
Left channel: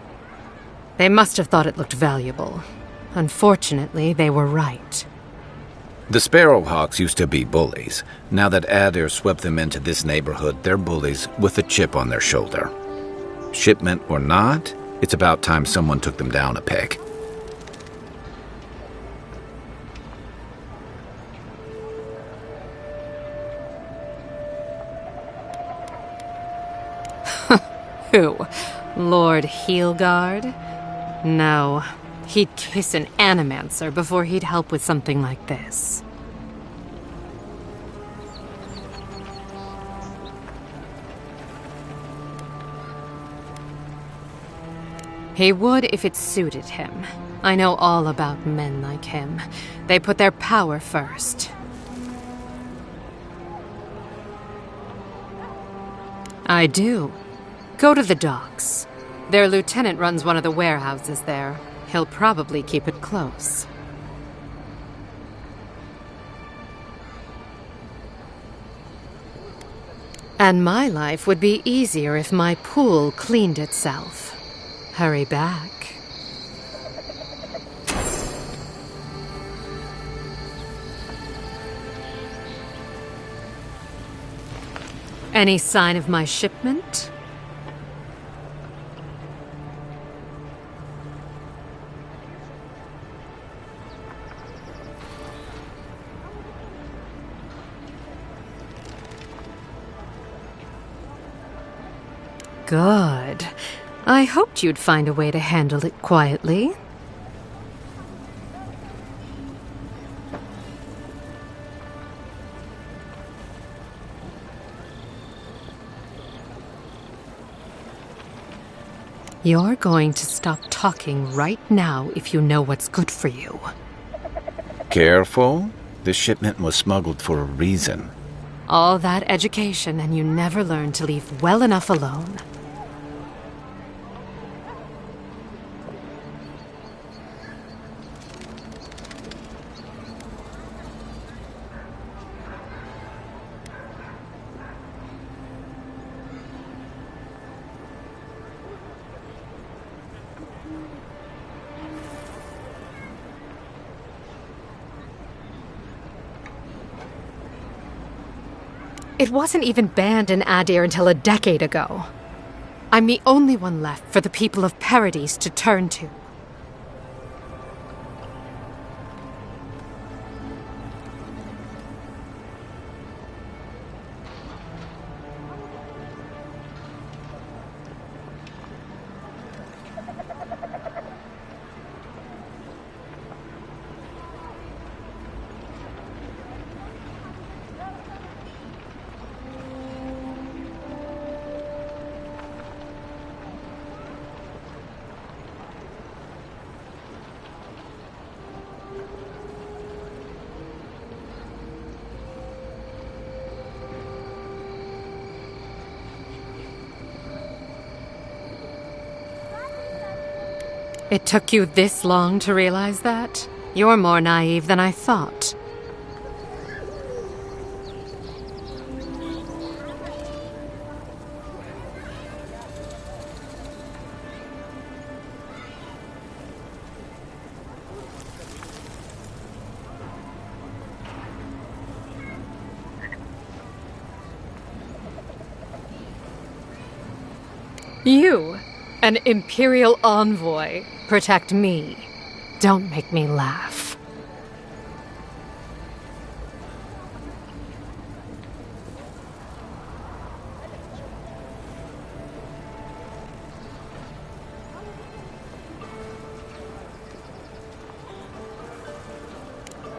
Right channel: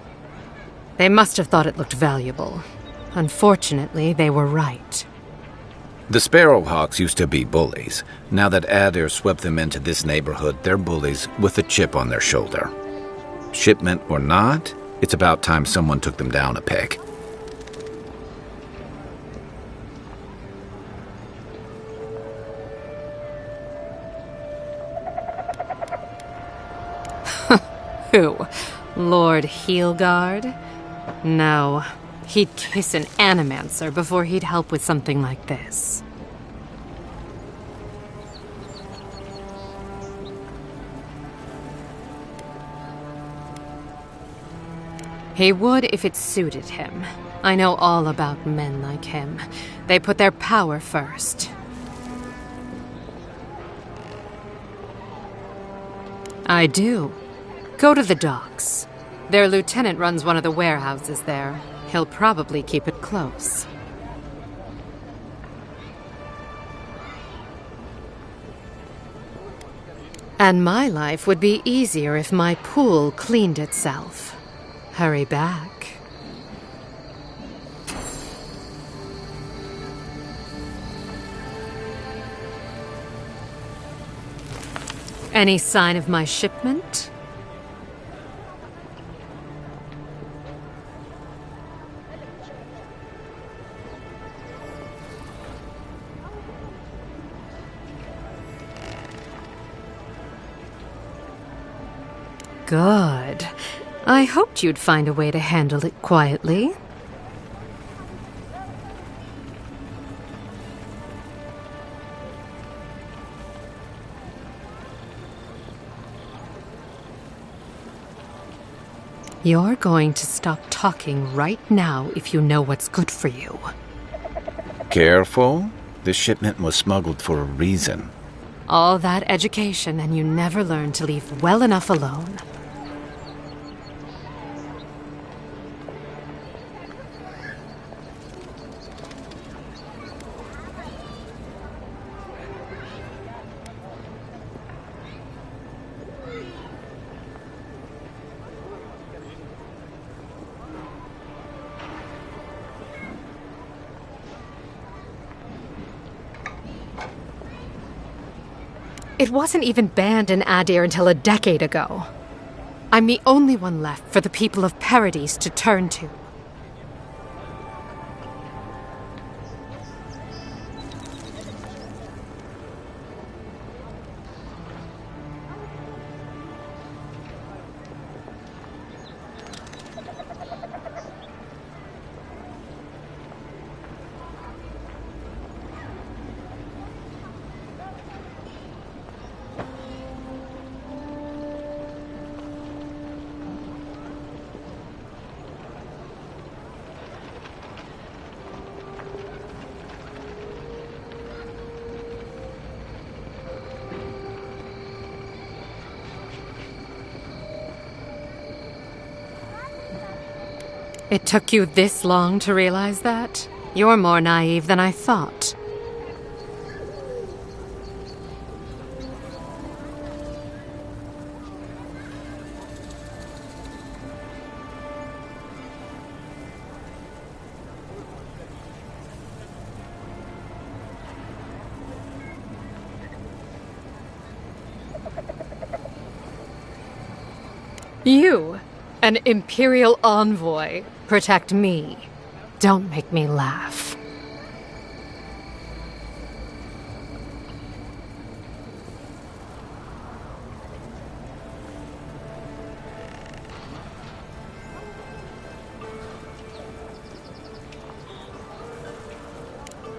They must have thought it looked valuable. Unfortunately, they were right. The Sparrowhawks used to be bullies. Now that Adair swept them into this neighborhood, they're bullies with a chip on their shoulder. Shipment or not, it's about time someone took them down a peg. Who? Lord Heelguard? No, He'd kiss an animancer before he'd help with something like this. He would if it suited him. I know all about men like him. They put their power first. I do. Go to the docks. Their lieutenant runs one of the warehouses there. He'll probably keep it close. And my life would be easier if my pool cleaned itself. Hurry back. Any sign of my shipment? Good. I hoped you'd find a way to handle it quietly. You're going to stop talking right now if you know what's good for you. Careful. This shipment was smuggled for a reason. All that education and you never learned to leave well enough alone. It wasn't even banned in Adir until a decade ago. I'm the only one left for the people of Paradise to turn to. It took you this long to realize that? You're more naive than I thought. You, an Imperial envoy, protect me. Don't make me laugh.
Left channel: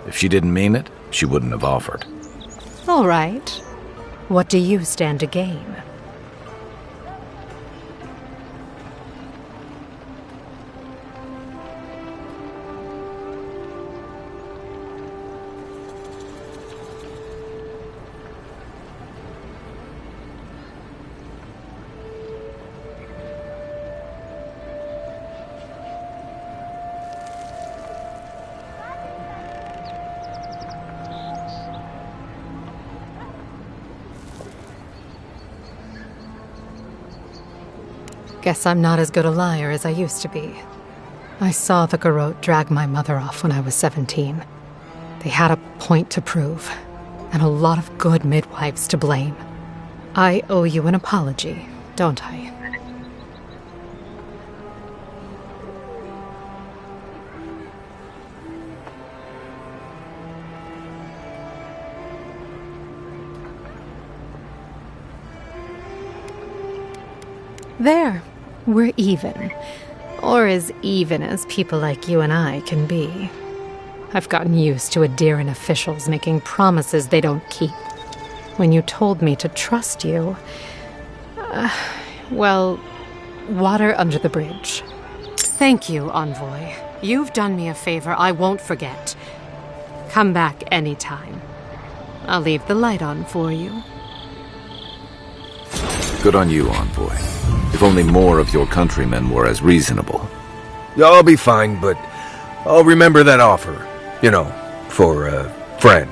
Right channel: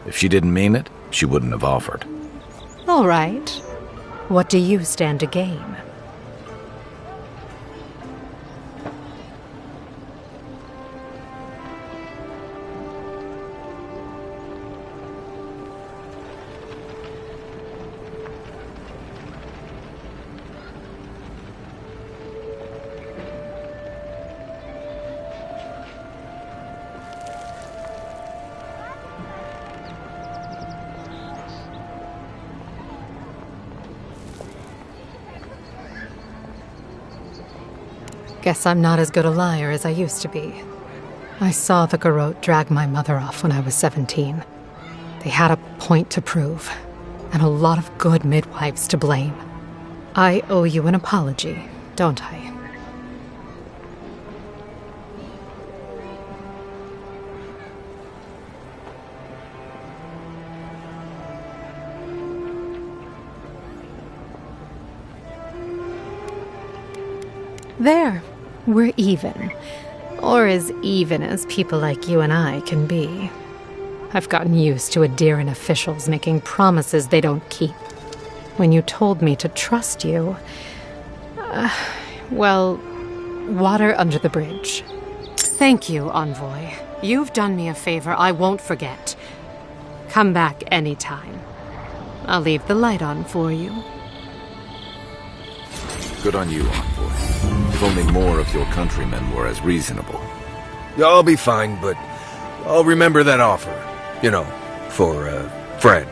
If she didn't mean it, she wouldn't have offered. All right. What do you stand to gain? Guess I'm not as good a liar as I used to be. I saw the garrote drag my mother off when I was 17. They had a point to prove, and a lot of good midwives to blame. I owe you an apology, don't I? There. We're even. Or as even as people like you and I can be. I've gotten used to adherent officials making promises they don't keep. When you told me to trust you... well, water under the bridge. Thank you, Envoy. You've done me a favor I won't forget. Come back anytime. I'll leave the light on for you. Good on you, Envoy. If only more of your countrymen were as reasonable. I'll be fine, but I'll remember that offer. You know, for a friend.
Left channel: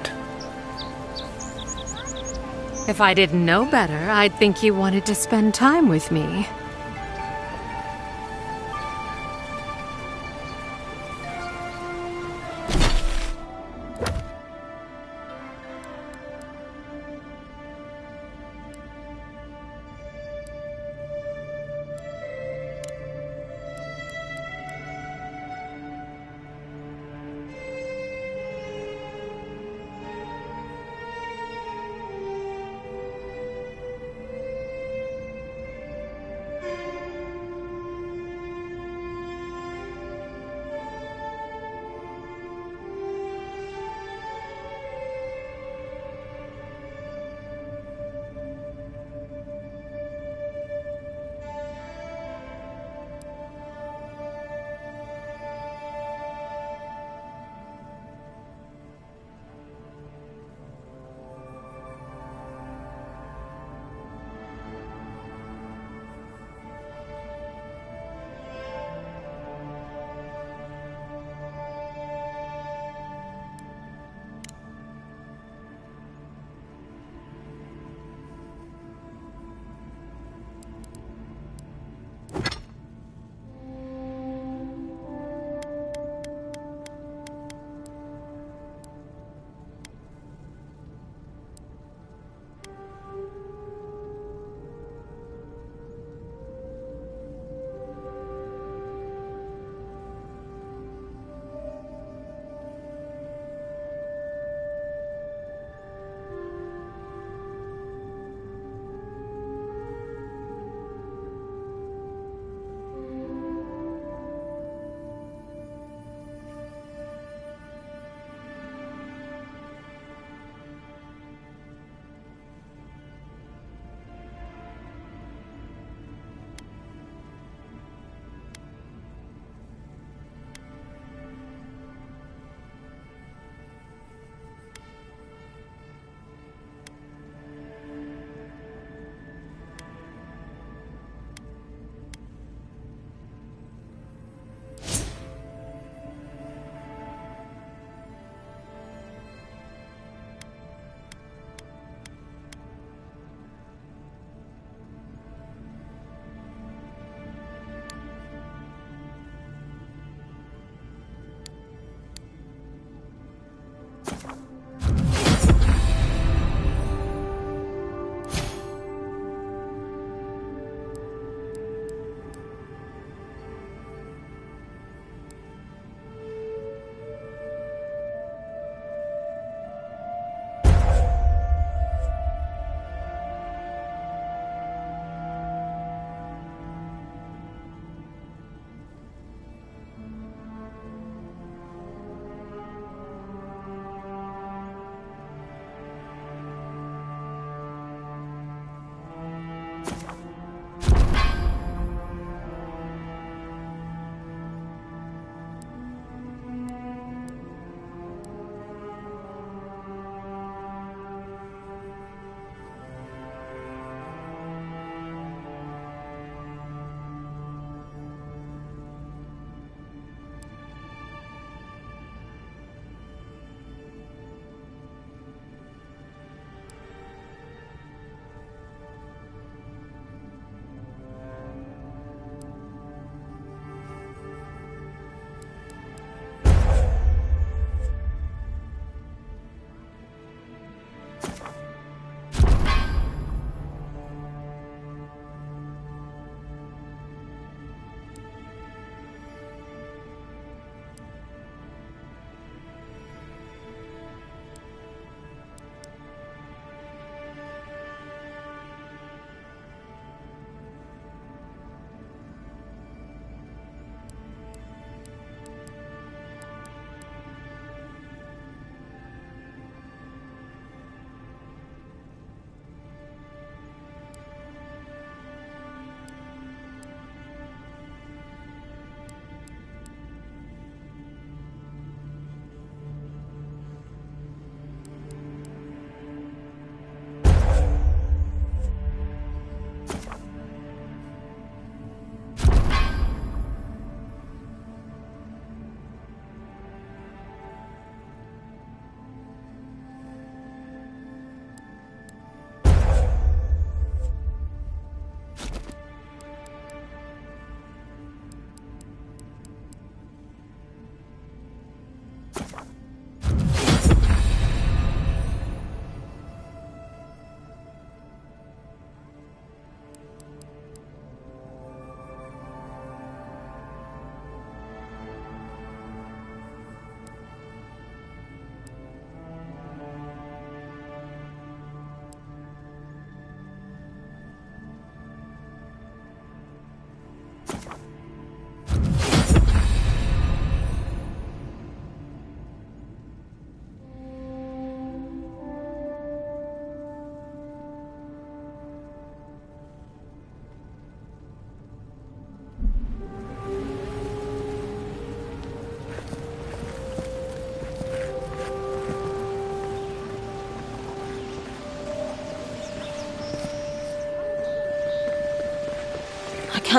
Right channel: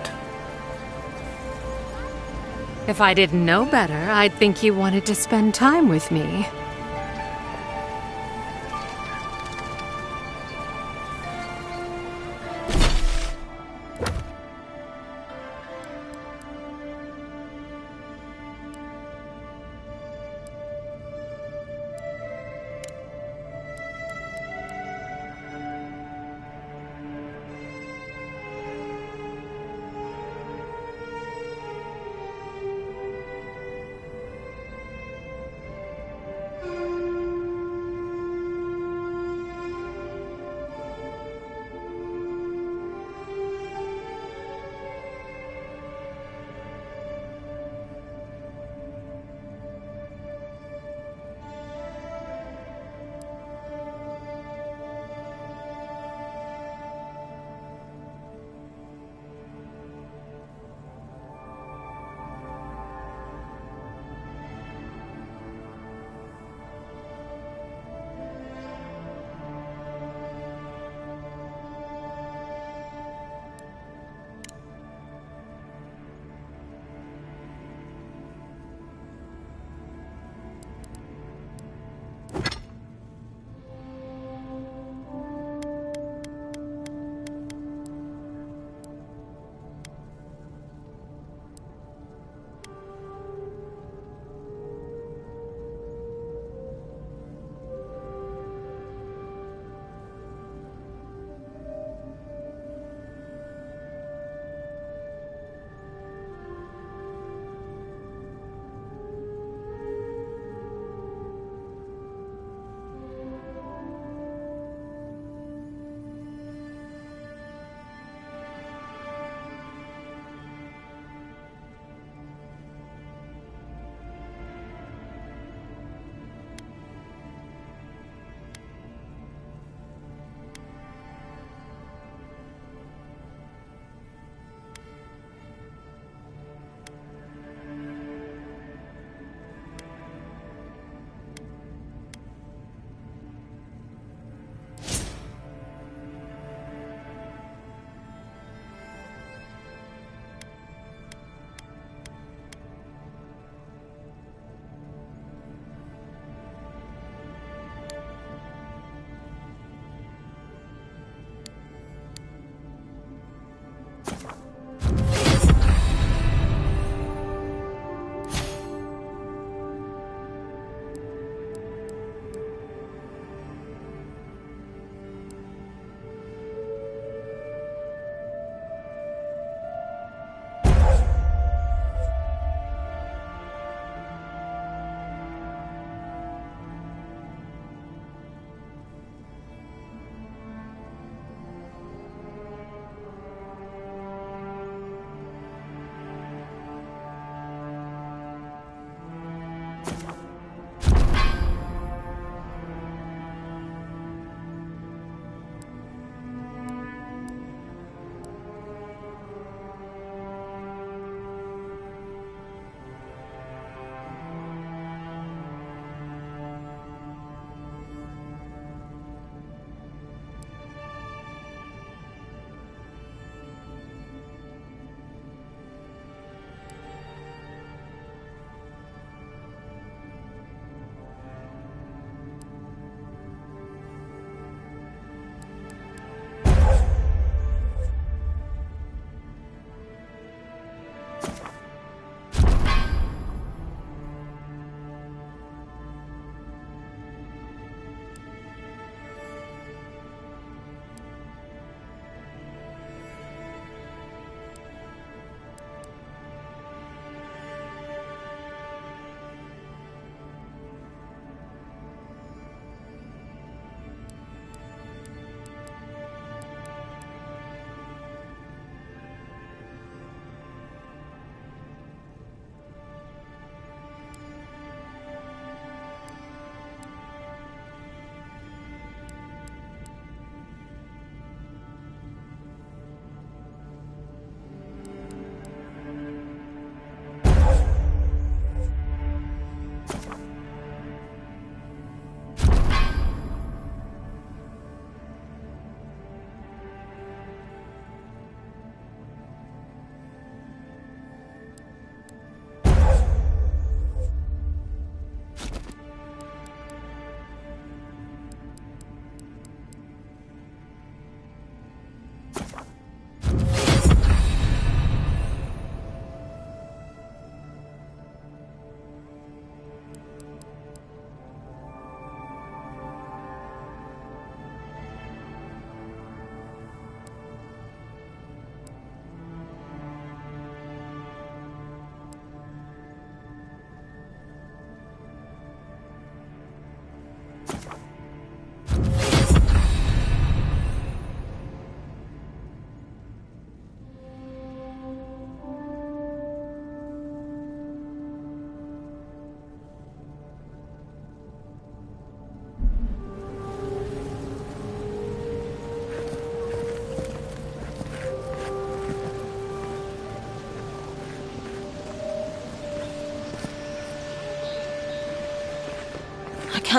If I didn't know better, I'd think you wanted to spend time with me.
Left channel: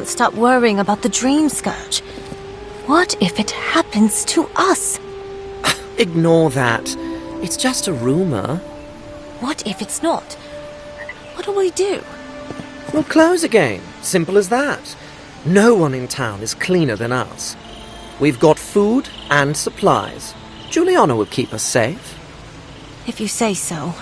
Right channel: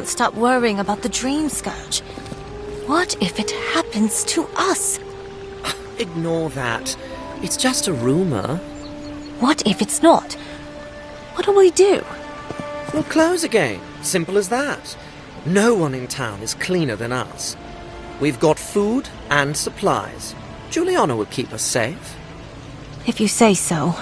can't stop worrying about the dream scourge. What if it happens to us? Ignore that. It's just a rumor. What if it's not? What do we do? We'll close again. Simple as that. No one in town is cleaner than us. We've got food and supplies. Juliana will keep us safe. If you say so.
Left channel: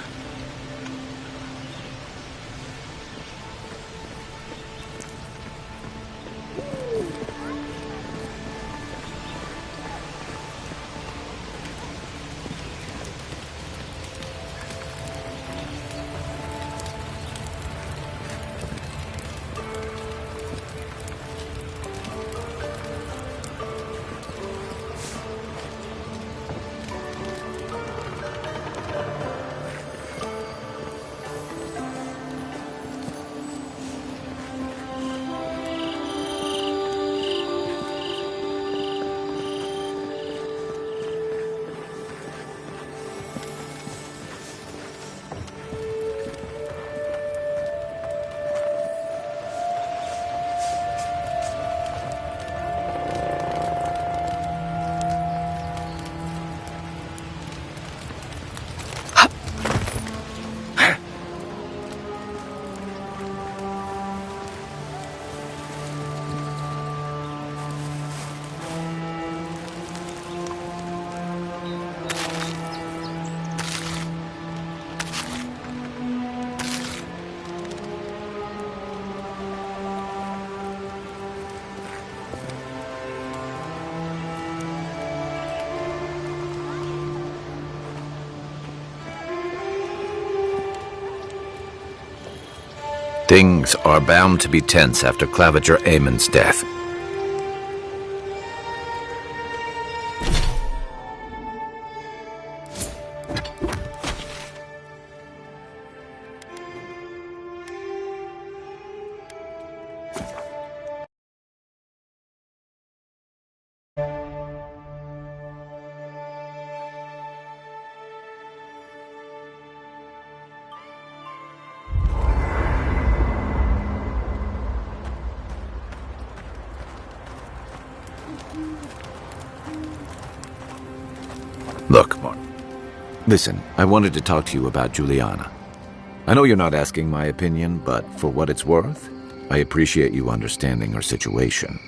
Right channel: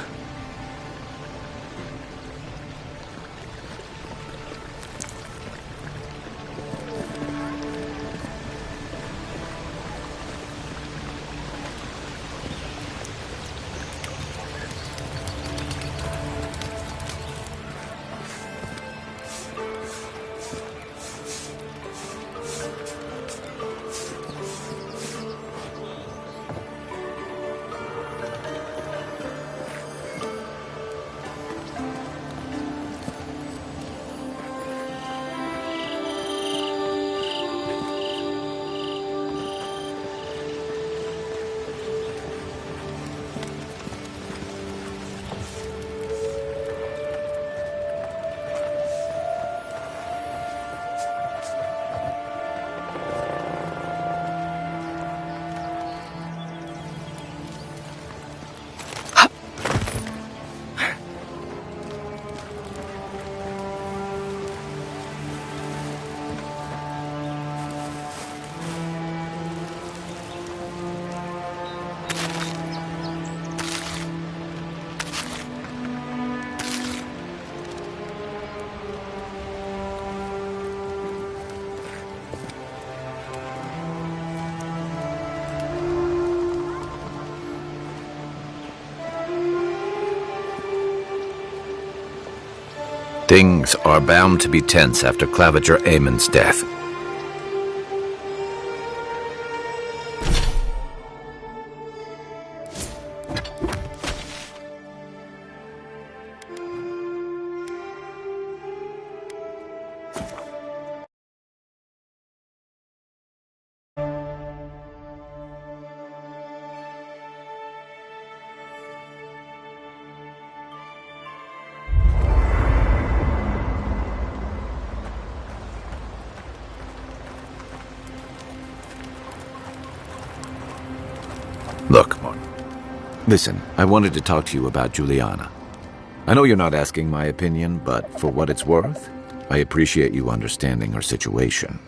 Things are bound to be tense after Claviger Aemon's death. Look, Mark. Listen, I wanted to talk to you about Juliana. I know you're not asking my opinion, but for what it's worth, I appreciate you understanding her situation.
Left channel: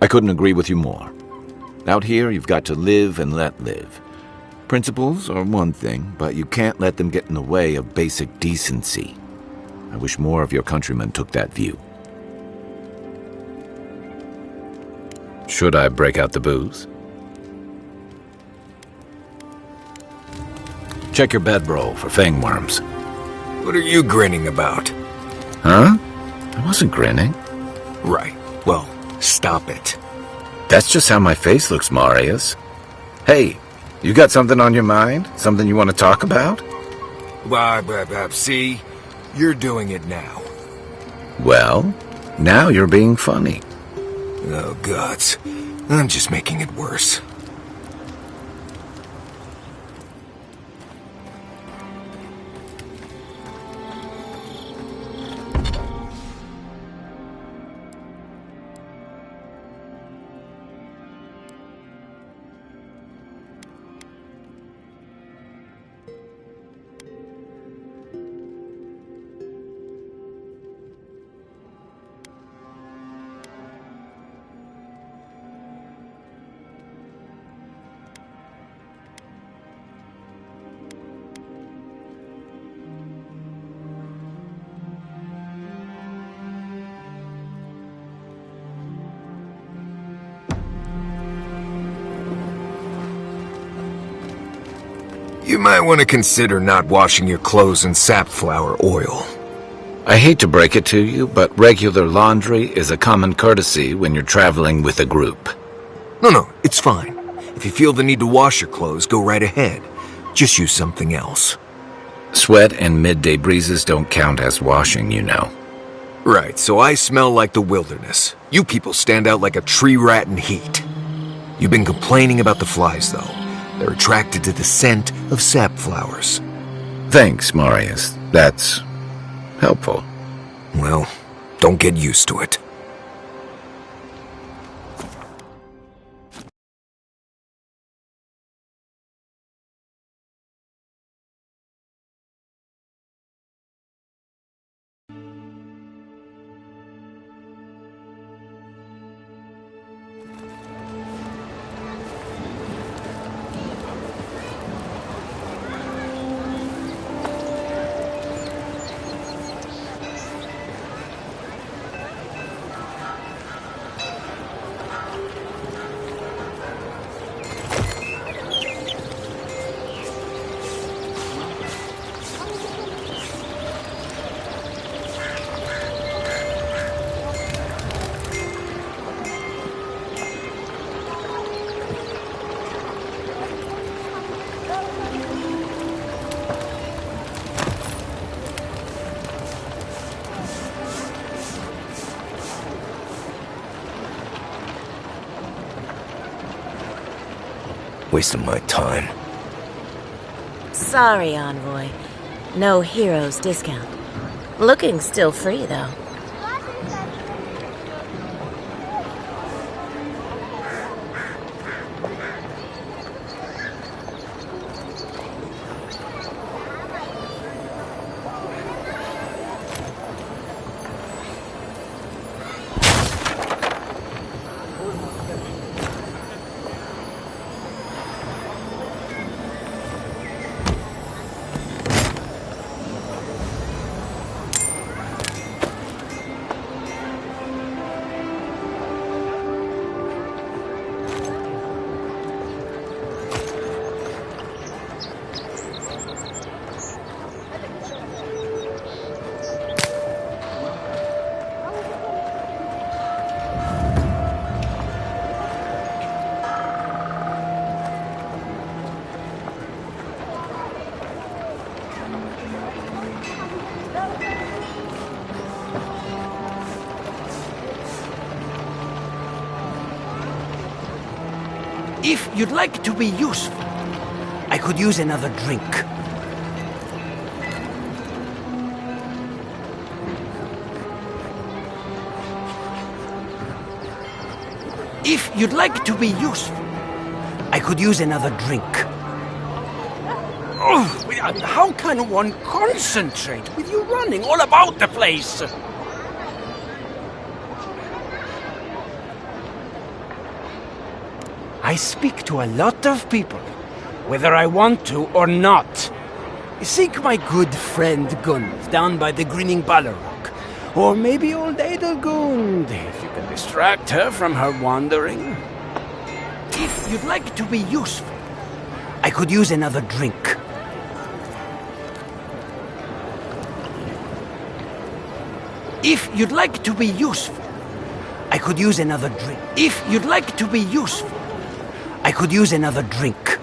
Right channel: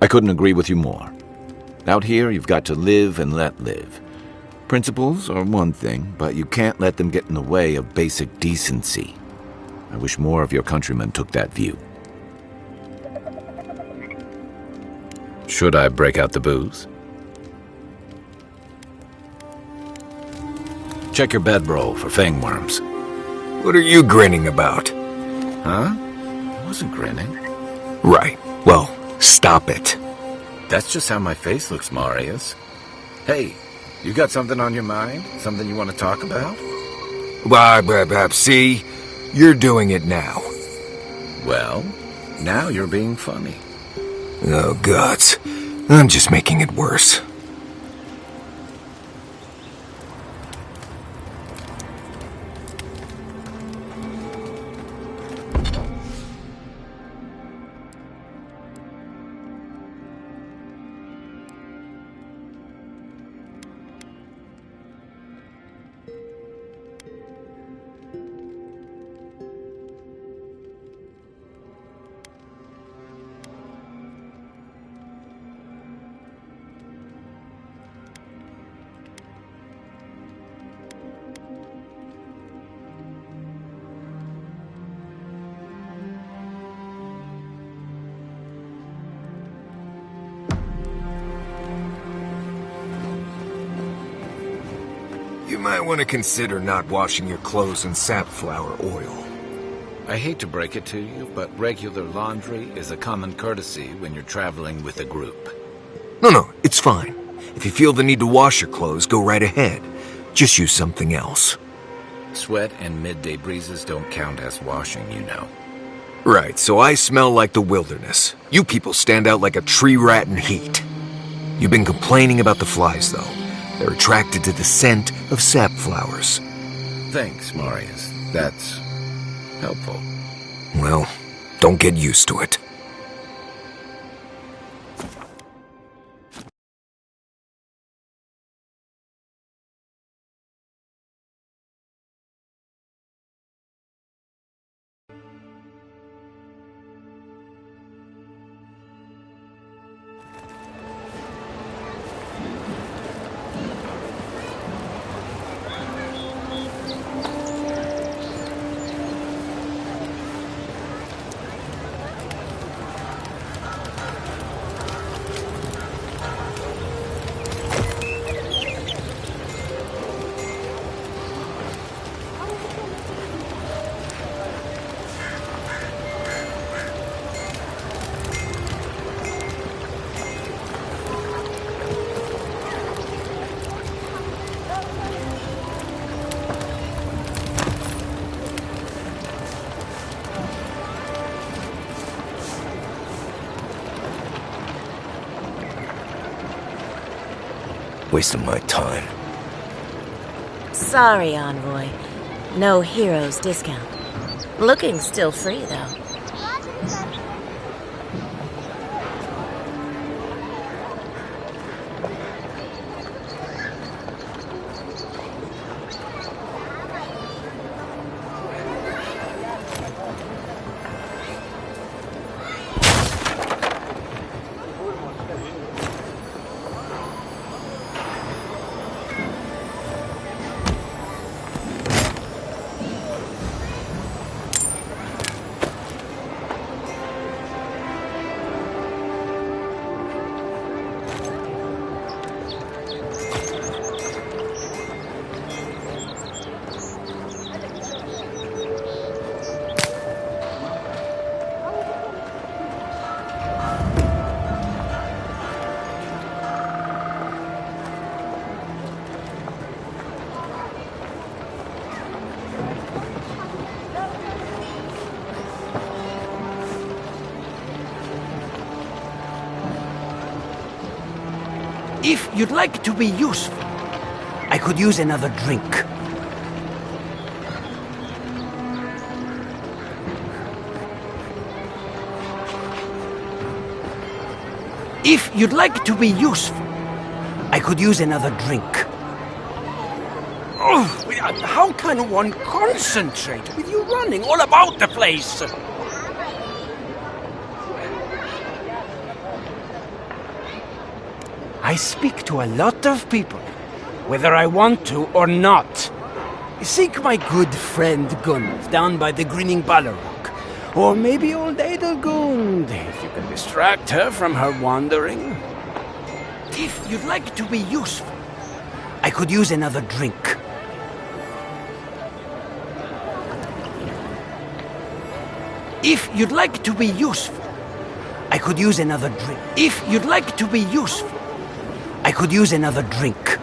I couldn't agree with you more. Out here, you've got to live and let live. Principles are one thing, but you can't let them get in the way of basic decency. I wish more of your countrymen took that view. Should I break out the booze? Check your bedroll for fangworms. What are you grinning about? Huh? I wasn't grinning. Right. Well, stop it. That's just how my face looks, Marius. Hey, you got something on your mind? Something you want to talk about? See? You're doing it now. Well, now you're being funny. Oh, gods. I'm just making it worse. You might want to consider not washing your clothes in safflower oil. I hate to break it to you, but regular laundry is a common courtesy when you're traveling with a group. No, it's fine. If you feel the need to wash your clothes, go right ahead. Just use something else. Sweat and midday breezes don't count as washing, you know. Right, so I smell like the wilderness. You people stand out like a tree rat in heat. You've been complaining about the flies, though. They're attracted to the scent of sap flowers. Thanks, Marius. That's helpful. Well, don't get used to it. Wasting my time. Sorry, Envoy. No heroes discount. Looking still free, though. If you'd like to be useful, I could use another drink. If you'd like to be useful, I could use another drink. Oh, how can one concentrate with you running all about the place? I speak to a lot of people, whether I want to or not. Seek my good friend Gunn down by the grinning Balrog, or maybe old Edelgund, if you can distract her from her wandering. If you'd like to be useful, I could use another drink. If you'd like to be useful, I could use another drink. If you'd like to be useful, I could use another drink.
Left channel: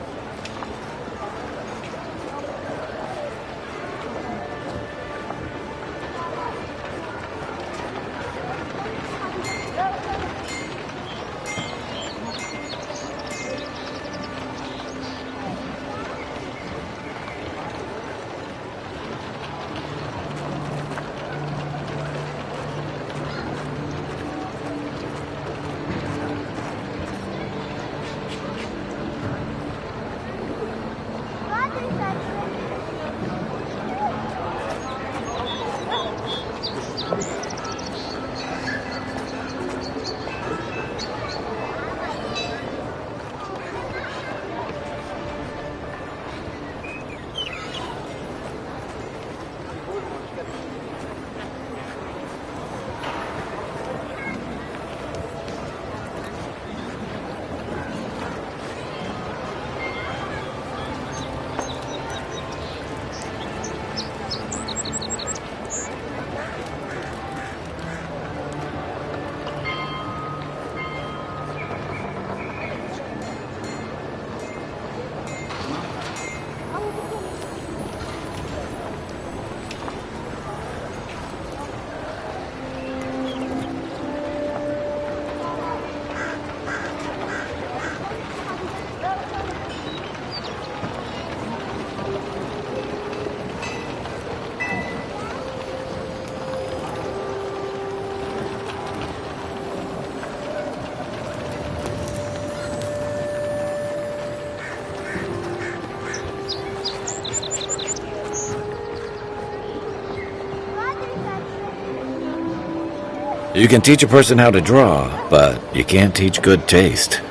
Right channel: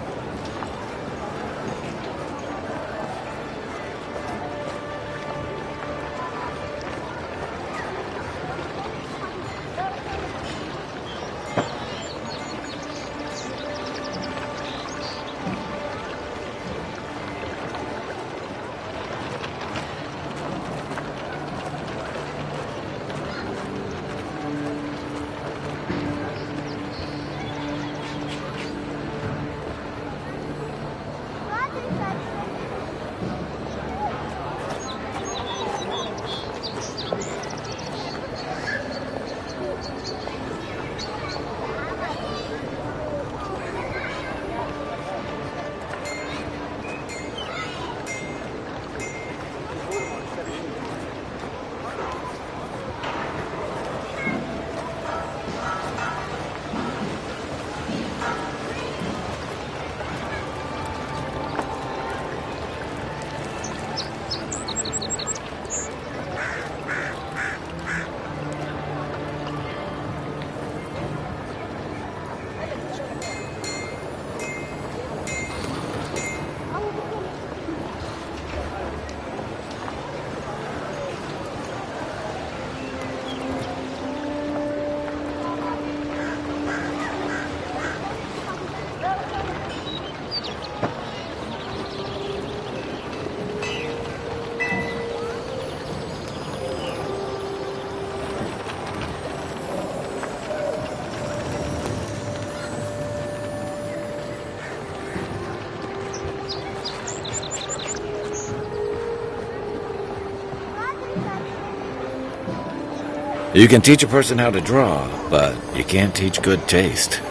You can teach a person how to draw, but you can't teach good taste.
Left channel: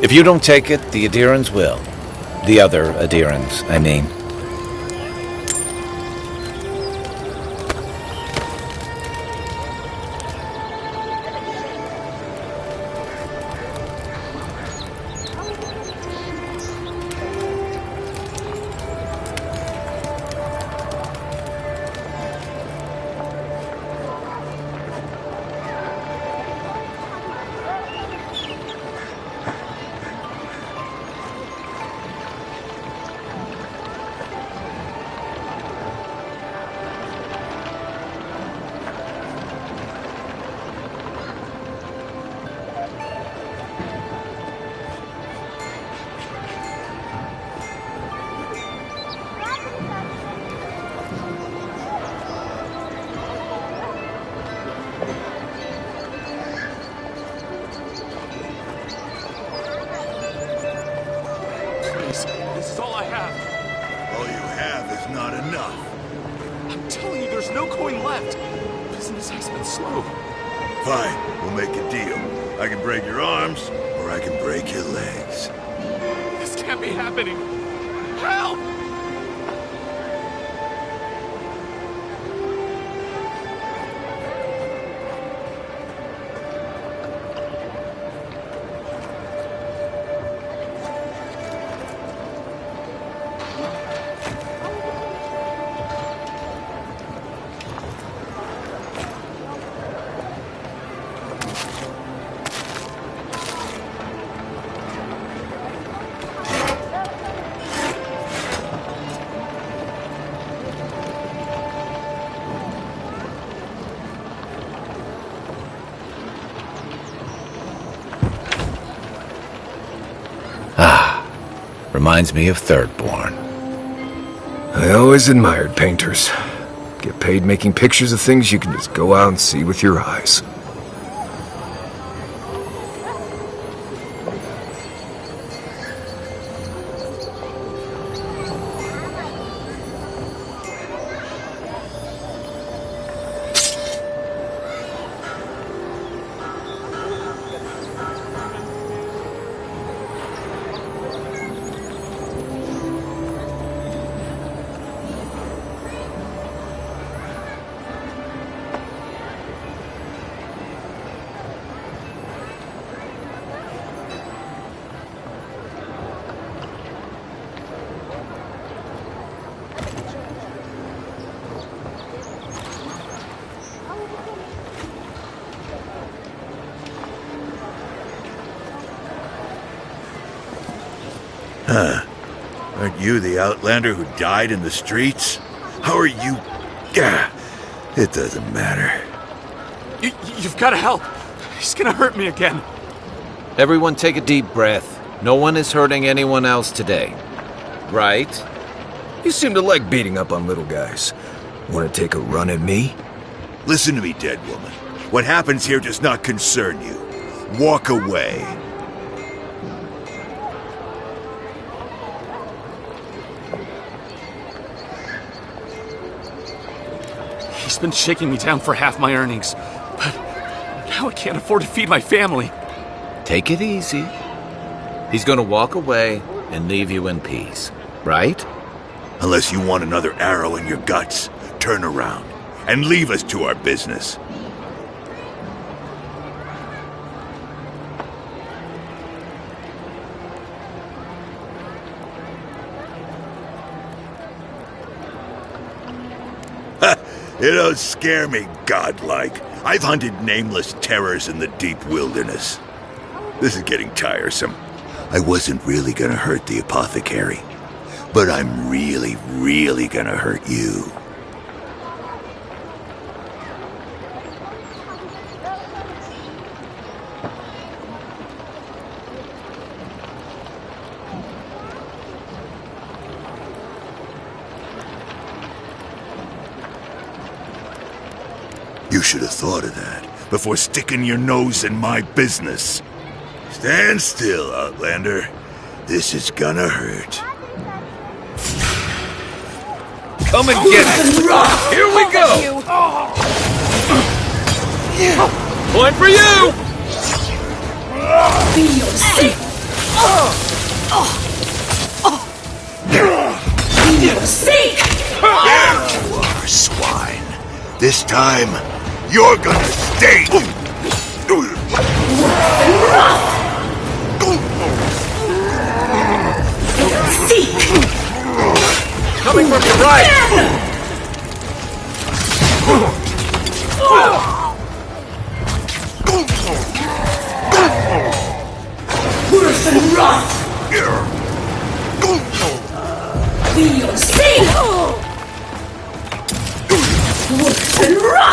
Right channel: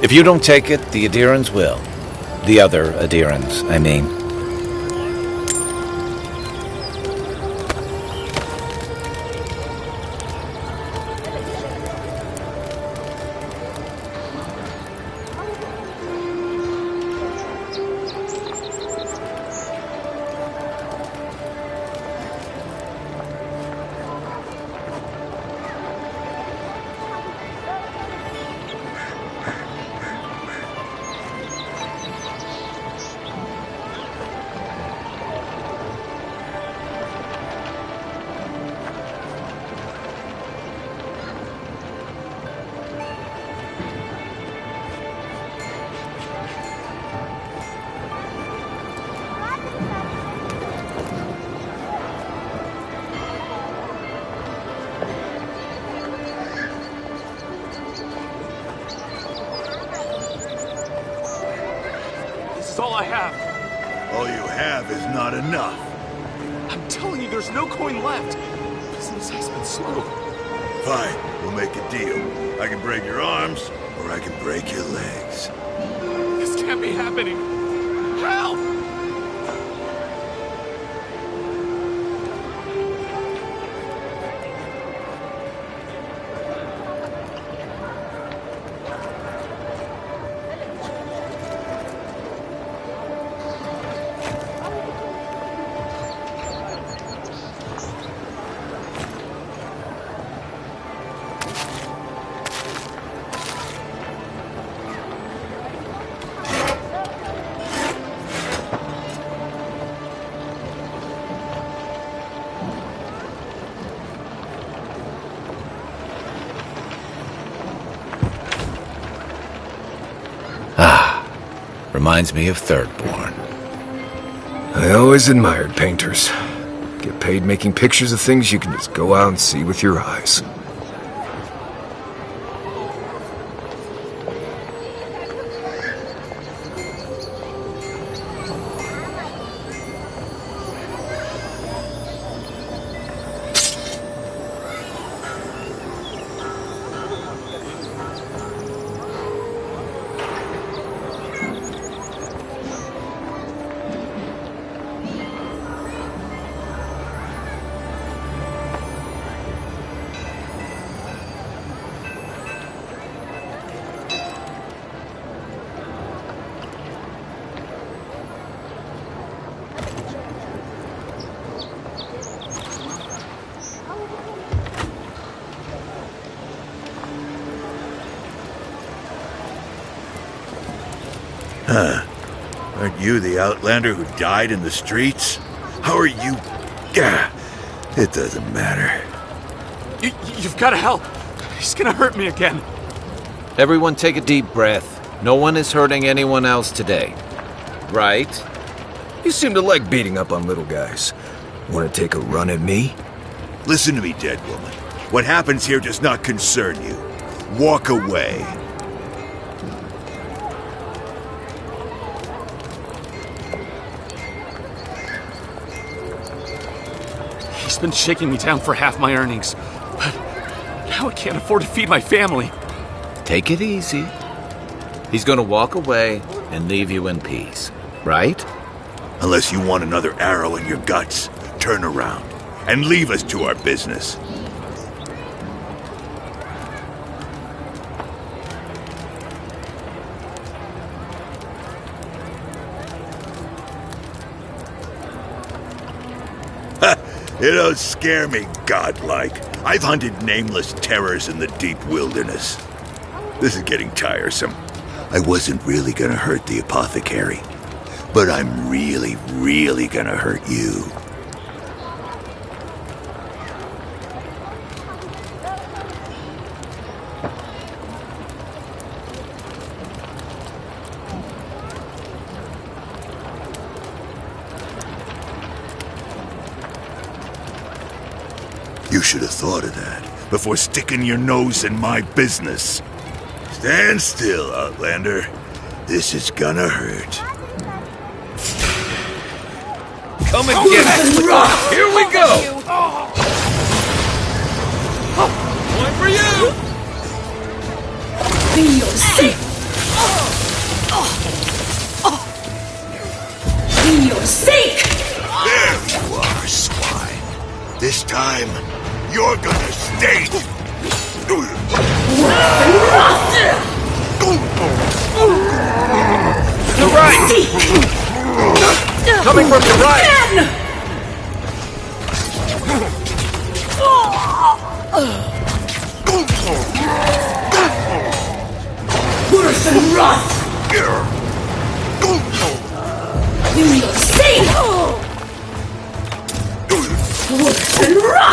If you don't take it, the adherents will. The other adherents, I mean. This is all I have. All you have is not enough. I'm telling you, there's no coin left. Business has been slow. Fine, we'll make a deal. I can break your arms, or I can break your legs. This can't be happening. Help! Reminds me of Thirdborn. I always admired painters. Get paid making pictures of things you can just go out and see with your eyes. Huh. Aren't you the outlander who died in the streets? How are you... Gah, it doesn't matter. You've got to help. He's gonna hurt me again. Everyone take a deep breath. No one is hurting anyone else today. Right? You seem to like beating up on little guys. Want to take a run at me? Listen to me, dead woman. What happens here does not concern you. Walk away. He's been shaking me down for half my earnings, but now I can't afford to feed my family. Take it easy. He's gonna walk away and leave you in peace, right? Unless you want another arrow in your guts, turn around and leave us to our business. You don't scare me, godlike. I've hunted nameless terrors in the deep wilderness. This is getting tiresome. I wasn't really gonna hurt the apothecary, but I'm really, really gonna hurt you. You should have thought of that before sticking your nose in my business. Stand still, Outlander. This is gonna hurt. Come and get it! Here we go! Point for you! Be safe! Be safe! There you are, swine. This time, you're gonna stay. To right! Coming from your right! Worse than rot! Be safe! Worse than rot!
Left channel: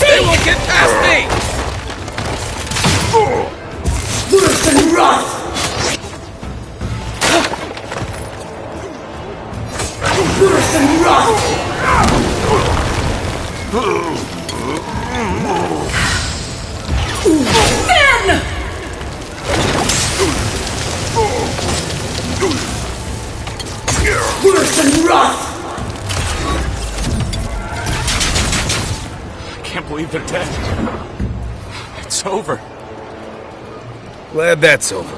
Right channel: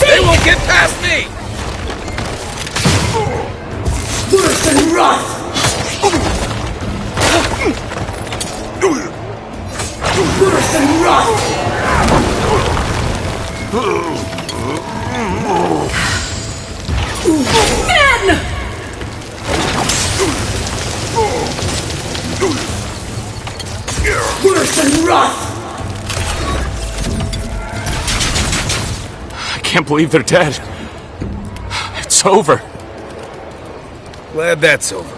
They won't get past me! Worse than rot! Worse than rot! Men! Worse than rot! I can't believe they're dead. It's over. Glad that's over.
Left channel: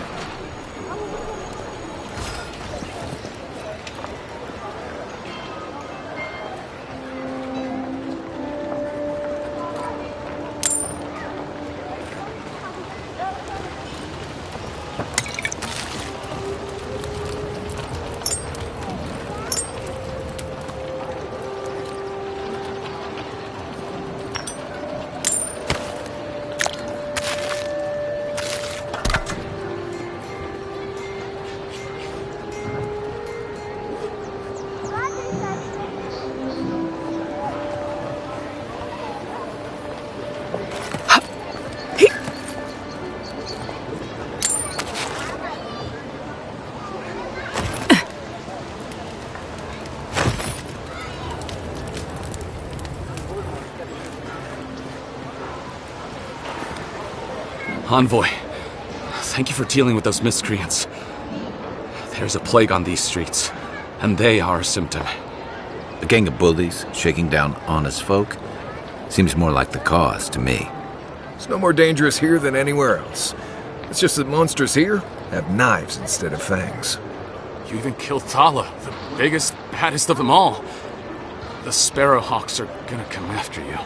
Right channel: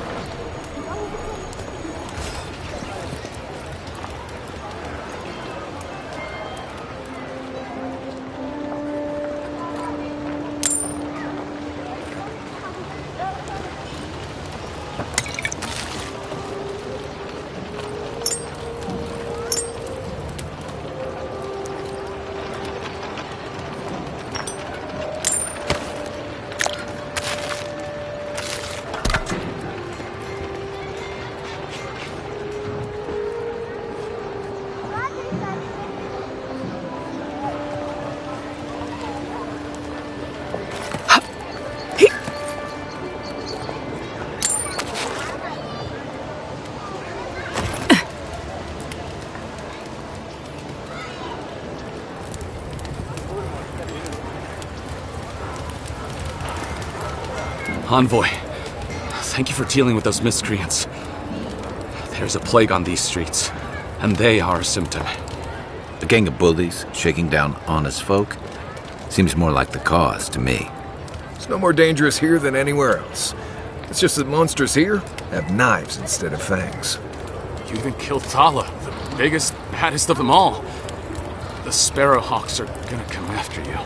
Envoy, thank you for dealing with those miscreants. There's a plague on these streets, and they are a symptom. A gang of bullies shaking down honest folk? Seems more like the cause to me. It's no more dangerous here than anywhere else. It's just that monsters here have knives instead of fangs. You even killed Tala, the biggest, baddest of them all. The Sparrowhawks are gonna come after you.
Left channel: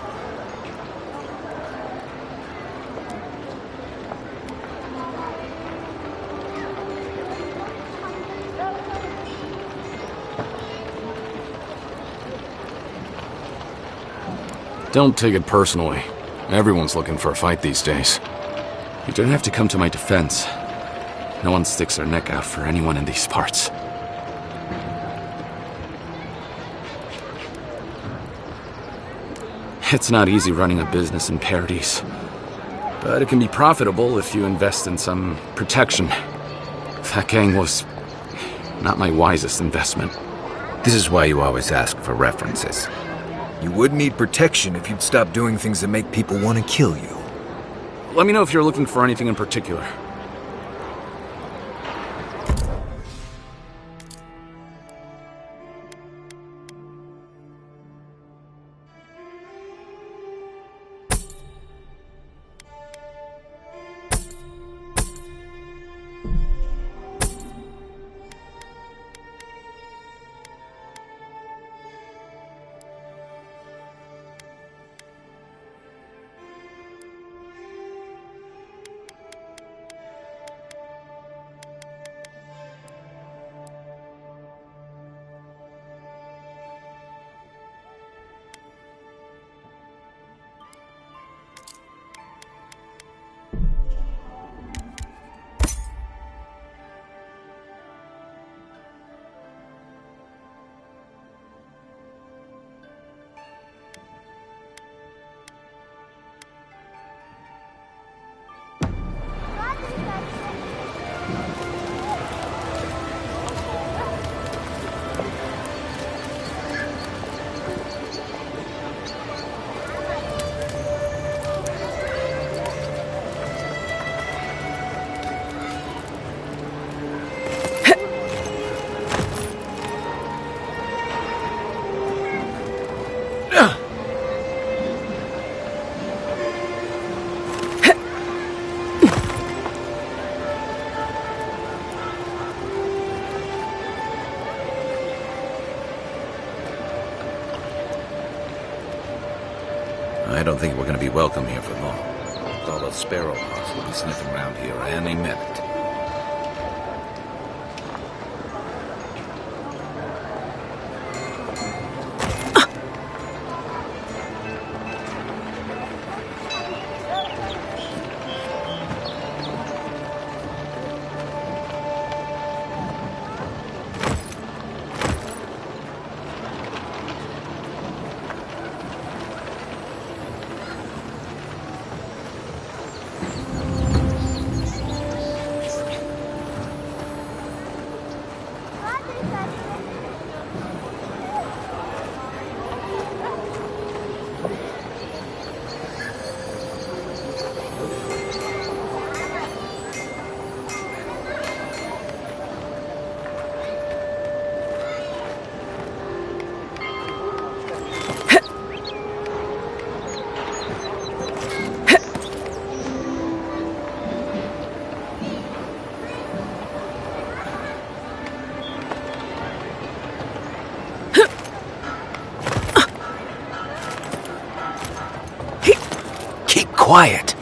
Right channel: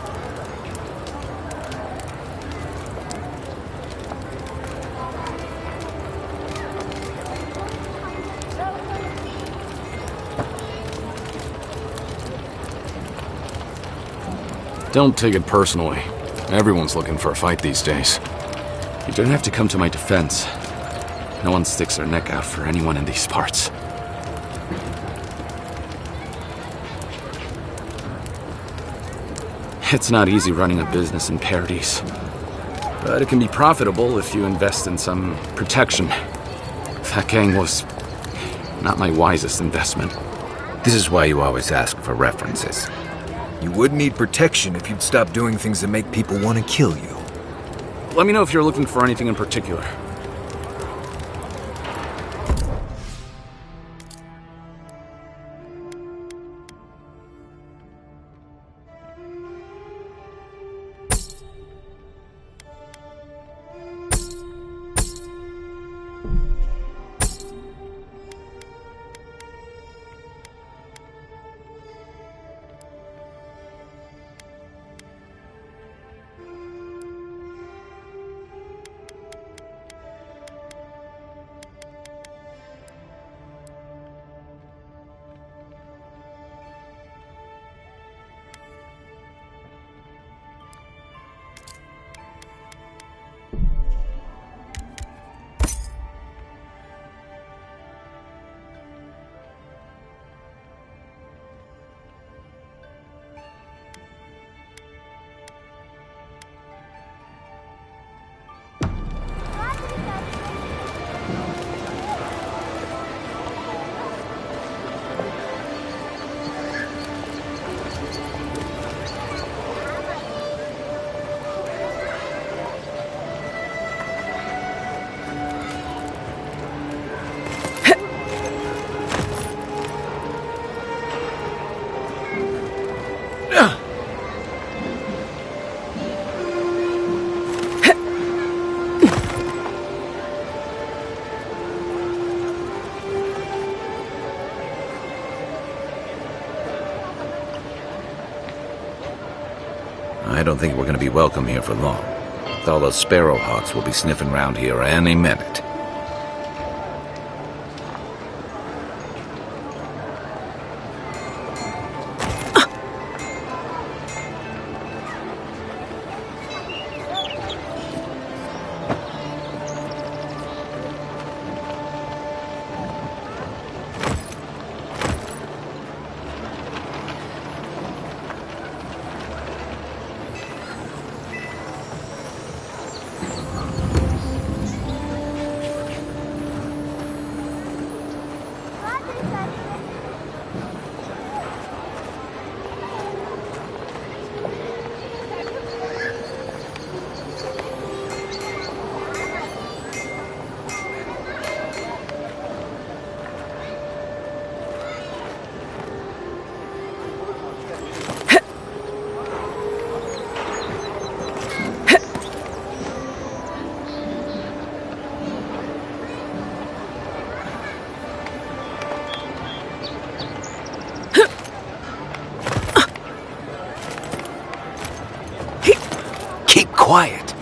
Don't take it personally. Everyone's looking for a fight these days. You don't have to come to my defense. No one sticks their neck out for anyone in these parts. It's not easy running a business in Paradise, but it can be profitable if you invest in some protection. That gang was not my wisest investment. This is why you always ask for references. You would need protection if you'd stop doing things that make people want to kill you. Let me know if you're looking for anything in particular. I don't think we're going to be welcome here for long. All those Sparrowhawks will be sniffing around here any minute. Quiet.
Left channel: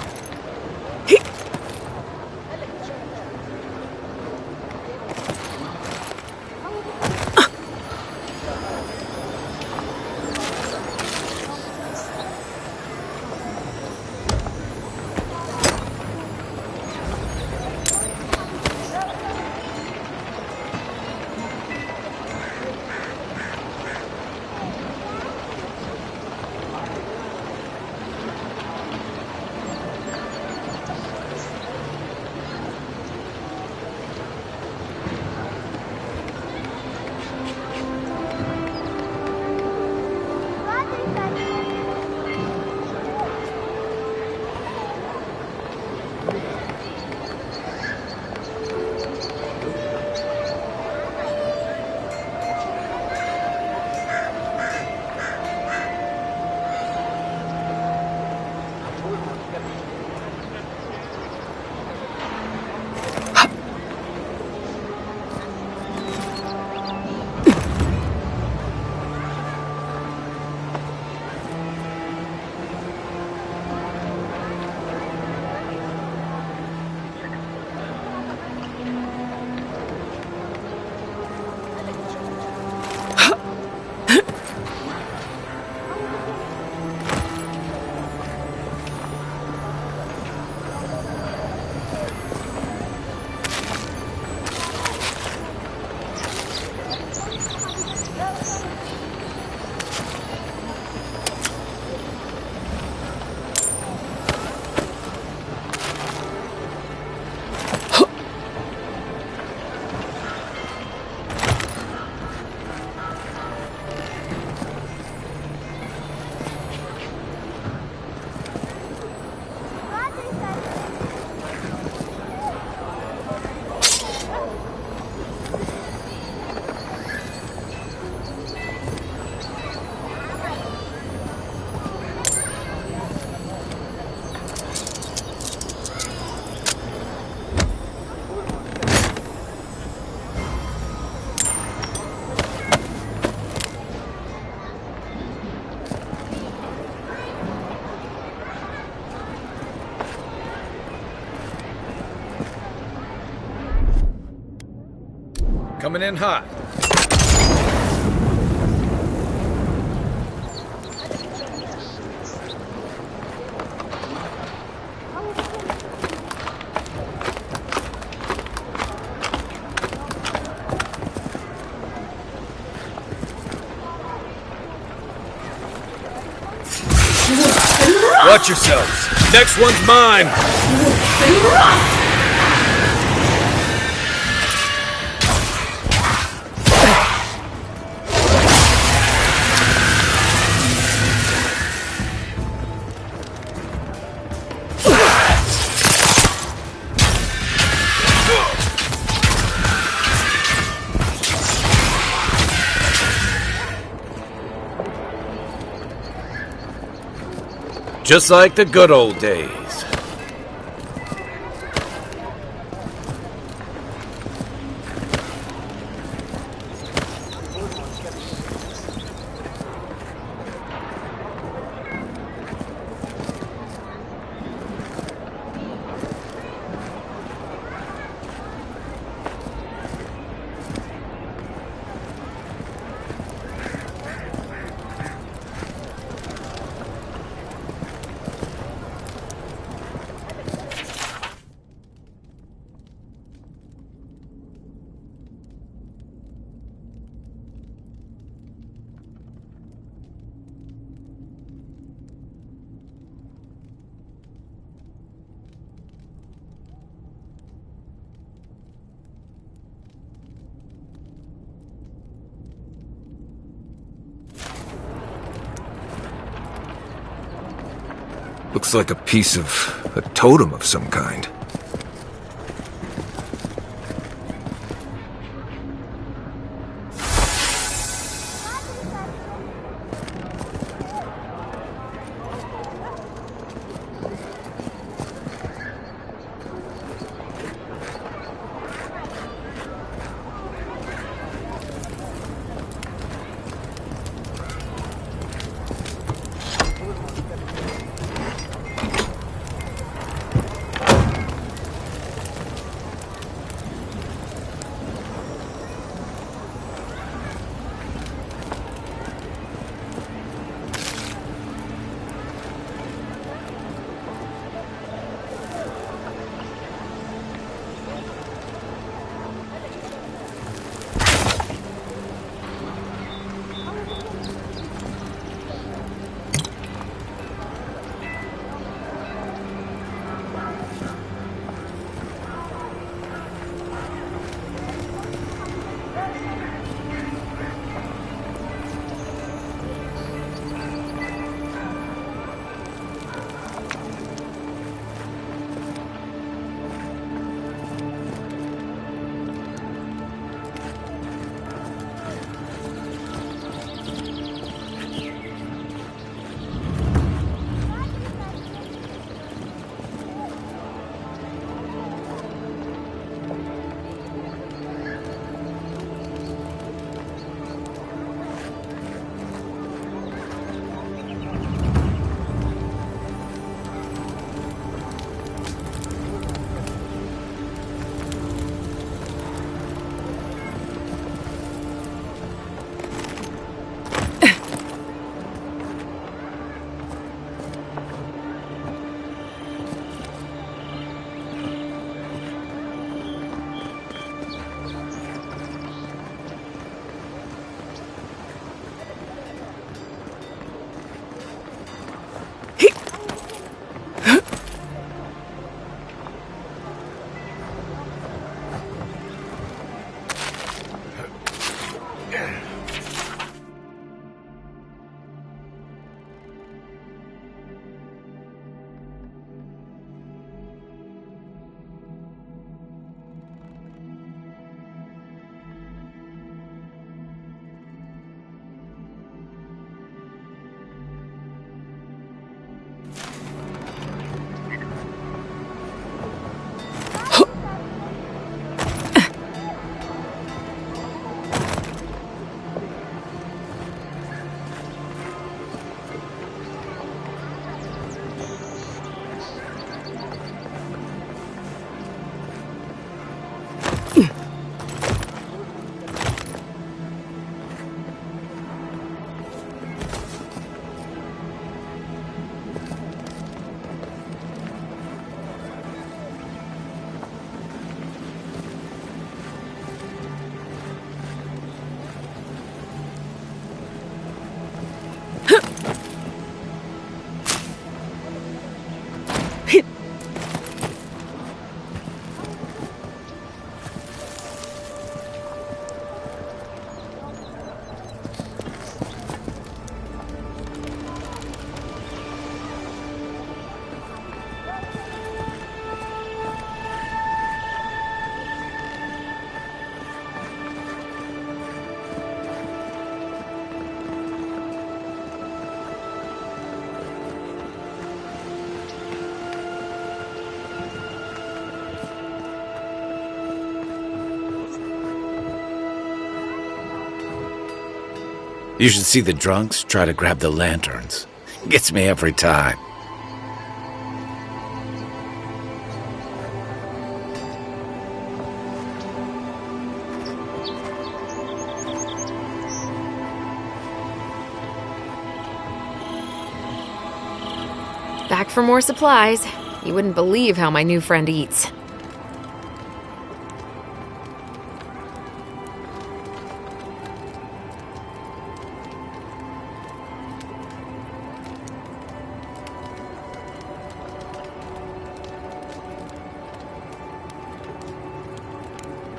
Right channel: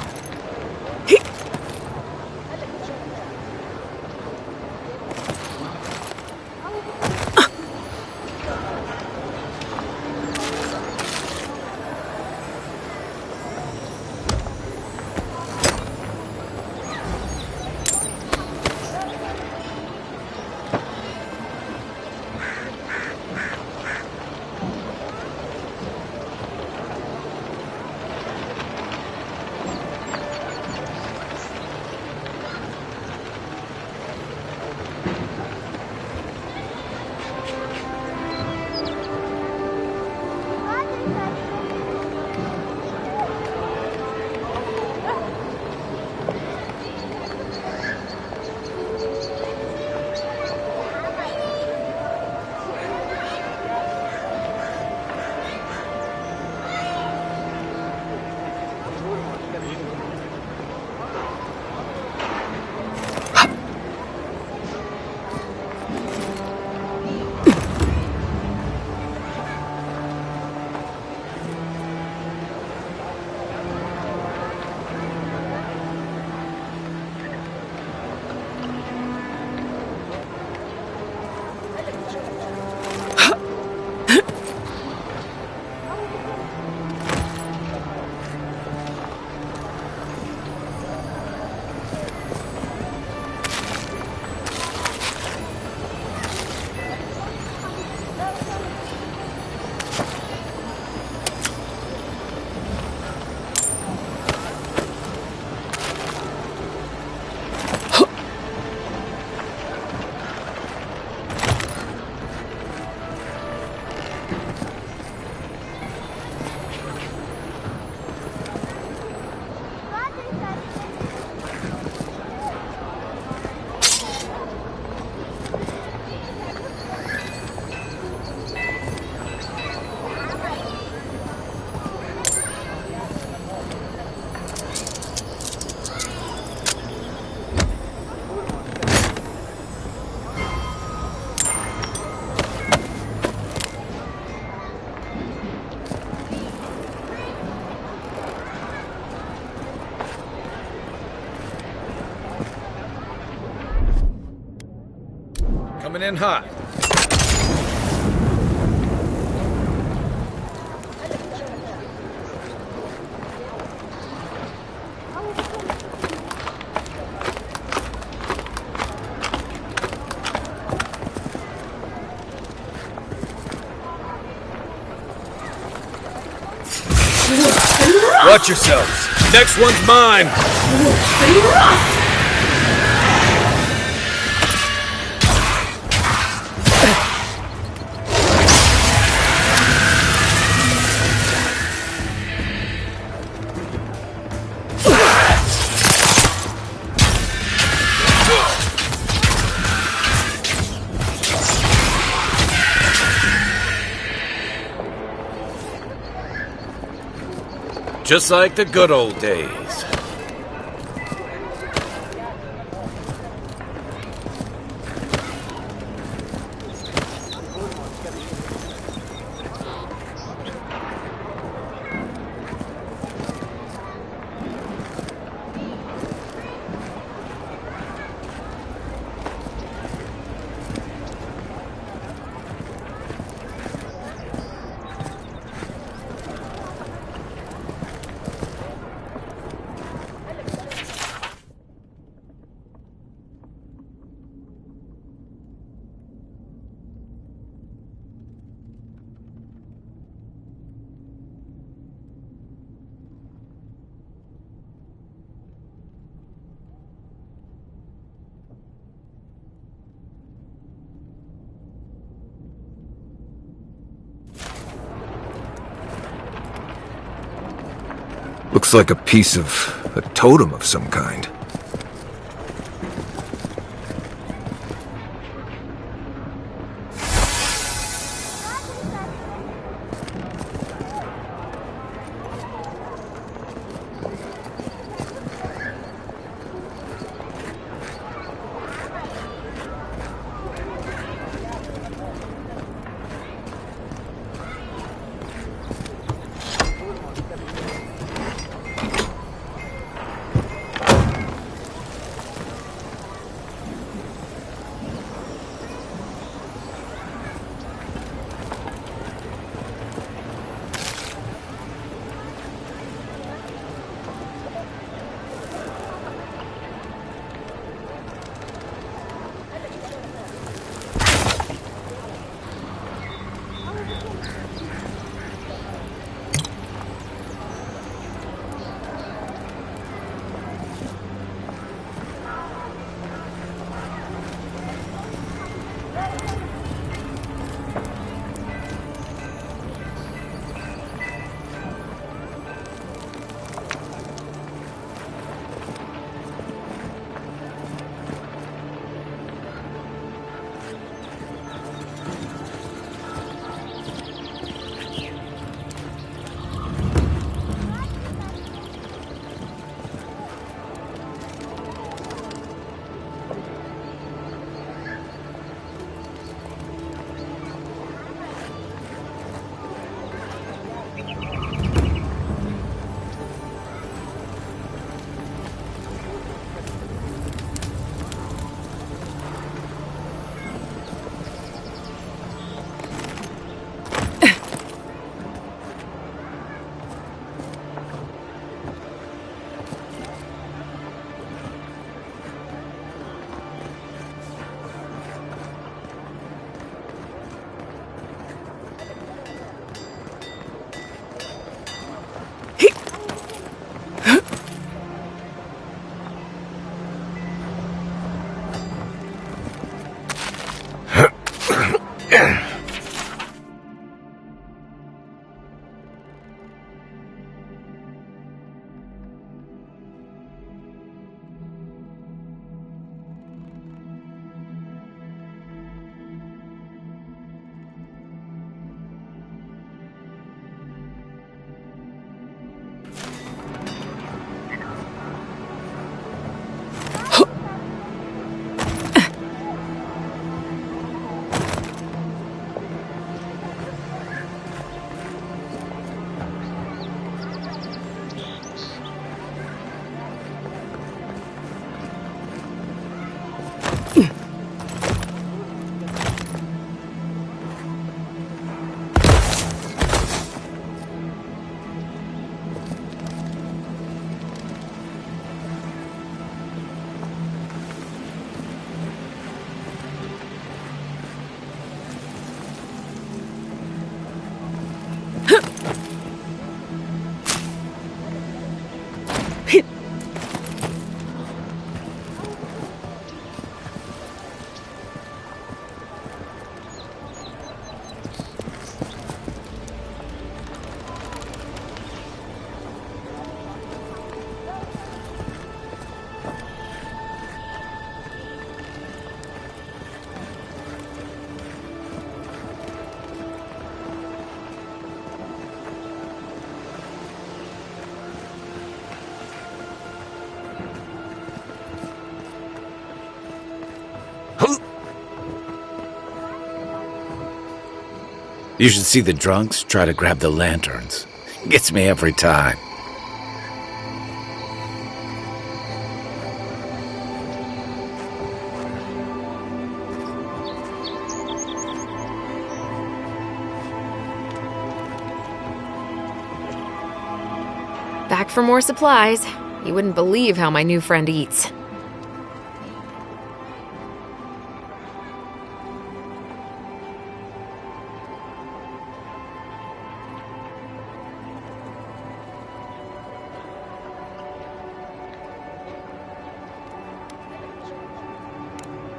Coming in hot. Watch yourselves. Next one's mine. Just like the good old days. Looks like a piece of a totem of some kind. You should see the drunks try to grab the lanterns. Gets me every time. Back for more supplies. You wouldn't believe how my new friend eats.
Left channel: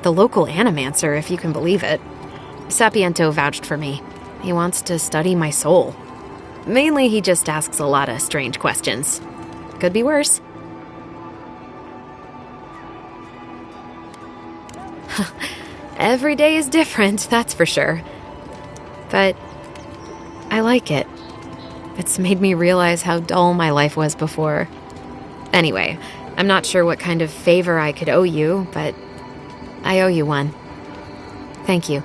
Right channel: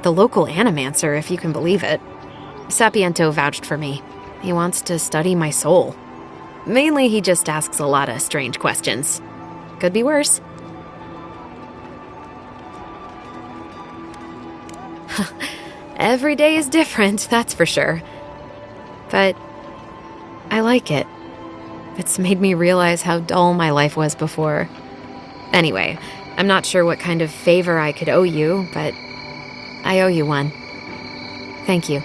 The local animancer, if you can believe it. Sapiento vouched for me. He wants to study my soul. Mainly, he just asks a lot of strange questions. Could be worse. Every day is different, that's for sure. But I like it. It's made me realize how dull my life was before. Anyway, I'm not sure what kind of favor I could owe you, but I owe you one. Thank you.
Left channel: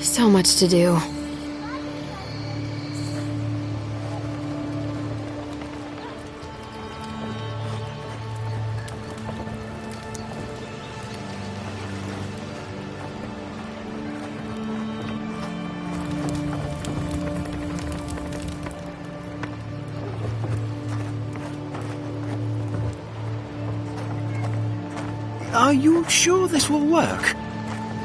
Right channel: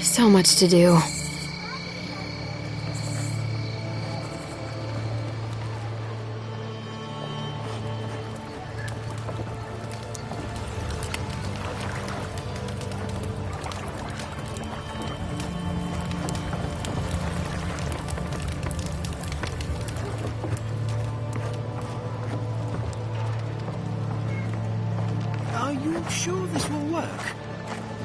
So much to do. Are you sure this will work?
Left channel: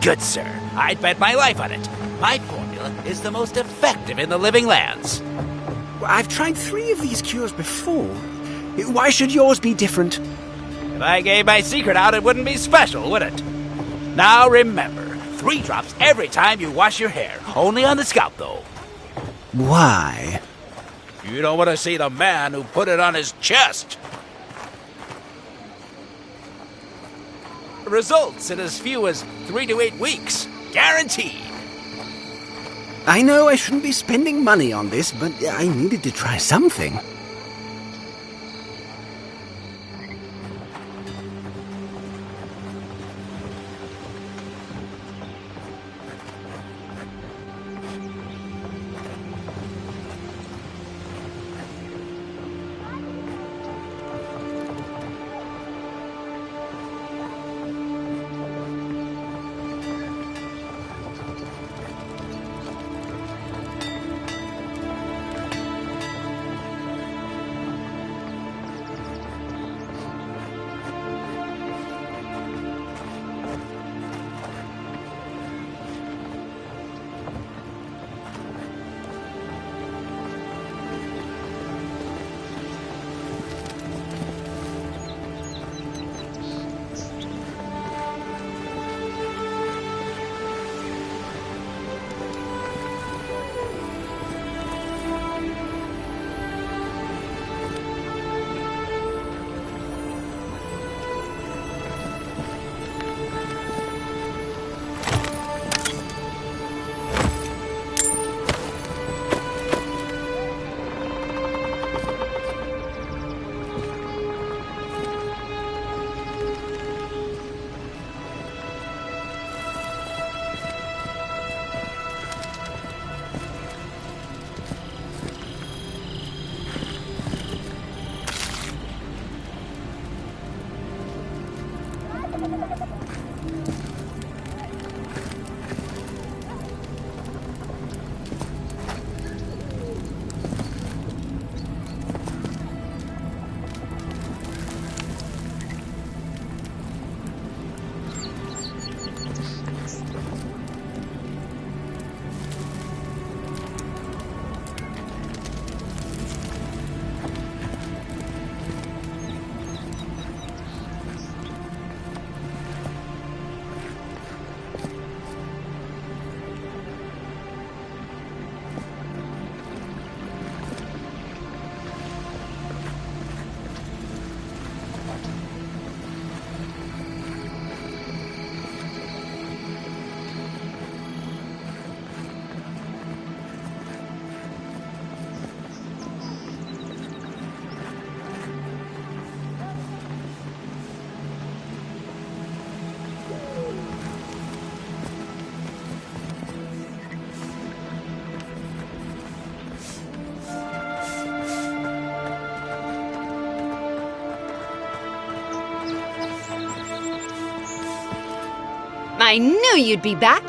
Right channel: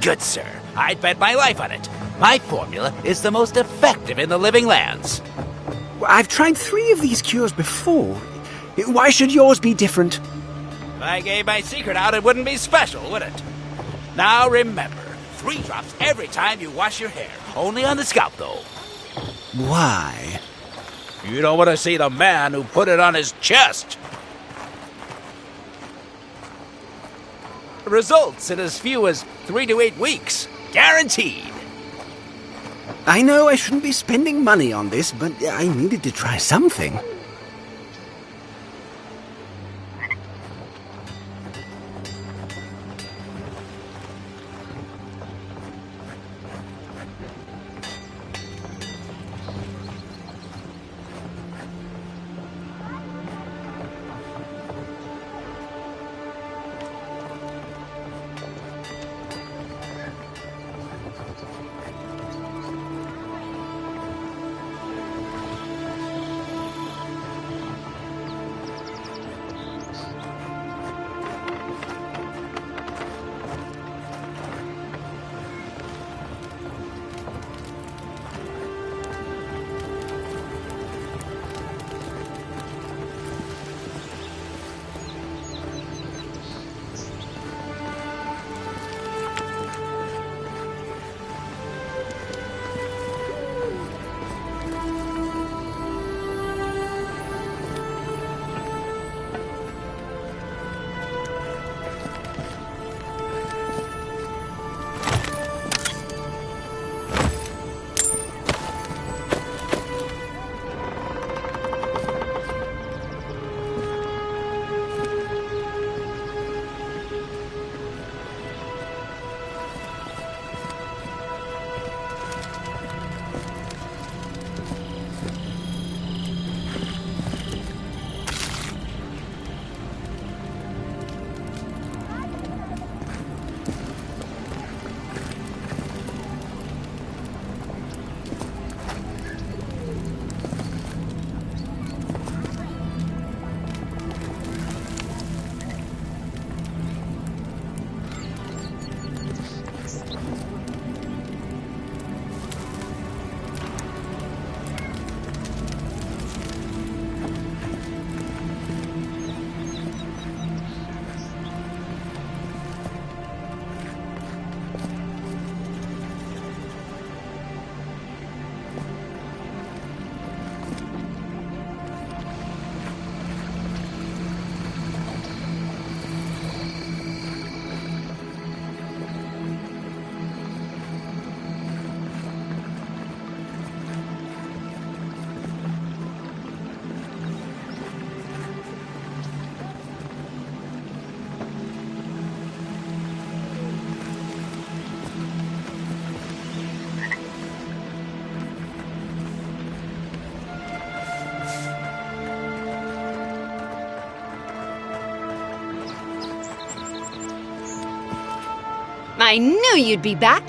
Good, sir. I'd bet my life on it. My formula is the most effective in the living lands. I've tried 3 of these cures before. Why should yours be different? If I gave my secret out, it wouldn't be special, would it? Now remember, 3 drops every time you wash your hair. Only on the scalp, though. Why? You don't want to see the man who put it on his chest. Results in as few as 3 to 8 weeks. Guaranteed. I know I shouldn't be spending money on this, but I needed to try something. I knew you'd be back!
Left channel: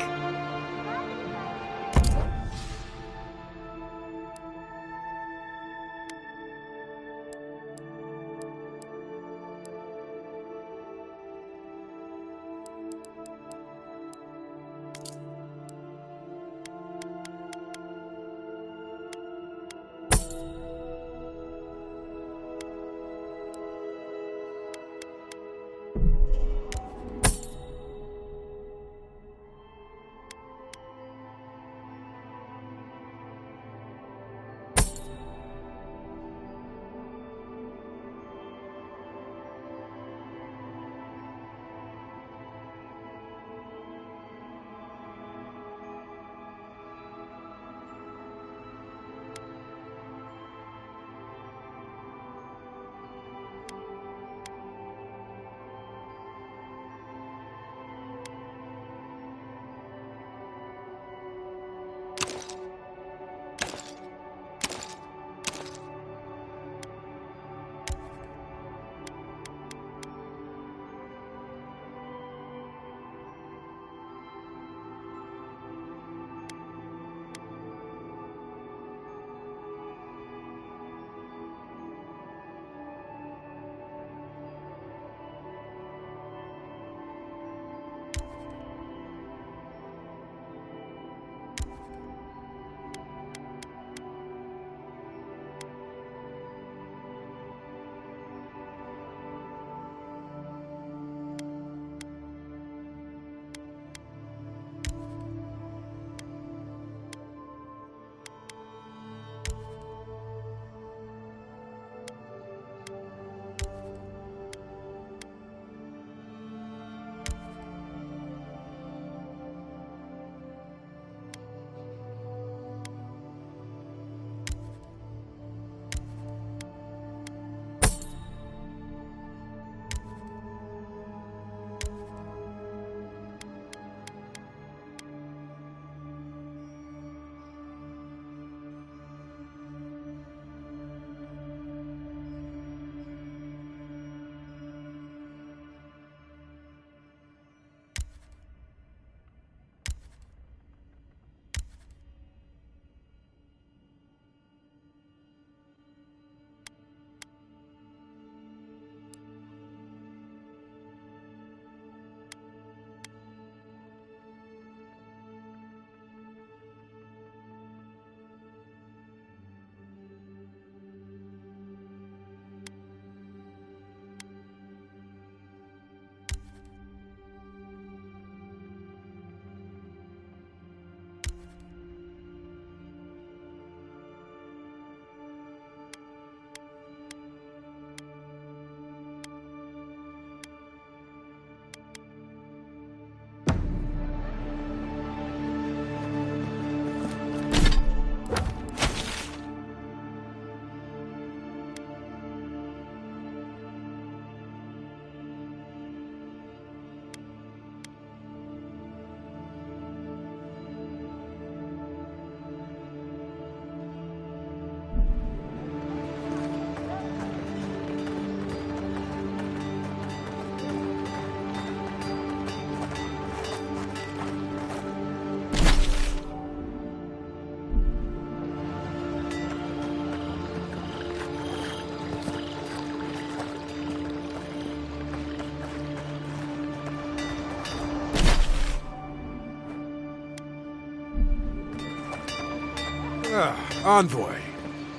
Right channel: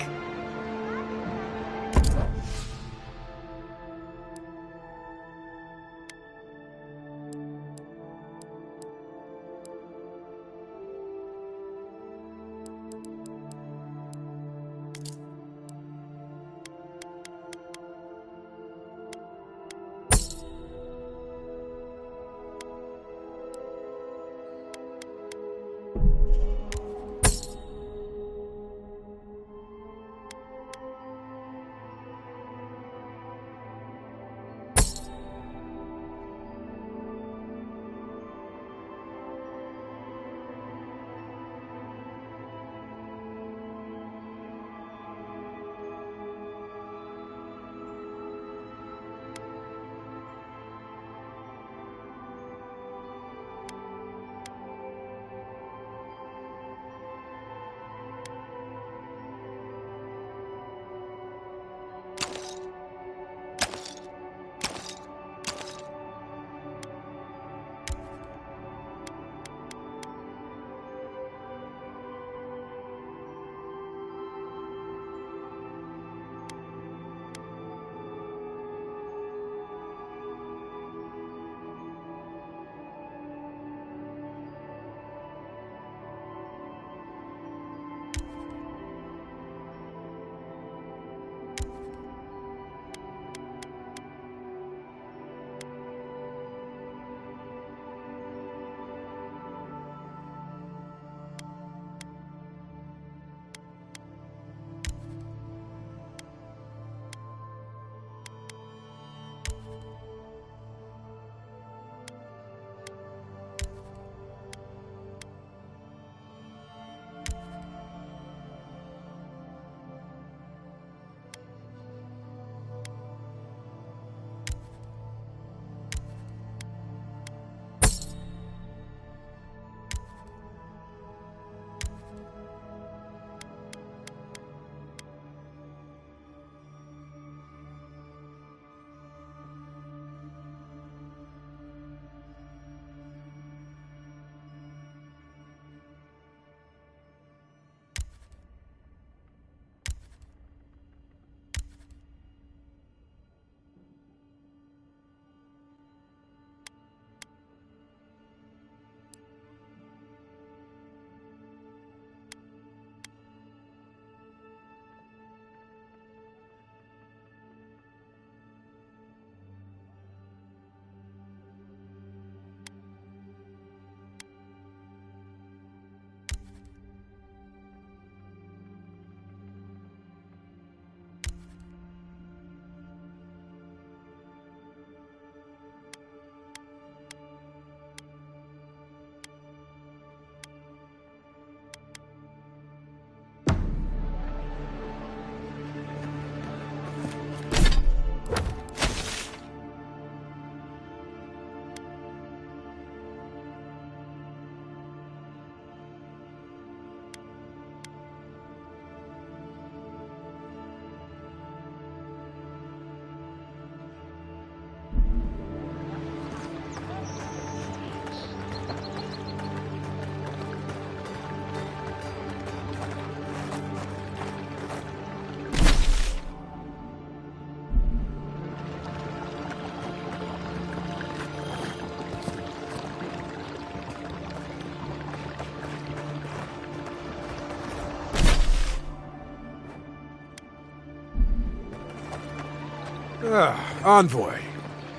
Envoy.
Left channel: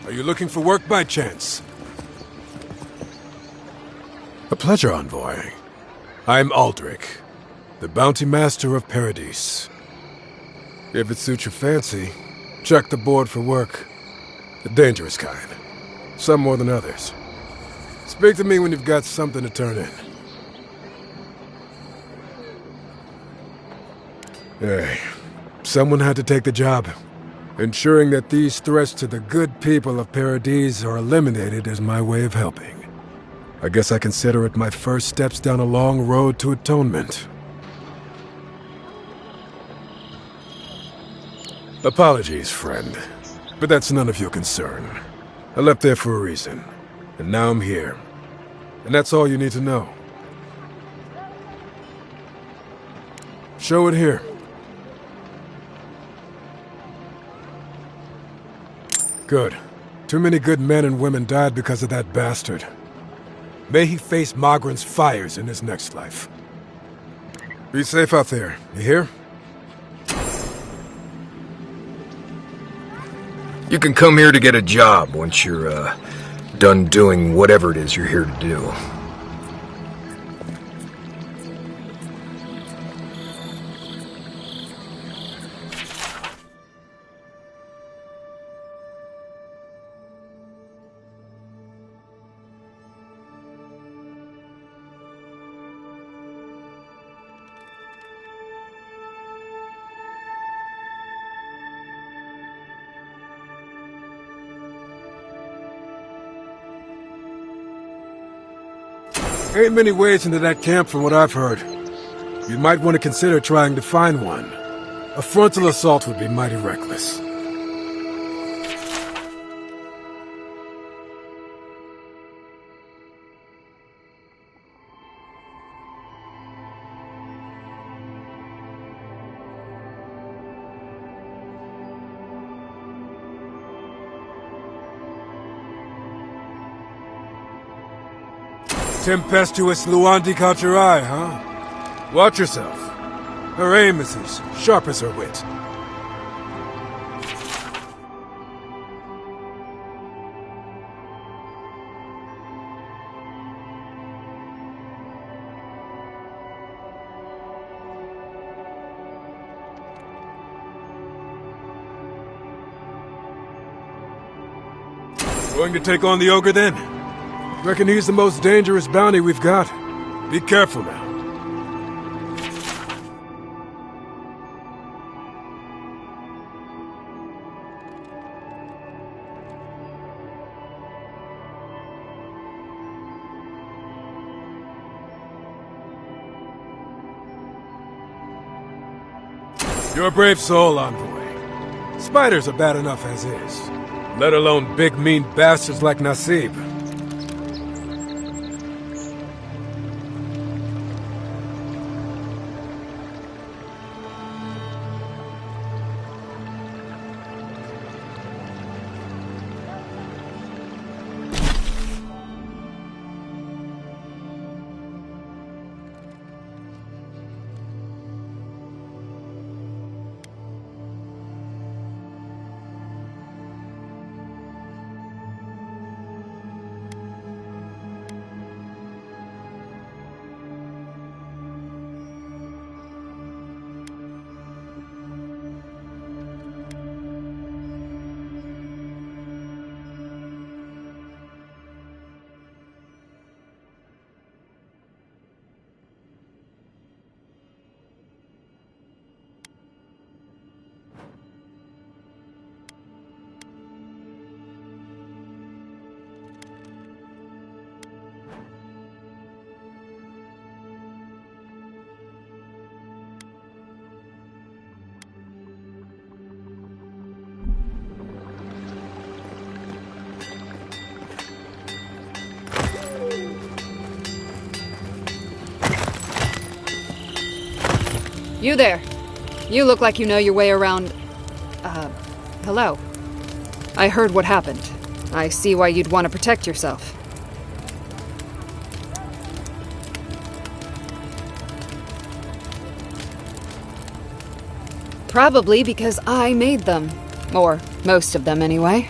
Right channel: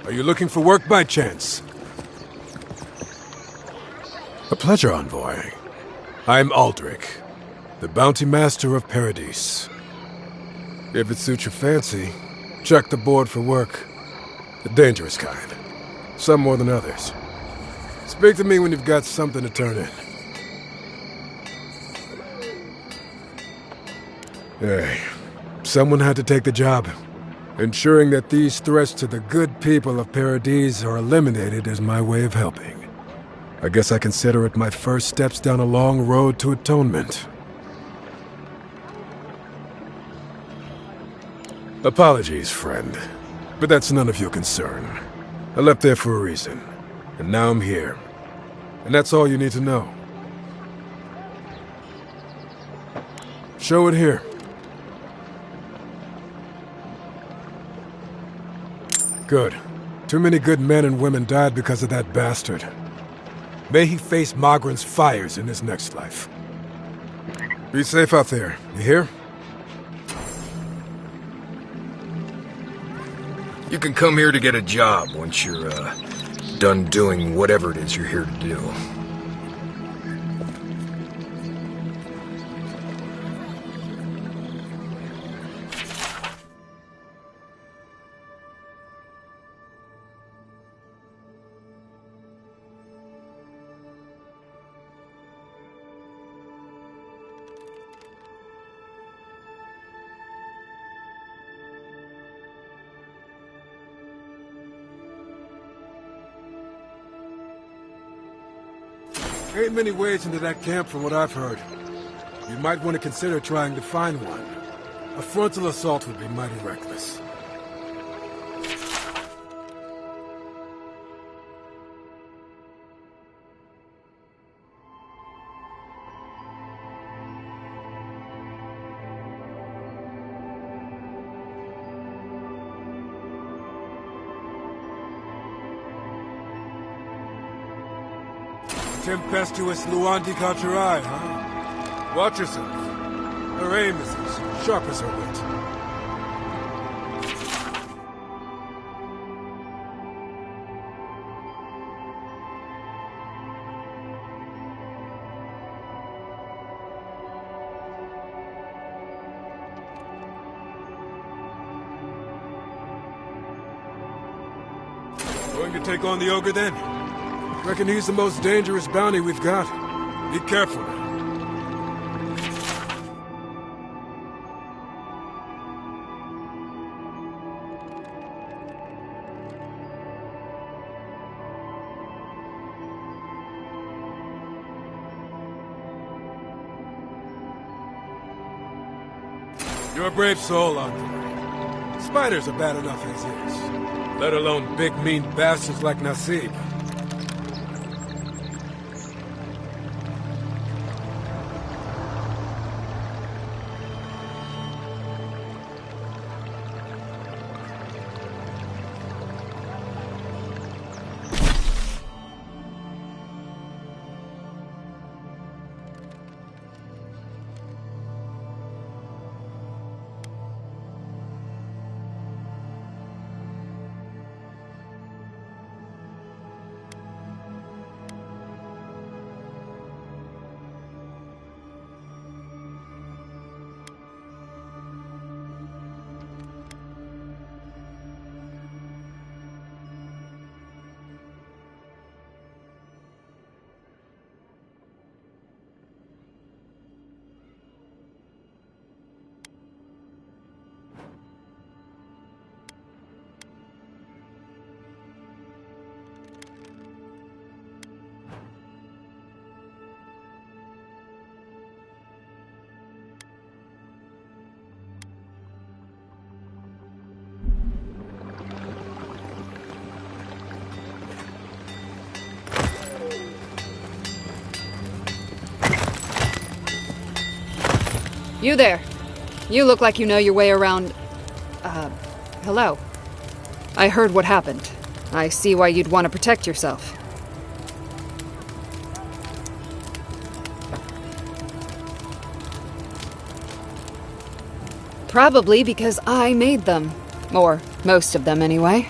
Are you looking for work by chance? A pleasure, Envoy. I'm Aldrich, the bounty master of Paradise. If it suits your fancy, check the board for work. The dangerous kind. Some more than others. Speak to me when you've got something to turn in. Hey, someone had to take the job. Ensuring that these threats to the good people of Paradise are eliminated is my way of helping. I guess I consider it my first steps down a long road to atonement. Apologies, friend, but that's none of your concern. I left there for a reason, and now I'm here. And that's all you need to know. Show it here. Good. Too many good men and women died because of that bastard. May he face Mogren's fires in his next life. Be safe out there, you hear? You can come here to get a job once you're, done doing whatever it is you're here to do. Ain't many ways into that camp from what I've heard. You might want to consider trying to find one. A frontal assault would be mighty reckless. Tempestuous Luandi caught your eye, huh? Watch yourself. Her aim is as sharp as her wit. Going to take on the ogre then? Reckon he's the most dangerous bounty we've got. Be careful now. You're a brave soul, Envoy. Spiders are bad enough as is, let alone big mean bastards like Nasib. You there. You look like you know your way around... hello. I heard what happened. I see why you'd want to protect yourself. Probably because I made them. Or most of them, anyway.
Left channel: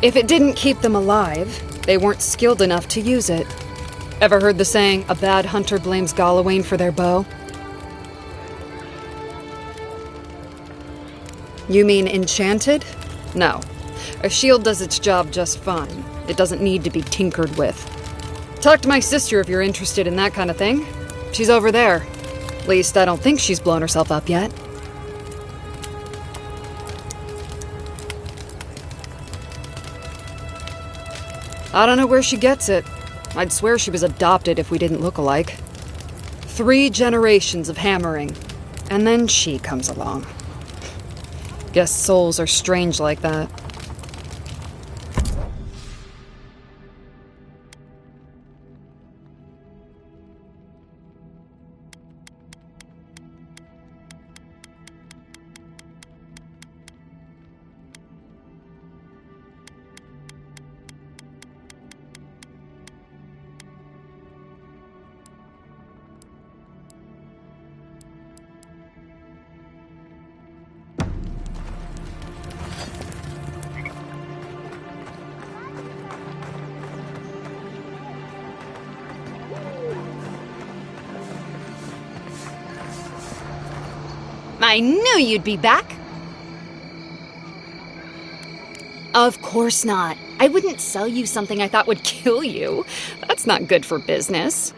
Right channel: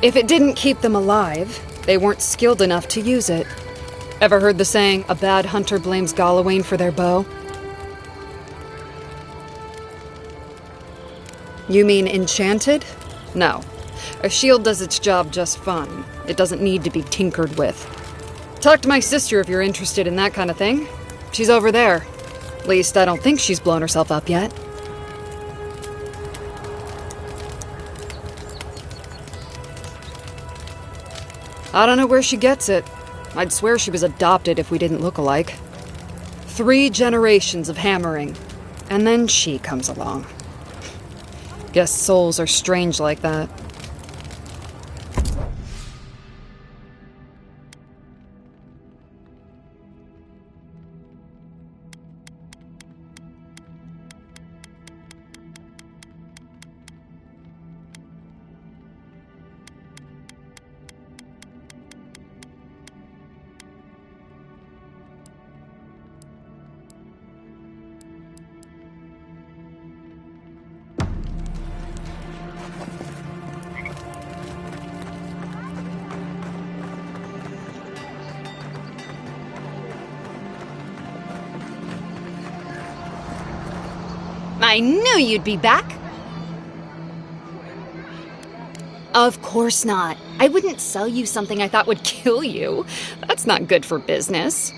If it didn't keep them alive, they weren't skilled enough to use it. Ever heard the saying, a bad hunter blames glownie for their bow? You mean enchanted? No. A shield does its job just fine. It doesn't need to be tinkered with. Talk to my sister if you're interested in that kind of thing. She's over there. At least I don't think she's blown herself up yet. I don't know where she gets it. I'd swear she was adopted if we didn't look alike. 3 generations of hammering. And then she comes along. Guess souls are strange like that. I knew you'd be back! Of course not. I wouldn't sell you something I thought would kill you. That's not good for business.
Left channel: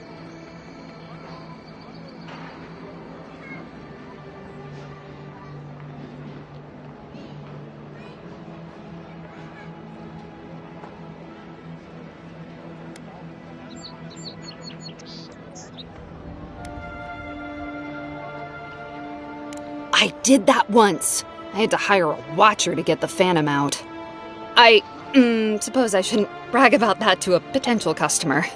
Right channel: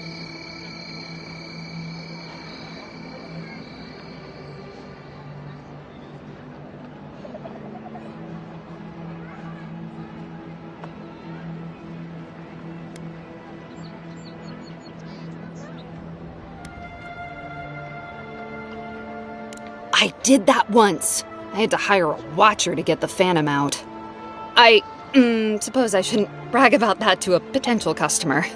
I did that once. I had to hire a watcher to get the phantom out. I suppose I shouldn't brag about that to a potential customer.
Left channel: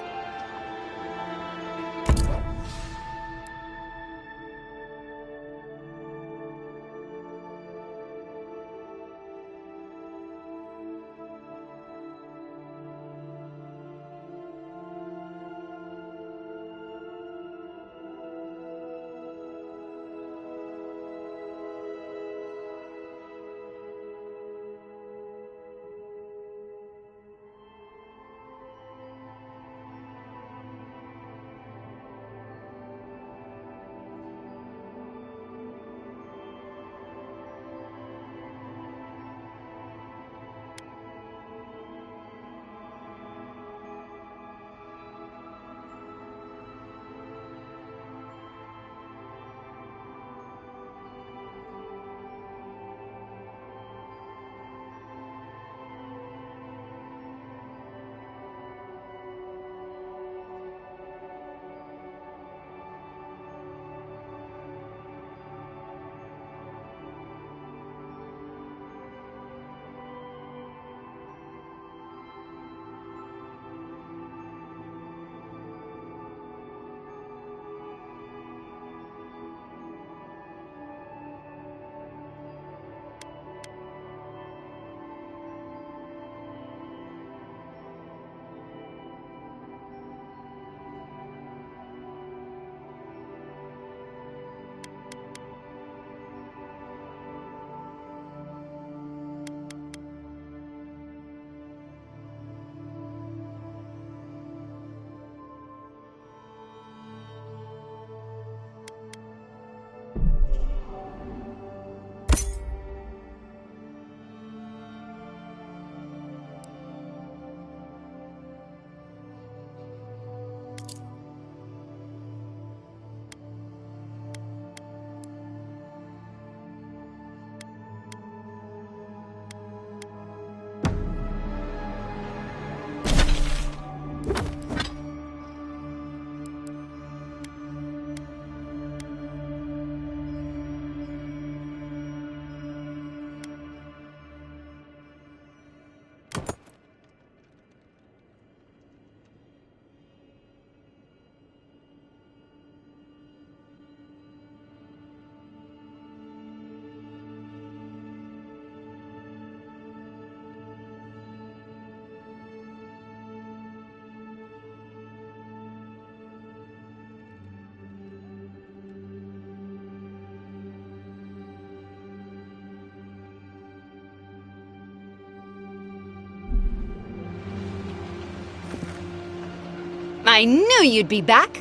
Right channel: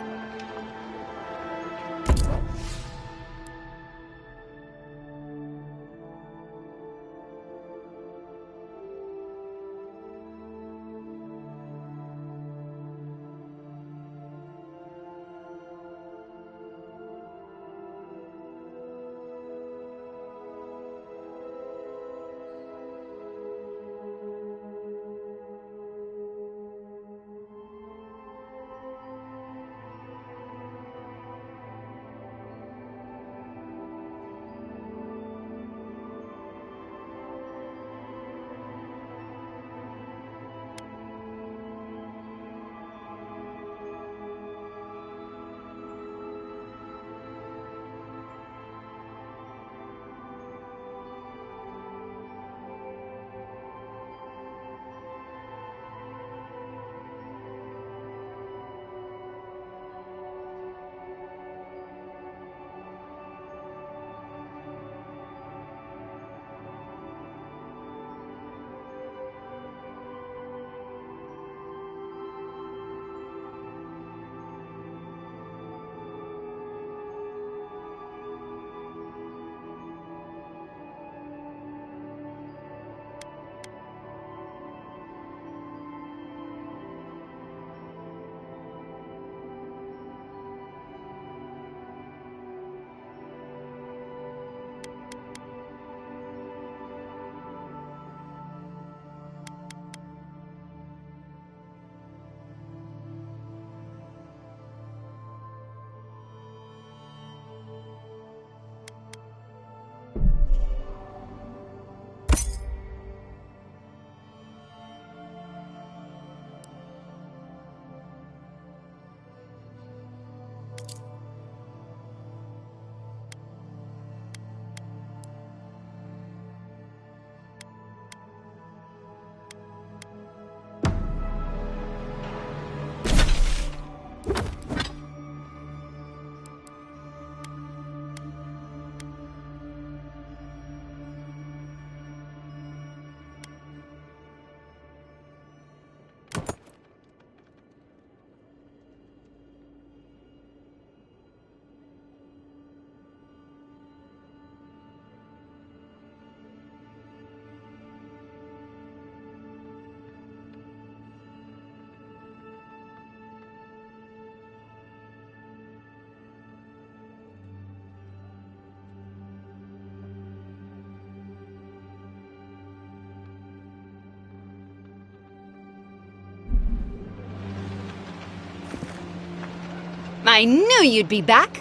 I knew you'd be back!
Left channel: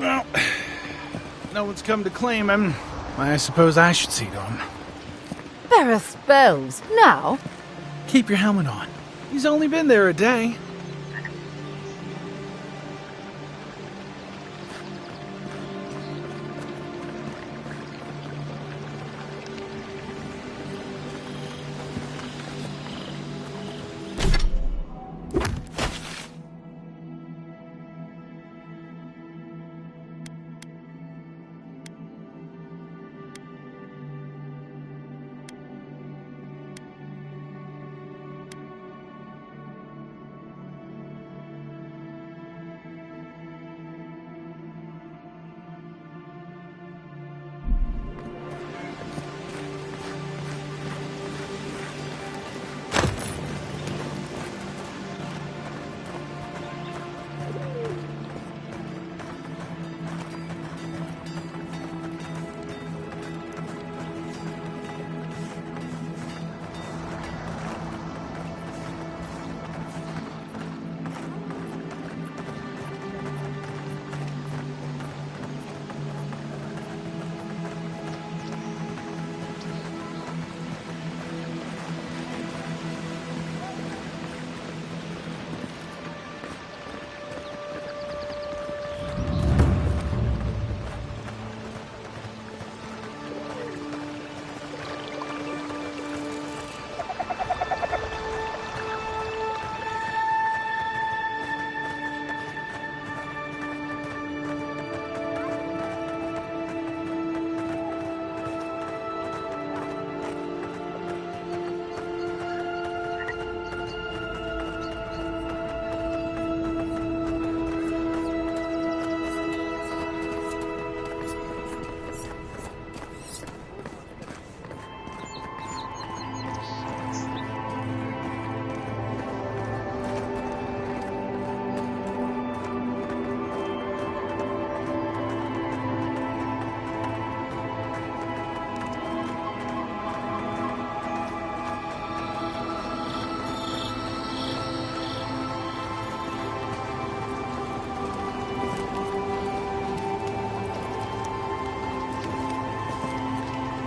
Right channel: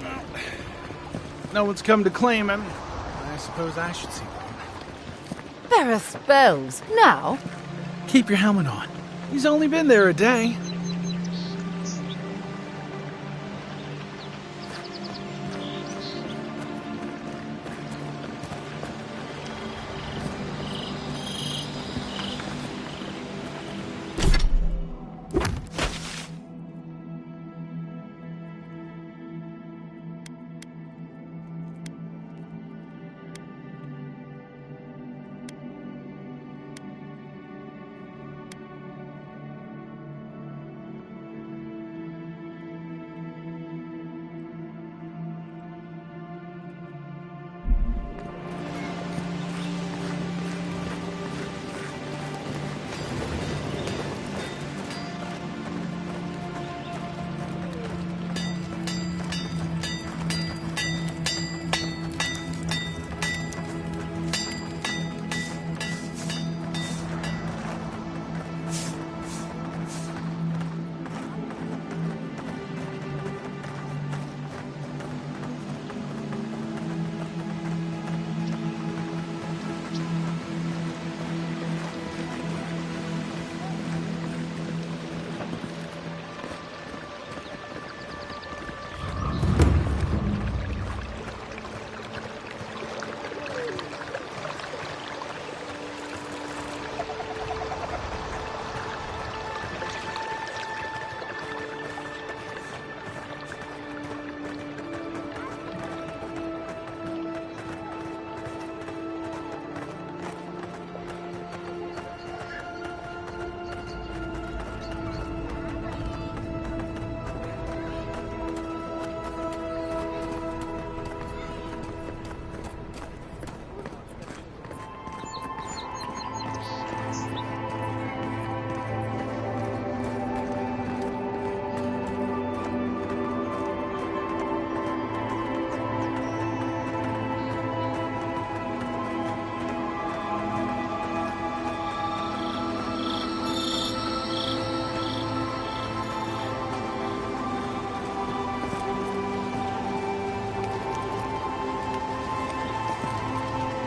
Well, no one's come to claim him. I suppose I should see to him. There are spells. Now? Keep your helmet on. He's only been there a day.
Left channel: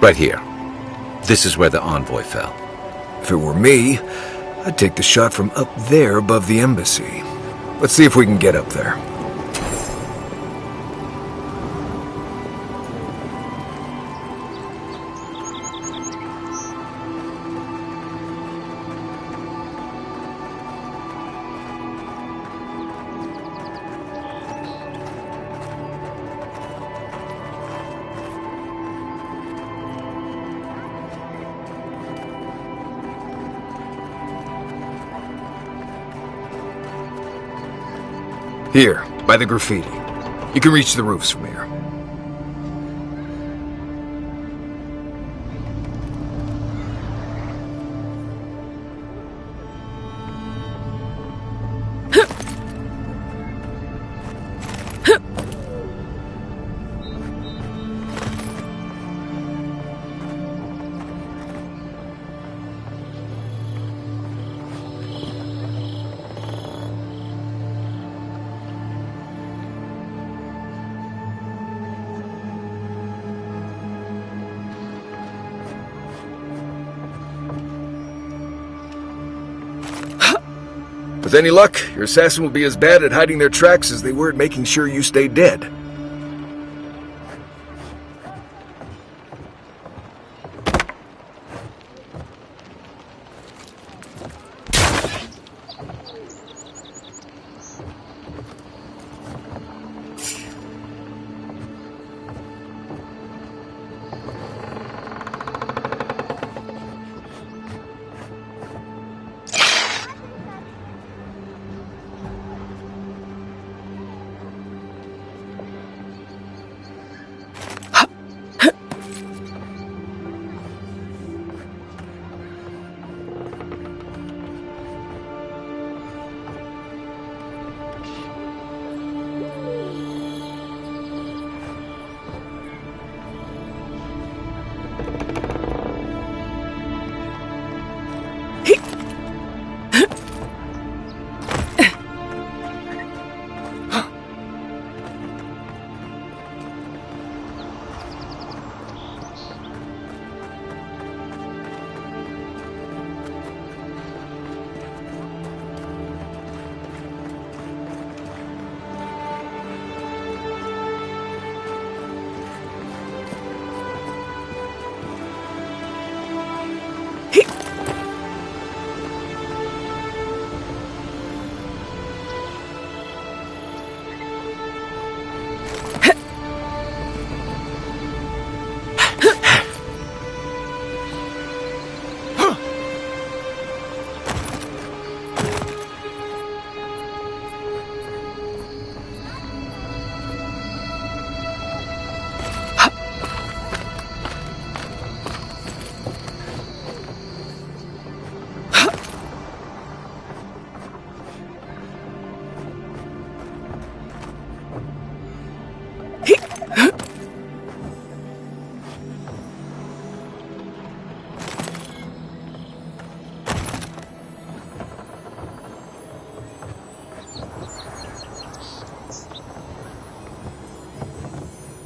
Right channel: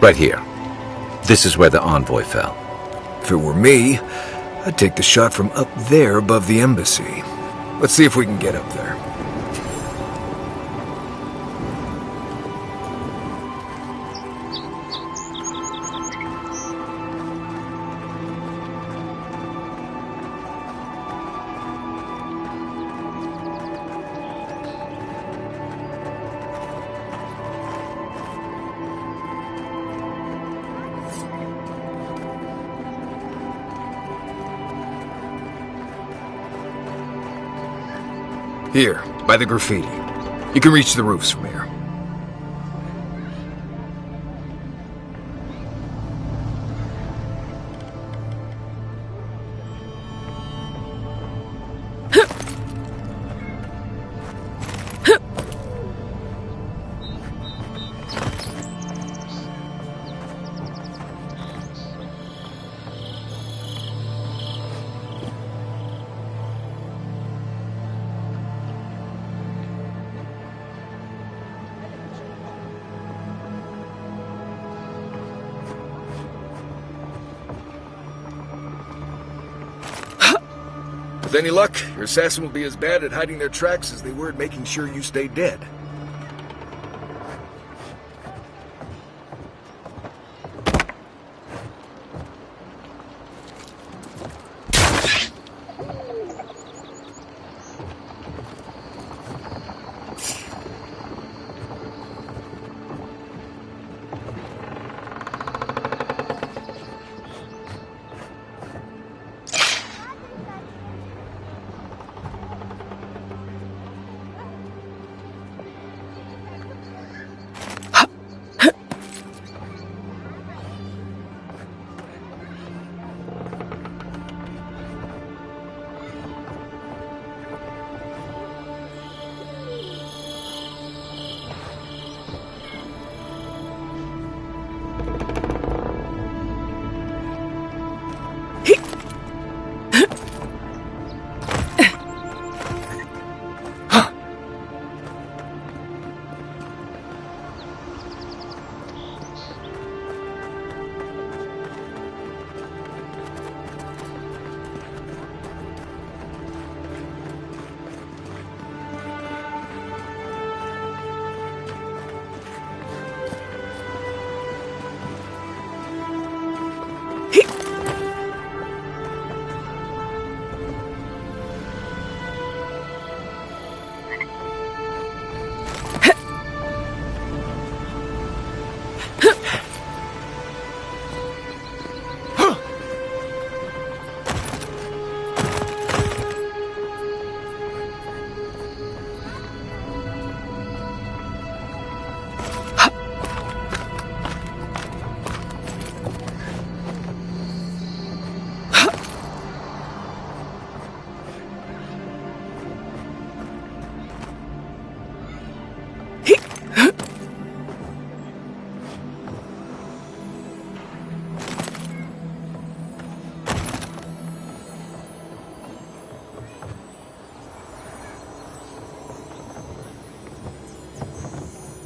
Right here. This is where the envoy fell. If it were me, I'd take the shot from up there above the embassy. Let's see if we can get up there. Here, by the graffiti. You can reach the roofs from here. With any luck, your assassin will be as bad at hiding their tracks as they were at making sure you stay dead.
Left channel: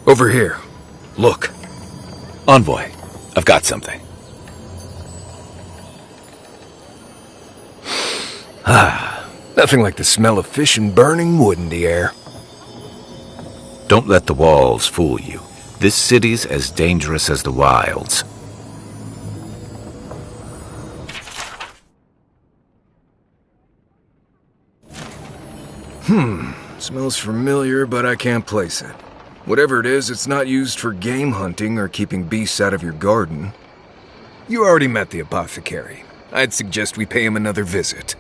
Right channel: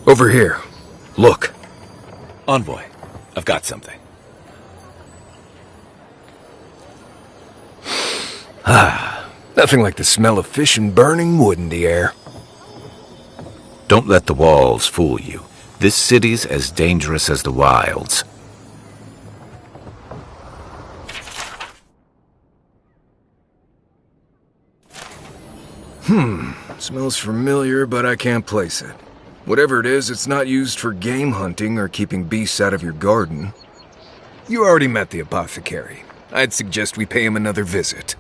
Over here. Look. Envoy, I've got something. Nothing like the smell of fish and burning wood in the air. Don't let the walls fool you. This city's as dangerous as the wilds. Smells familiar, but I can't place it. Whatever it is, it's not used for game hunting or keeping beasts out of your garden. You already met the apothecary. I'd suggest we pay him another visit.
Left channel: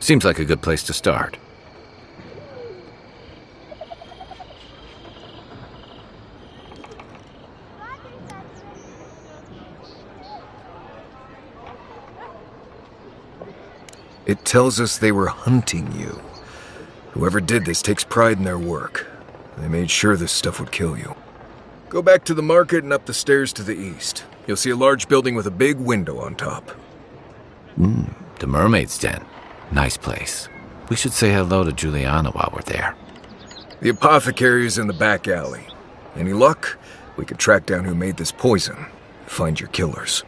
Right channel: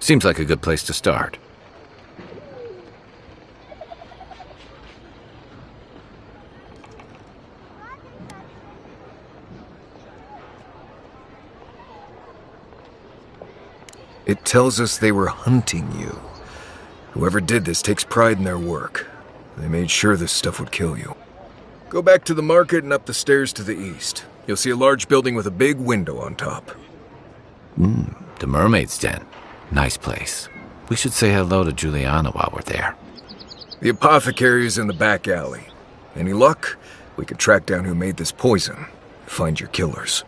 Seems like a good place to start. It tells us they were hunting you. Whoever did this takes pride in their work. They made sure this stuff would kill you. Go back to the market and up the stairs to the east. You'll see a large building with a big window on top. The Mermaid's Den. Nice place. We should say hello to Juliana while we're there. The apothecary is in the back alley. Any luck? We could track down who made this poison. Find your killers.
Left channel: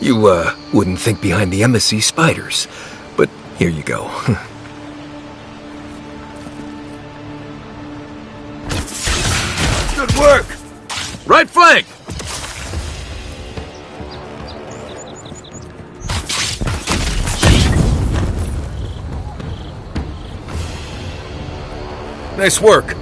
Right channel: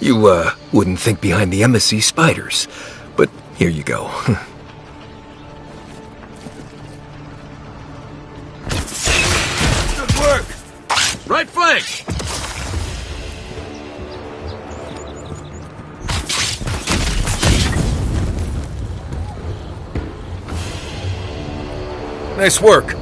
You, wouldn't think behind the embassy spiders. But here you go. Good work! Right flank! Nice work.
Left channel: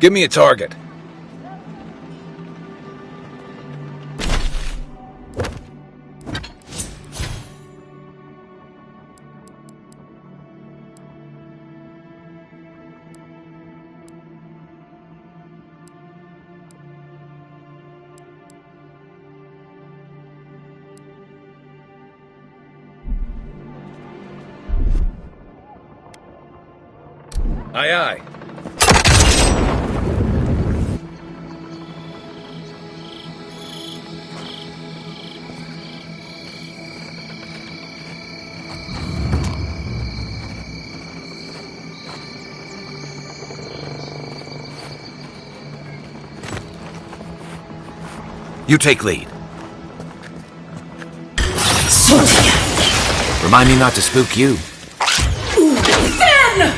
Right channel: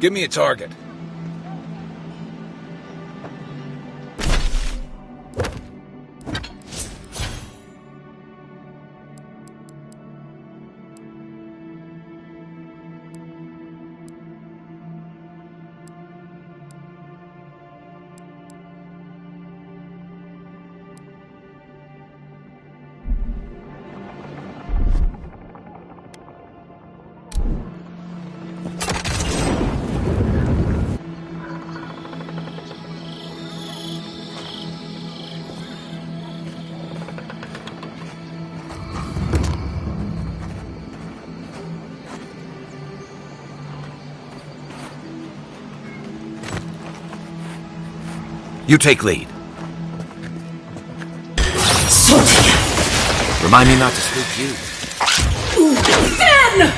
Give me a target. Aye, aye. You take lead. Remind me not to spook you. Then!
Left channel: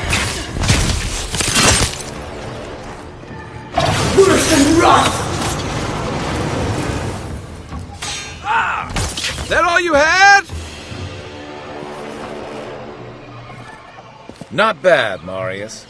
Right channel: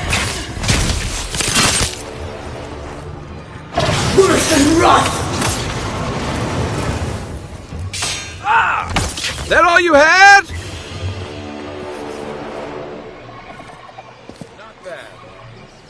Worse than rough! Ah! That all you had? Not bad, Marius.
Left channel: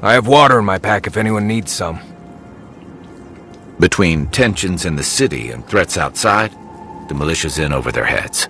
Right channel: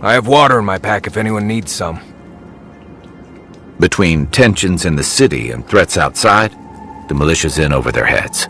I have water in my pack if anyone needs some. Between tensions in the city and threats outside, the militia's in over their heads.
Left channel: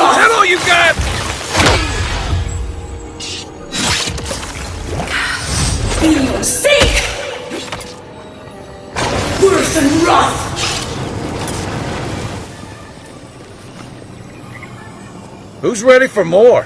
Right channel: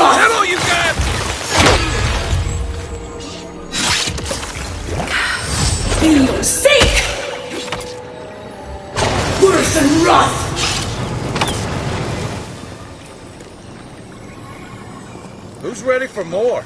That all you got? For your sake! Worse than wrath! Who's ready for more?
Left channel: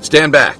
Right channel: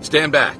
Stand back.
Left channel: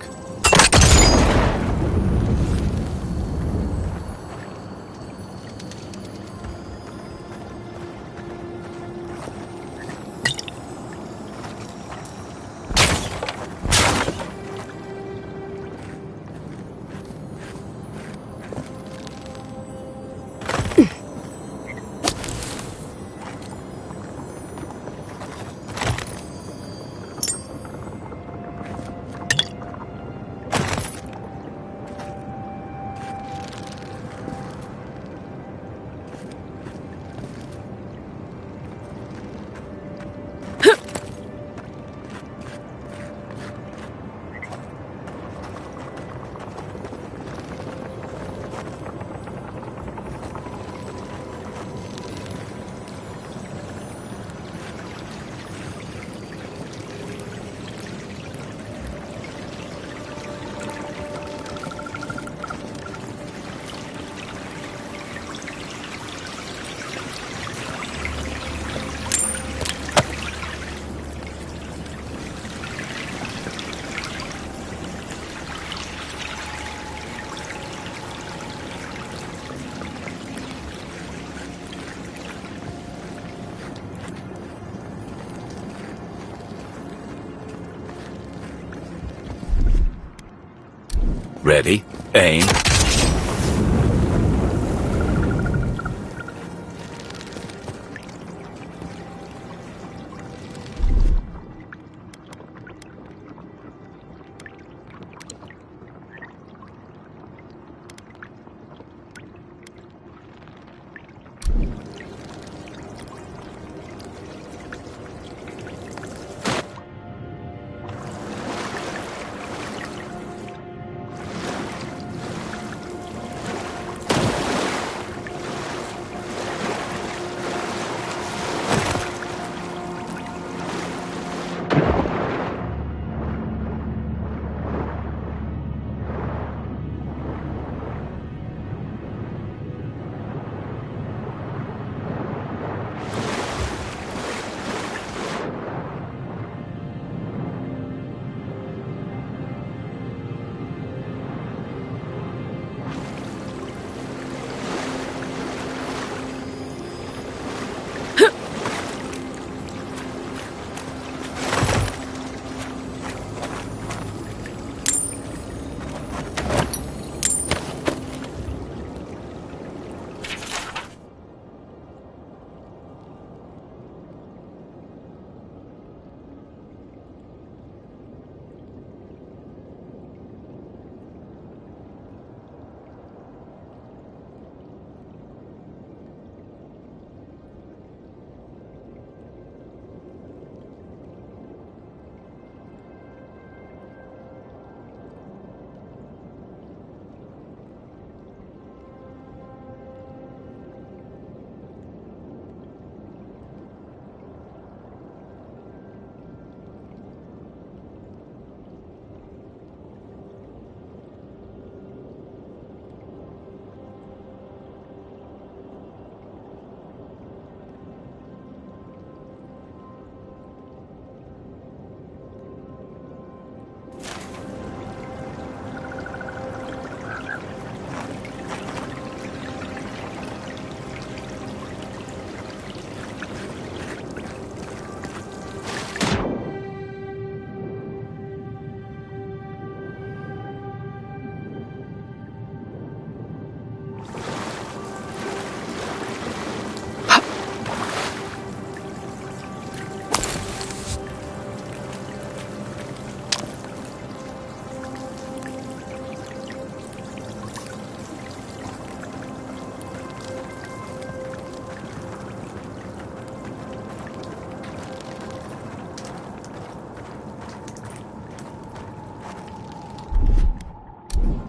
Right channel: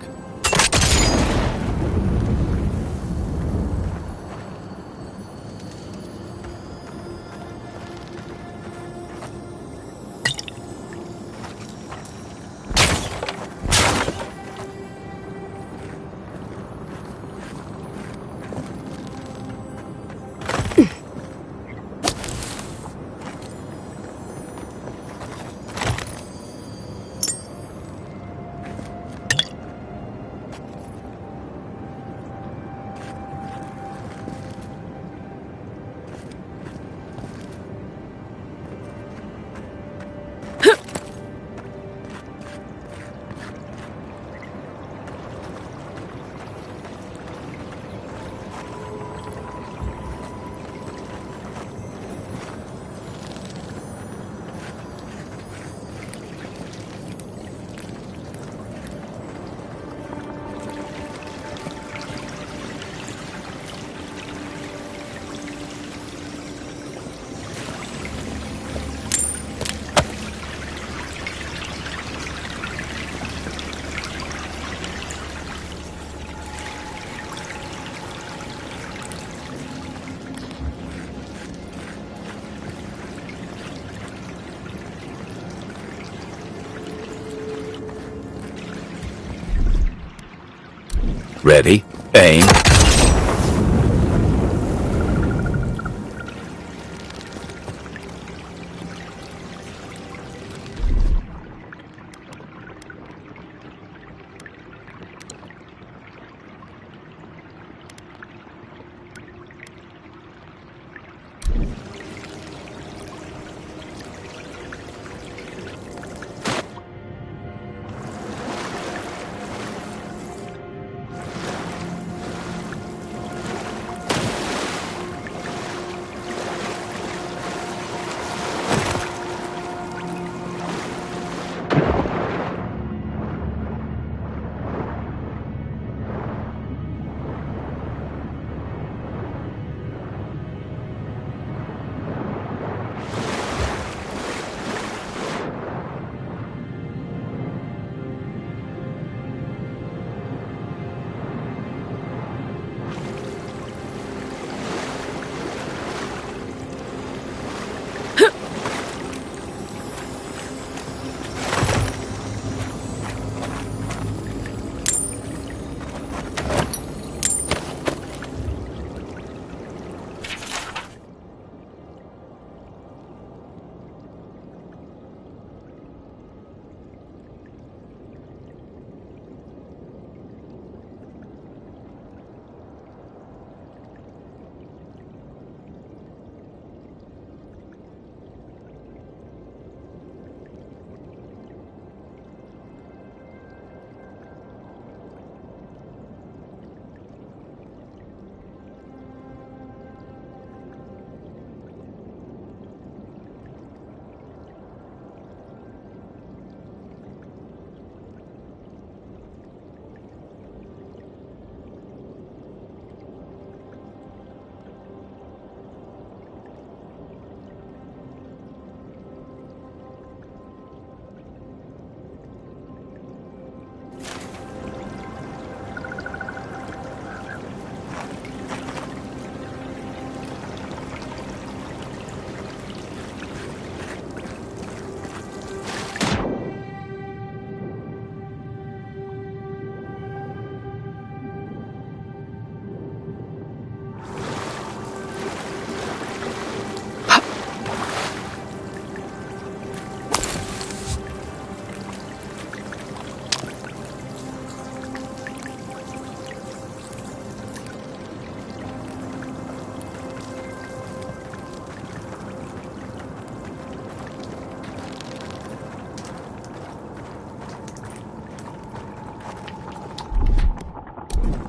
Ready, aim.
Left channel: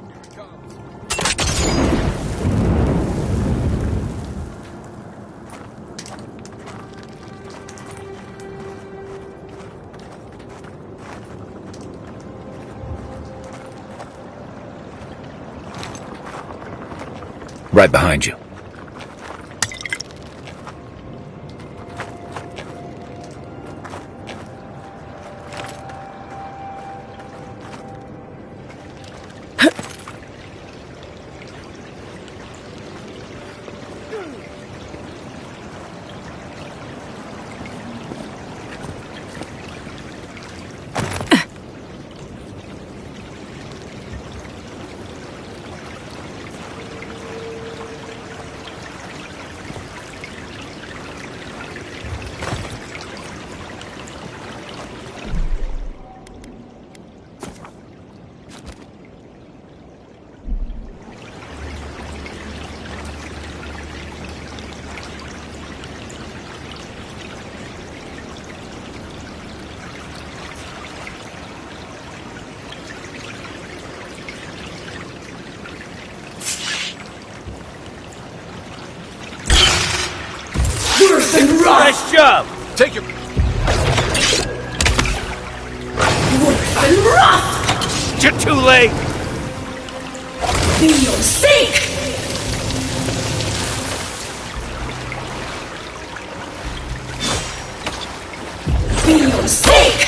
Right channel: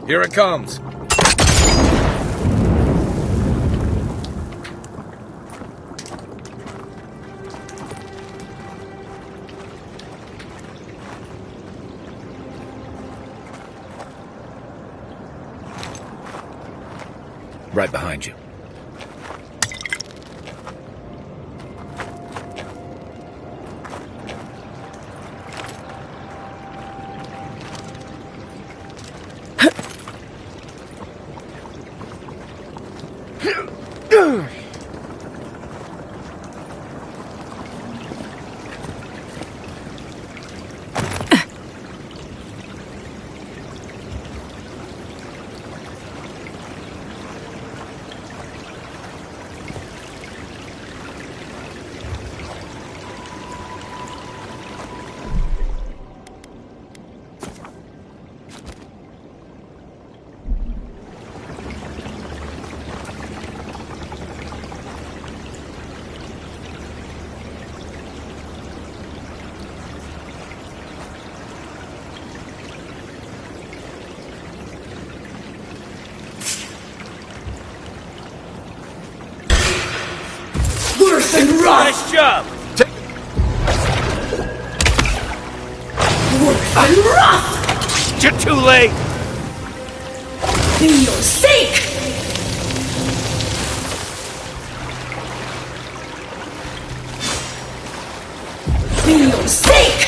Here it comes. Right behind you. Worse than rough! Nice job! Take your... Worse than rough! You're too late! Be your sake! Be your sake!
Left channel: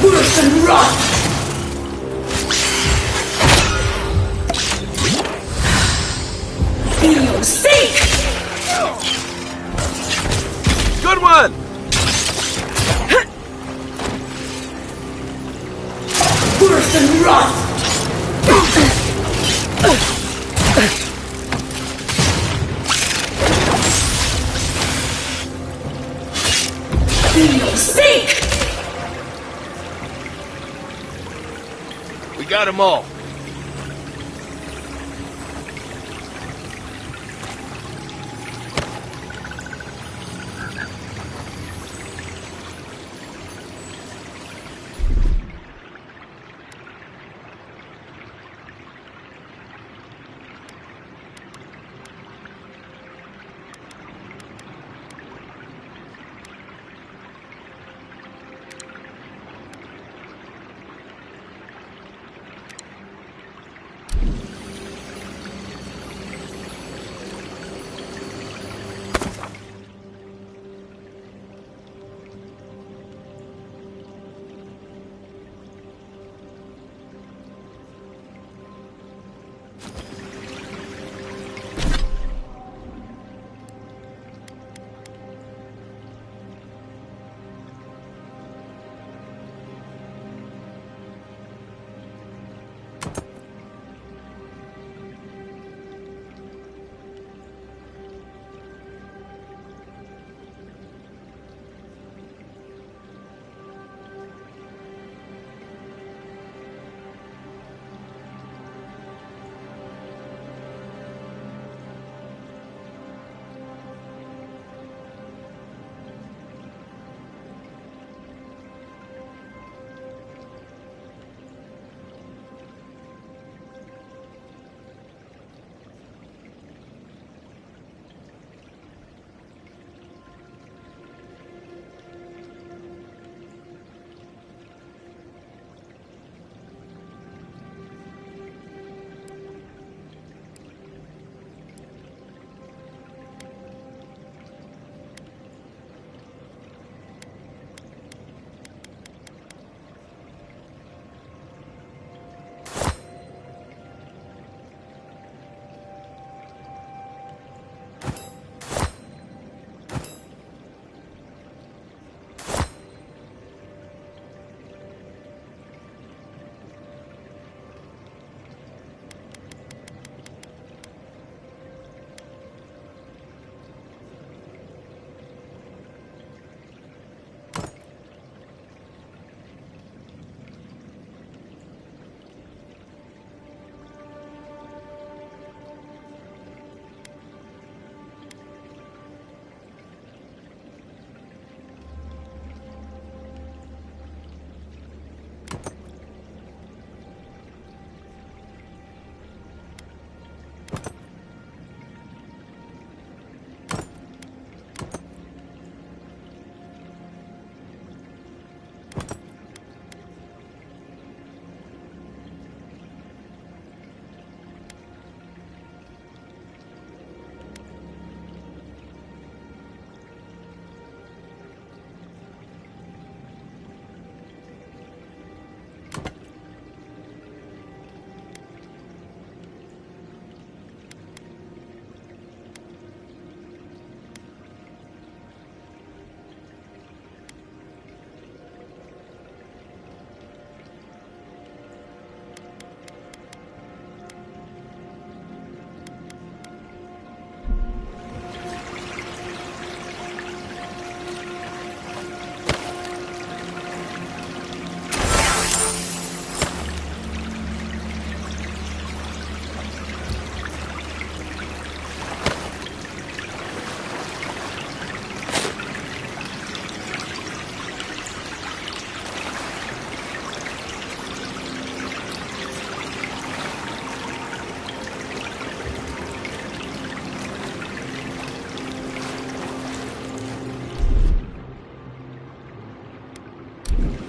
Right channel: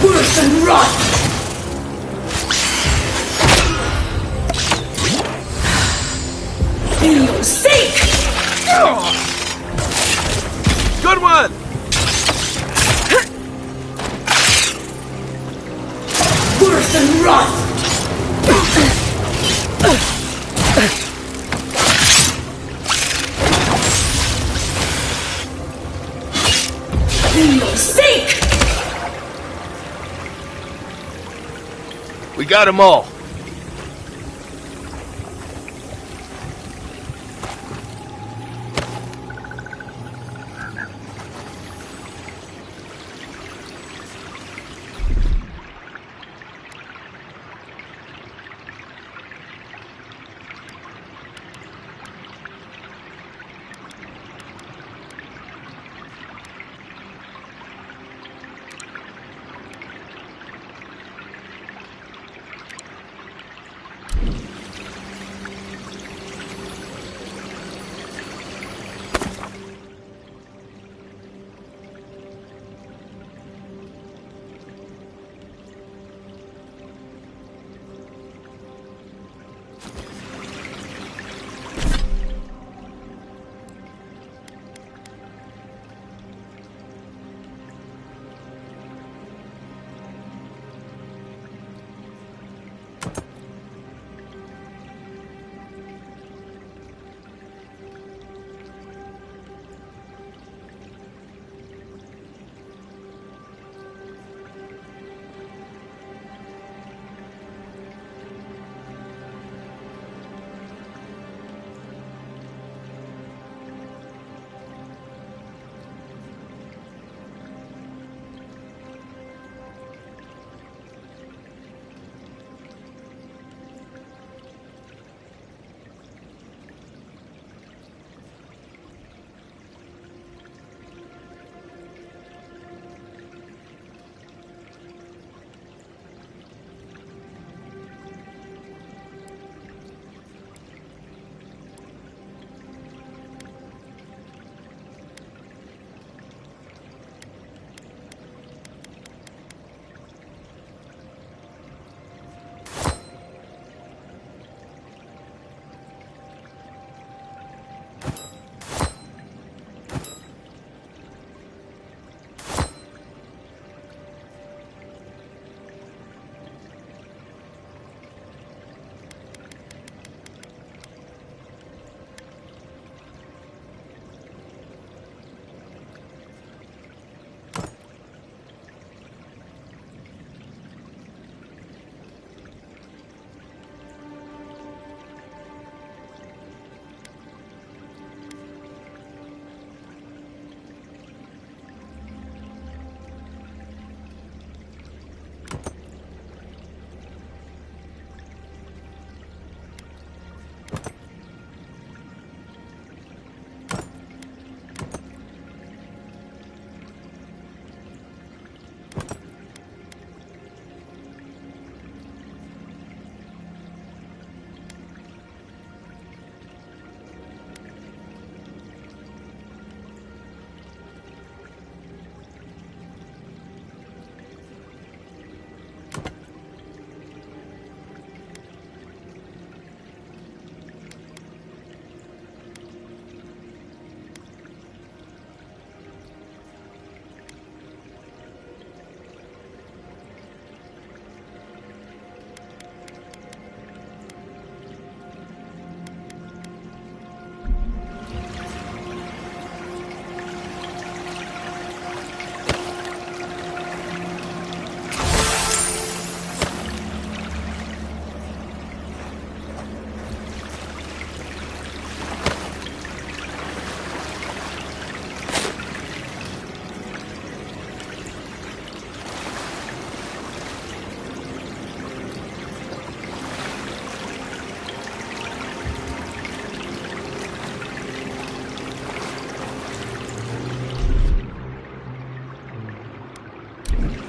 Worse than rot! Be your sake! Good one! Worse than rot! Be your sake! We got them all.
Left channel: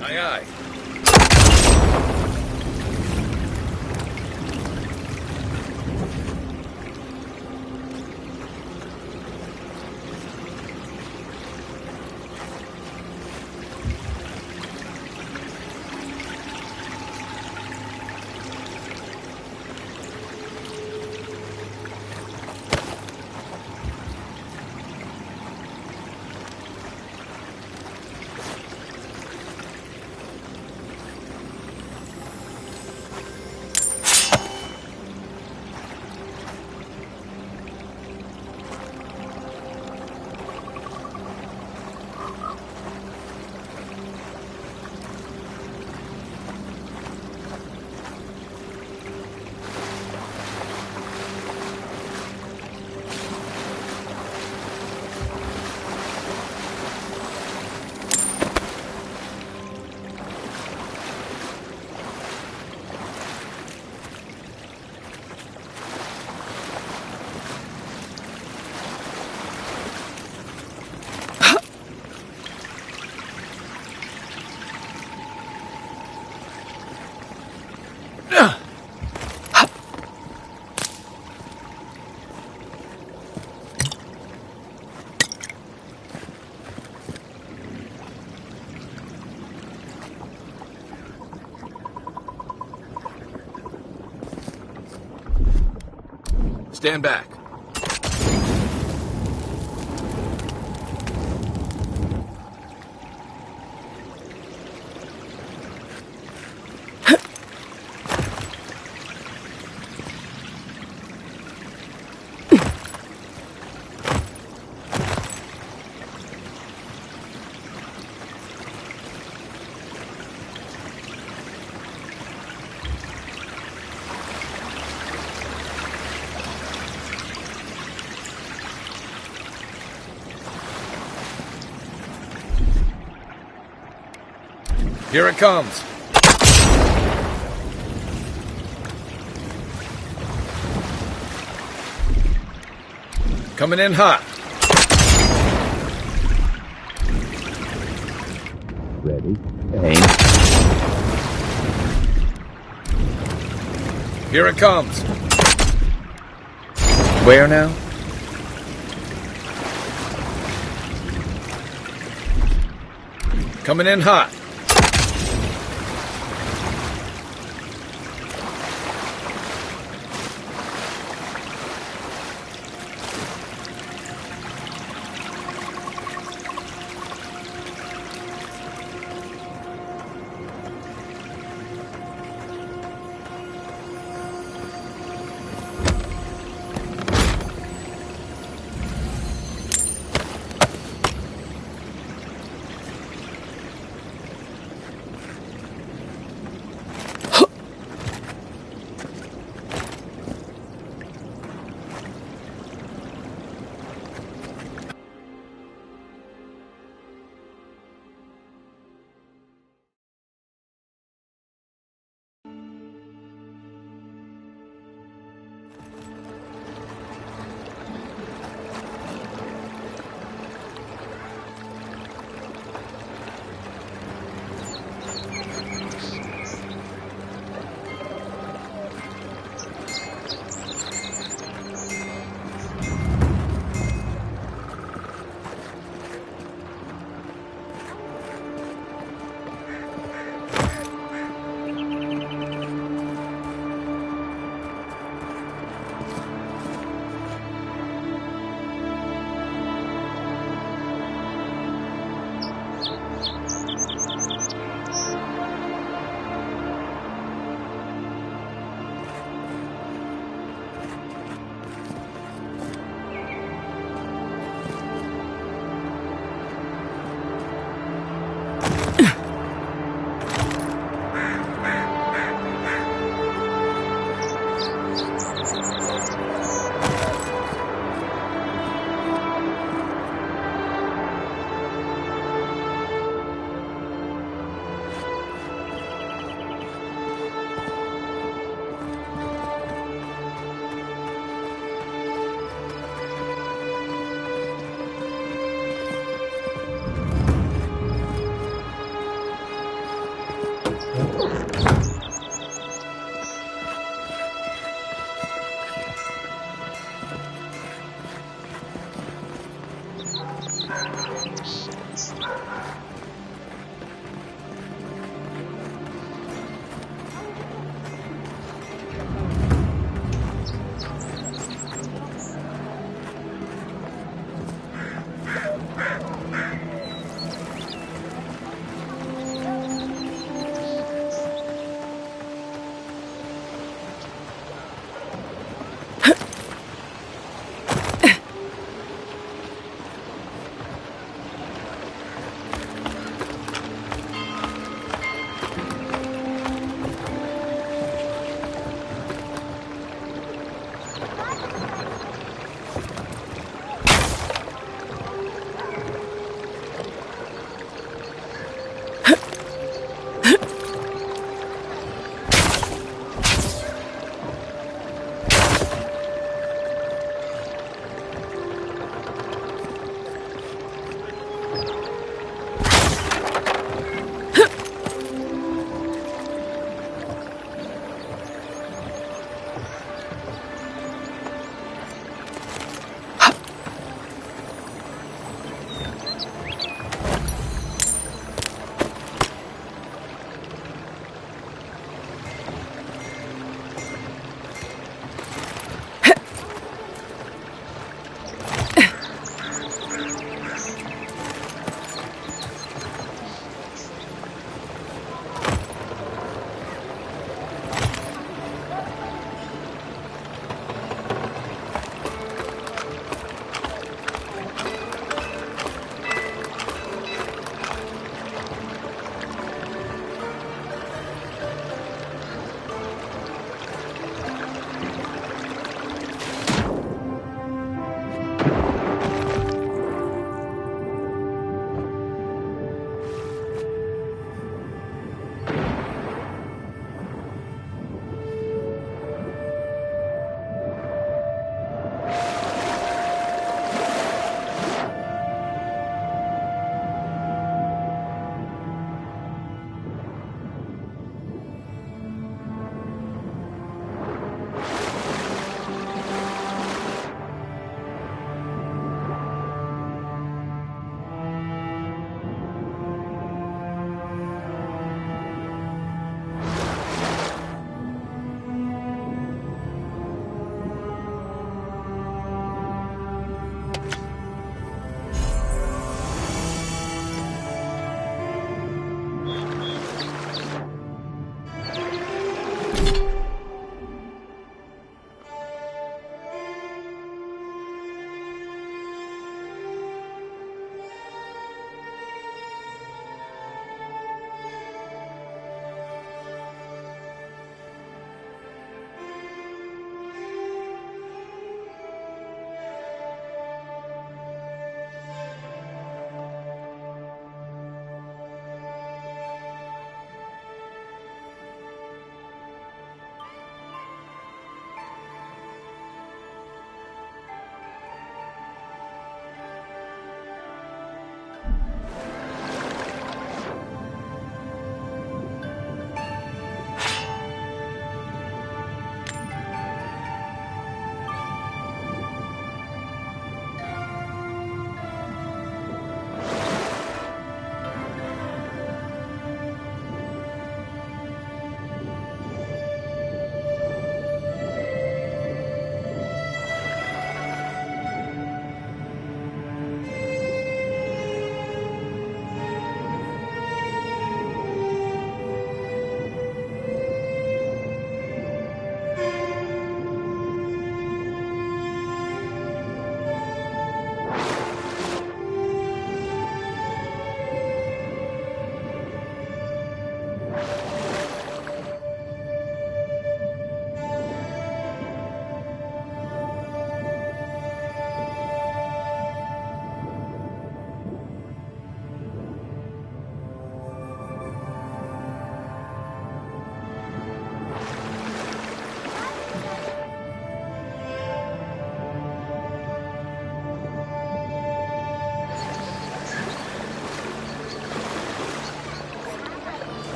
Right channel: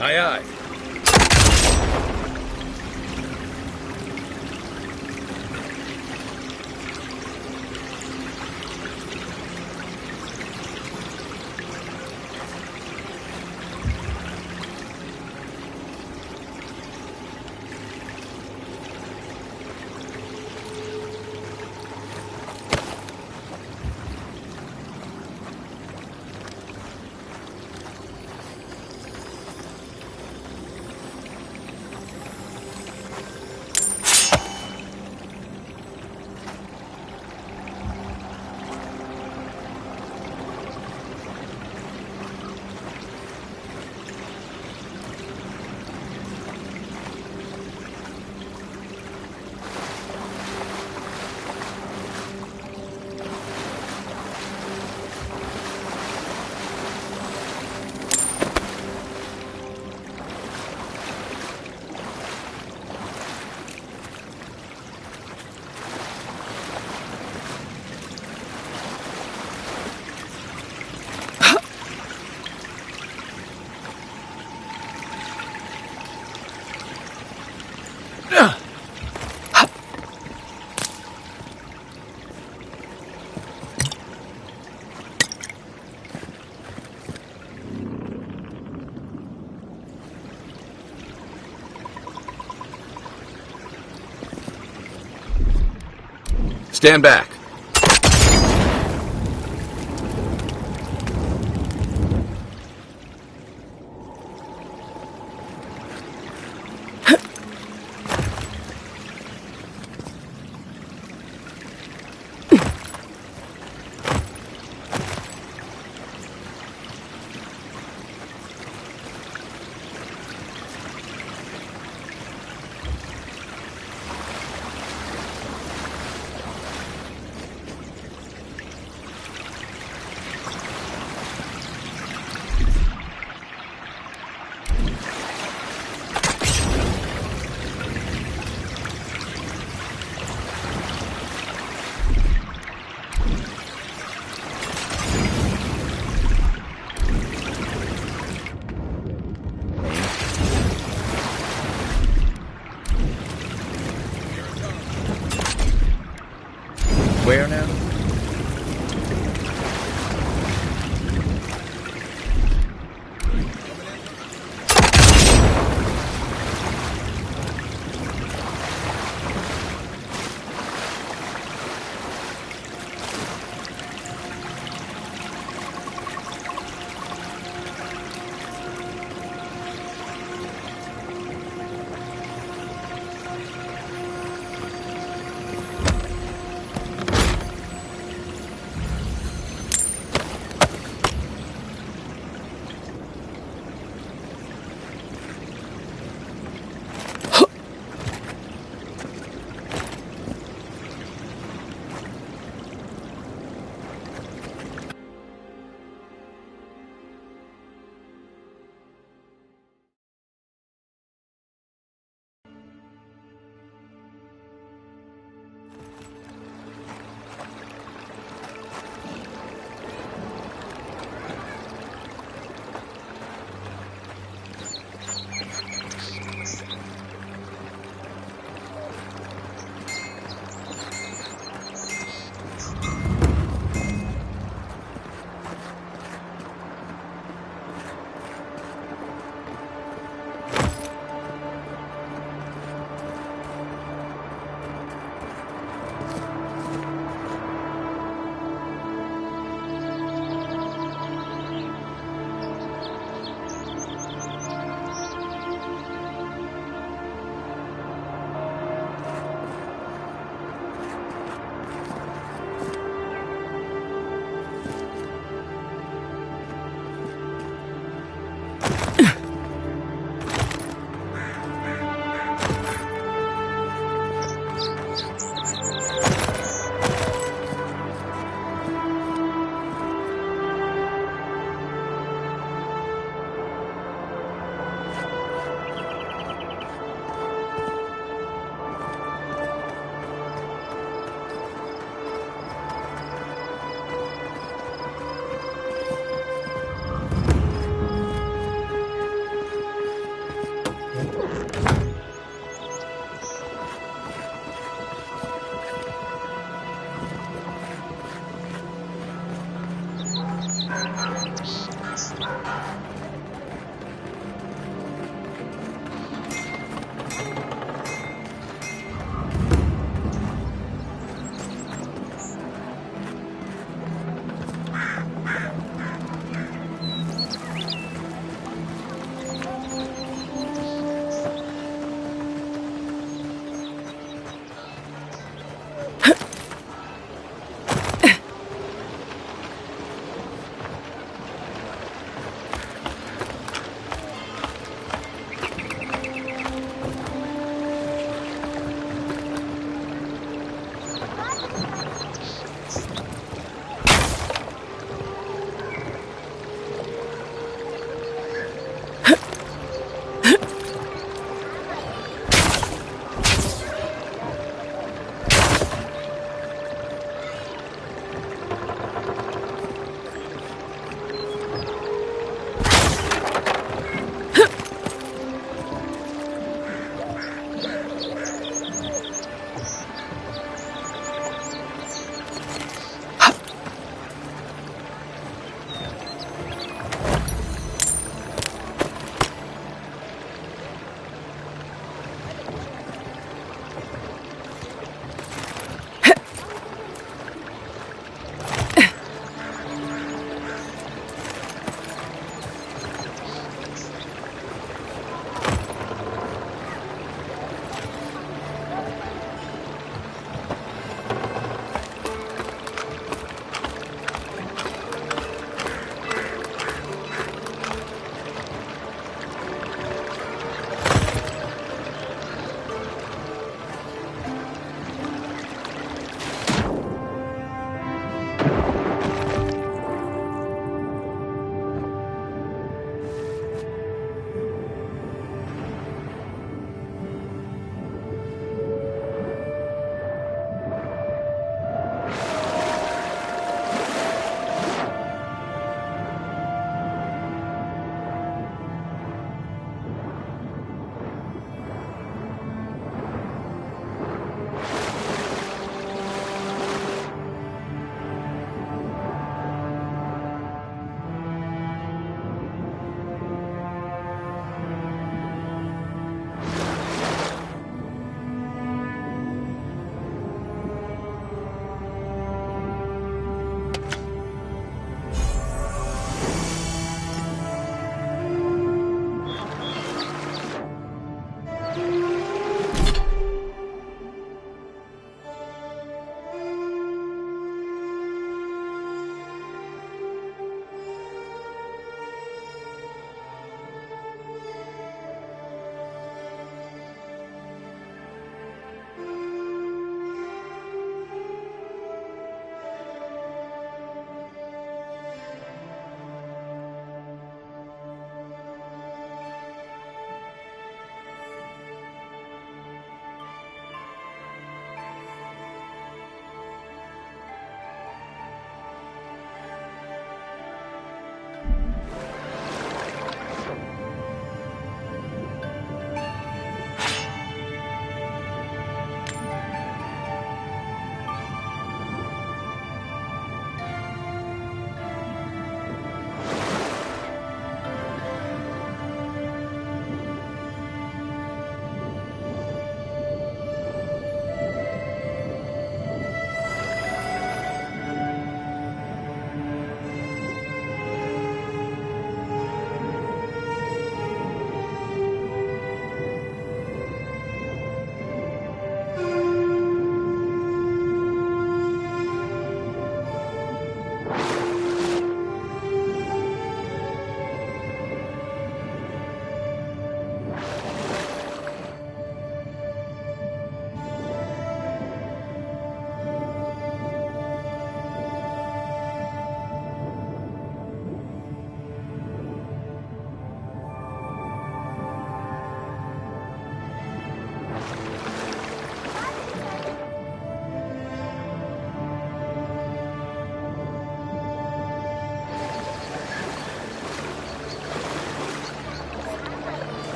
Aye, aye. Stand back. Here it comes. Coming in hot. Ready. Aim. Here it comes. Where now? Coming in hot.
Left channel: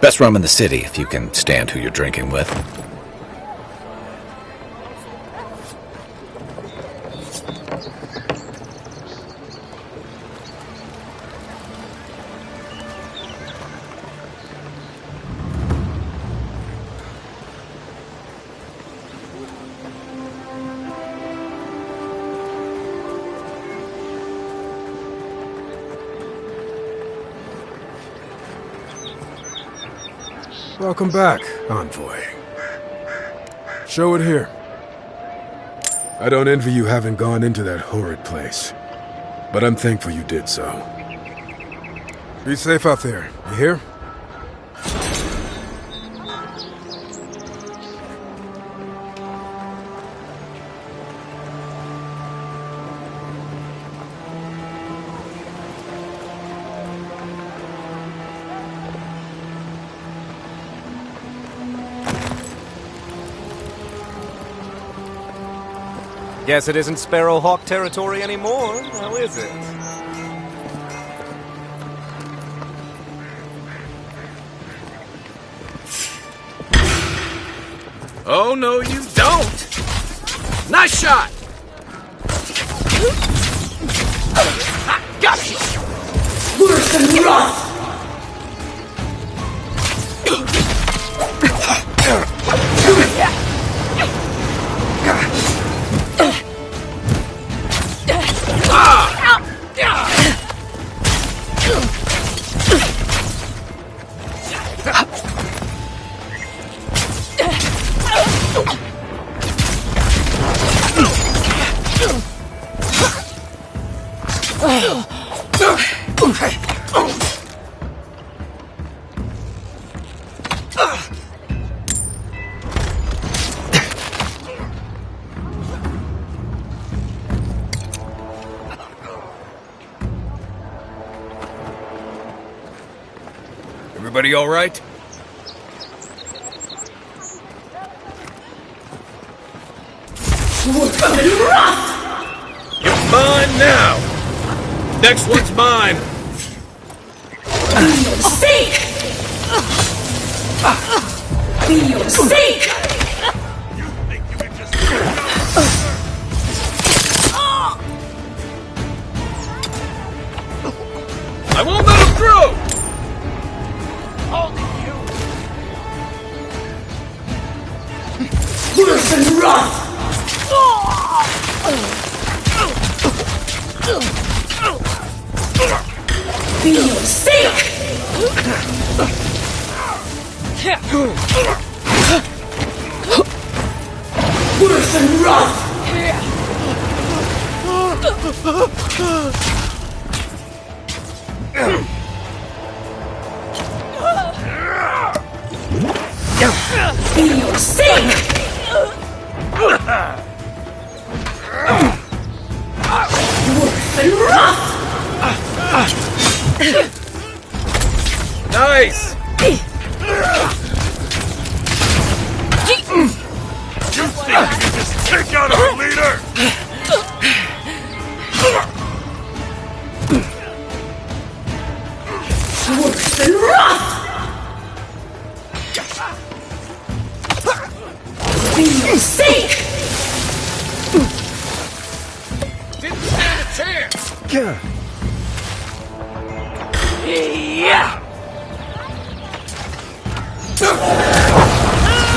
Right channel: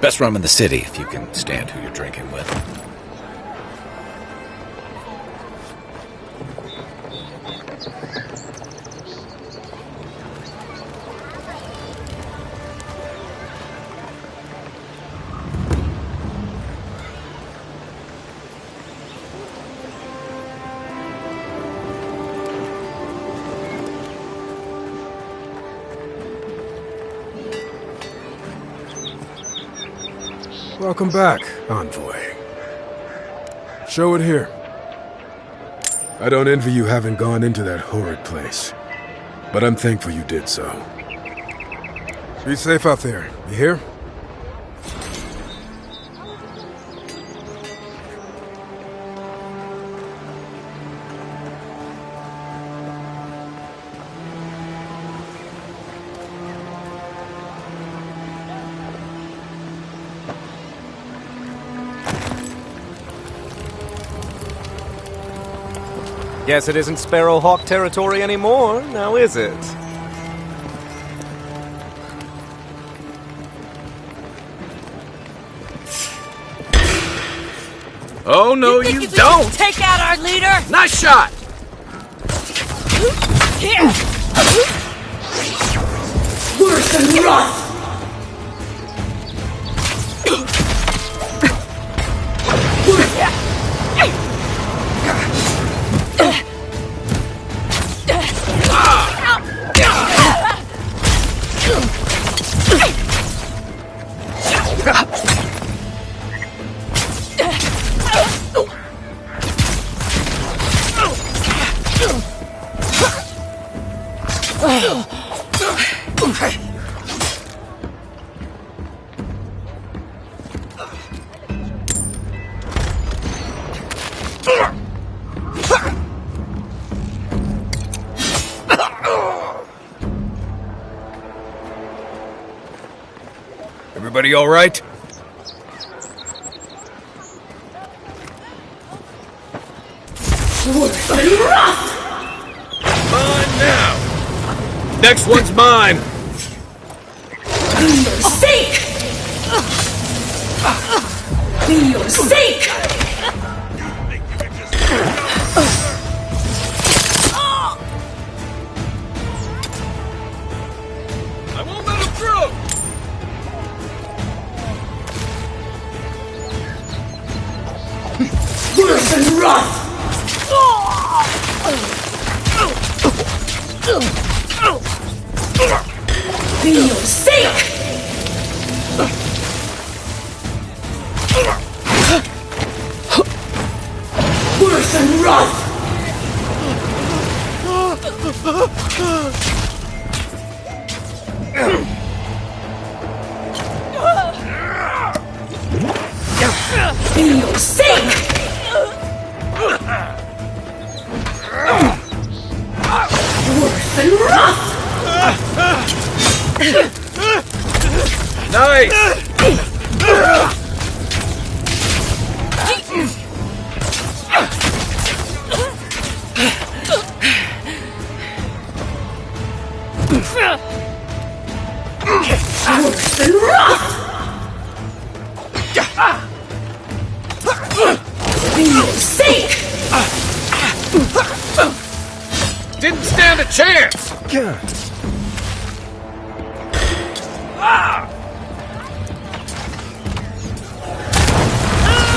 Best rum in the city, if you can stand who you're drinking with. Welcome back, Envoy. Show it here. I don't envy you having gone into that horrid place, but I'm thankful you did so. Be safe out there, you hear? Guess it isn't Sparrowhawk territory anymore, now is it? Oh, no, you don't! Take out our leader! Nice shot! Worse than rot! Everybody all right? Mine now! Next one's mine! Be your sake! Be your sake! You think you can just... I won't let him through! Worse than rot! Be your sake! Worse than rot! Be your sake! Worse than rot! Nice! Take out our leader! Worse than rot! Be your sake! Didn't stand a chance!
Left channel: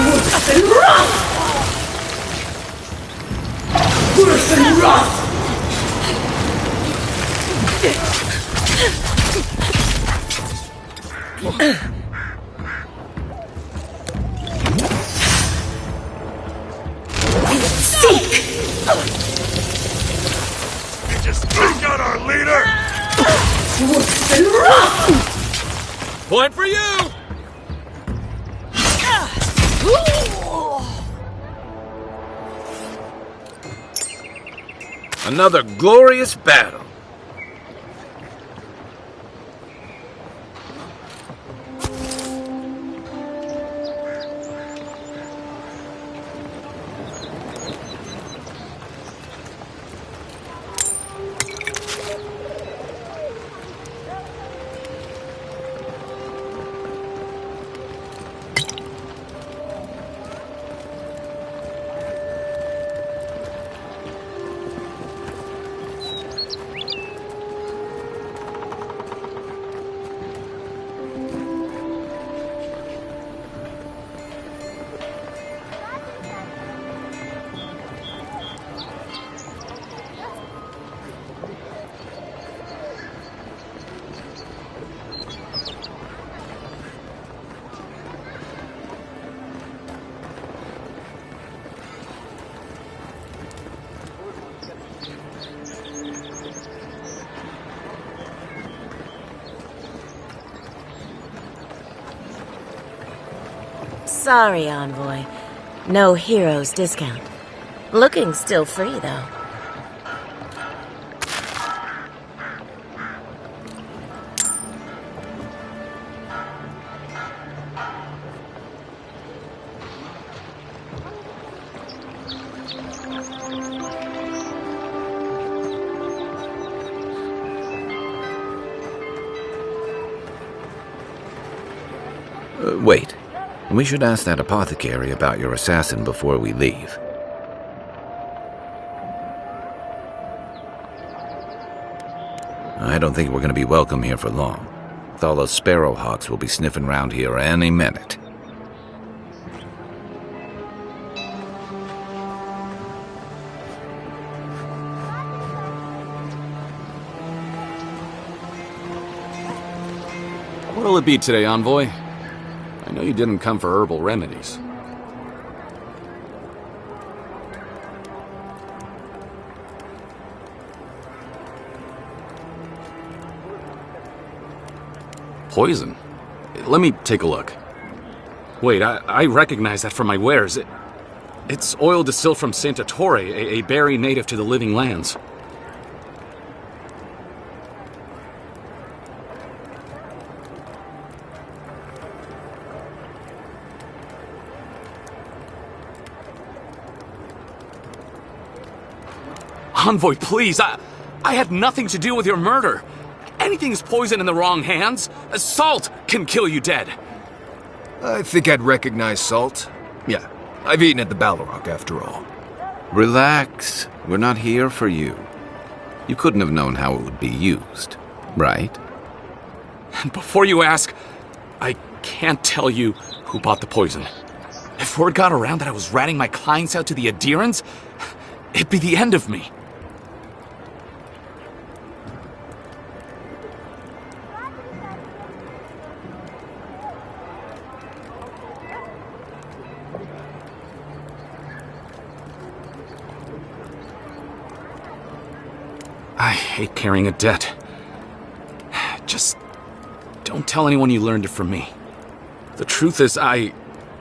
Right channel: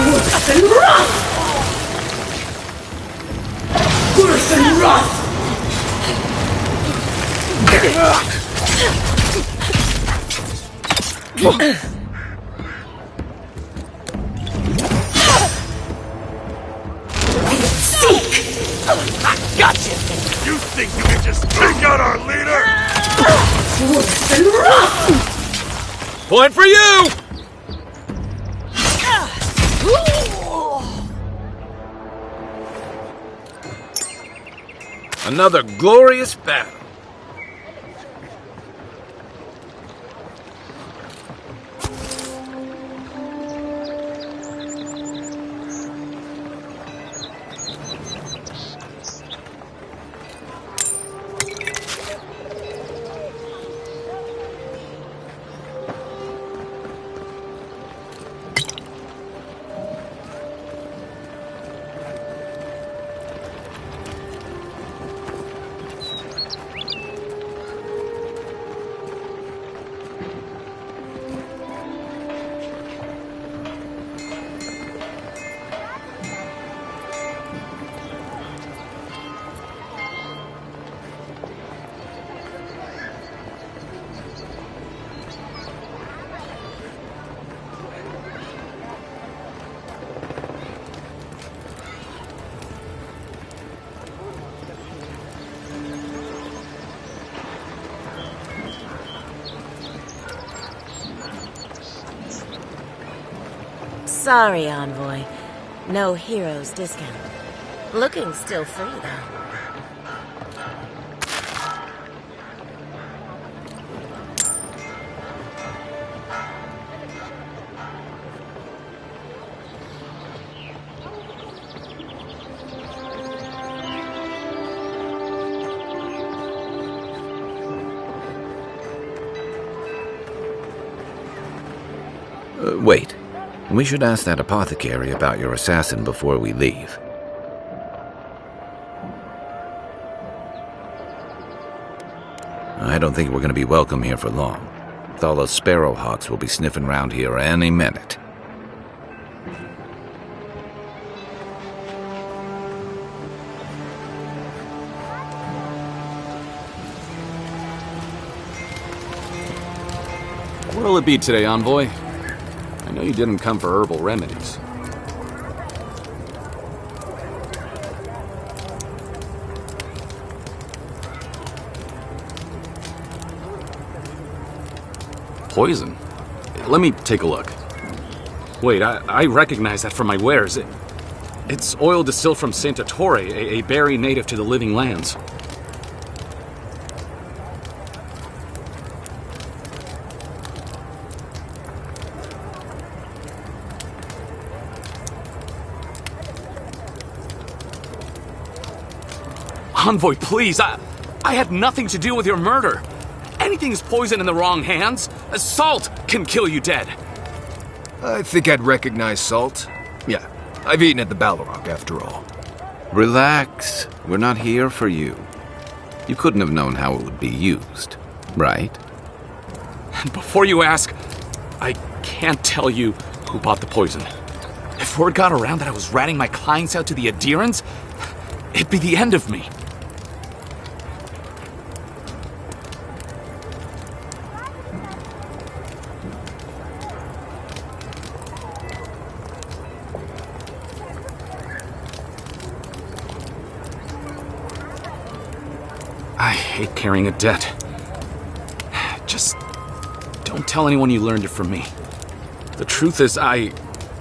Worse than rot! Worse than rot! Seek! You think you can just take out our leader? Worse than rot! Point for you! Another glorious battle. Sorry, Envoy. No heroes discount. Looking still free, though. Wait. We should ask that apothecary about your assassin before we leave. I don't think we're going to be welcome here for long. All those sparrowhawks will be sniffing around here any minute. What'll it be today, Envoy? I know you didn't come for herbal remedies. Poison? Let me take a look. Wait, I recognize that from my wares. It's oil distilled from Santa Torre, a berry native to the Living Lands. Envoy, please, I had nothing to do with your murder. Anything's poison in the wrong hands. Salt can kill you dead. I think I'd recognize salt. Yeah, I've eaten at the Balrog after all. Relax. We're not here for you. You couldn't have known how it would be used, right? And before you ask, I can't tell you who bought the poison. If word got around that I was ratting my clients out to the adherents, it'd be the end of me. I hate carrying a debt. Just don't tell anyone you learned it from me. The truth is, I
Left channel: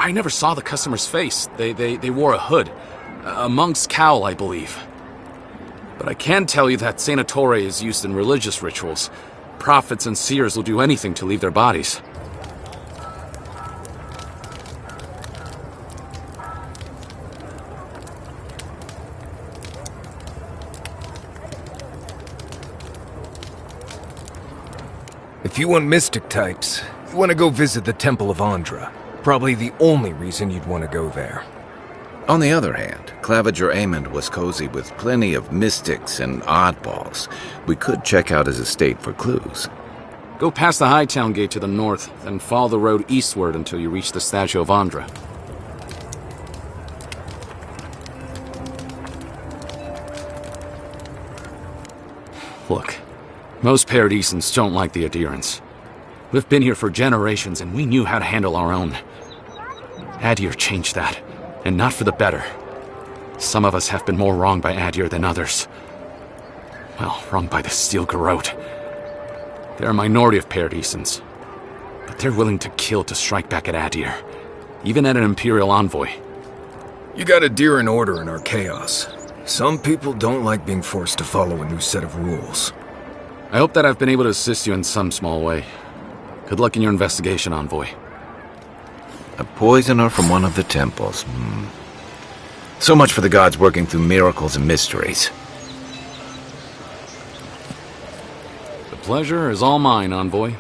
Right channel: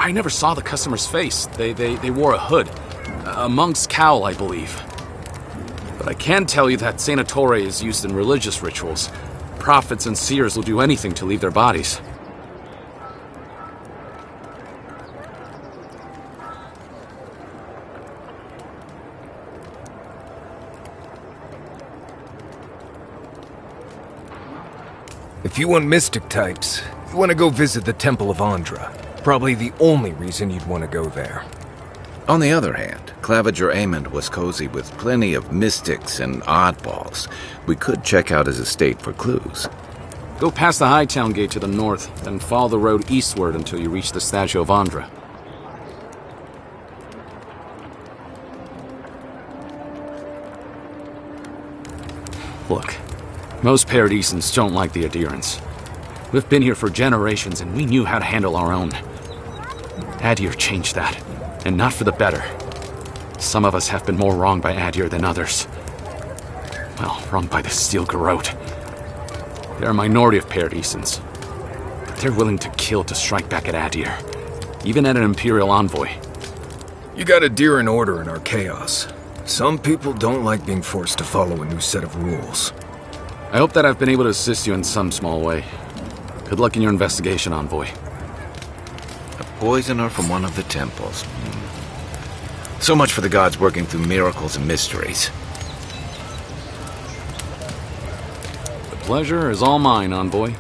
never saw the customer's face. They wore a hood. A monk's cowl, I believe. But I can tell you that Santa Torre is used in religious rituals. Prophets and seers will do anything to leave their bodies. If you want mystic types, you want to go visit the Temple of Andra. Probably the only reason you'd want to go there. On the other hand, Claviger Amond was cozy with plenty of mystics and oddballs. We could check out his estate for clues. Go past the Hightown Gate to the north, then follow the road eastward until you reach the statue of Andra. Look, most Paradisans don't like the adherents. We've been here for generations and we knew how to handle our own. Adir changed that, and not for the better. Some of us have been more wronged by Adir than others. Well, wronged by the Steel Garrote. They're a minority of Paradisans, but they're willing to kill to strike back at Adir, even at an Imperial envoy. You got Adir in order in our chaos. Some people don't like being forced to follow a new set of rules. I hope that I've been able to assist you in some small way. Good luck in your investigation, Envoy. A poisoner from one of the temples. So much for the gods working through miracles and mysteries. The pleasure is all mine, Envoy.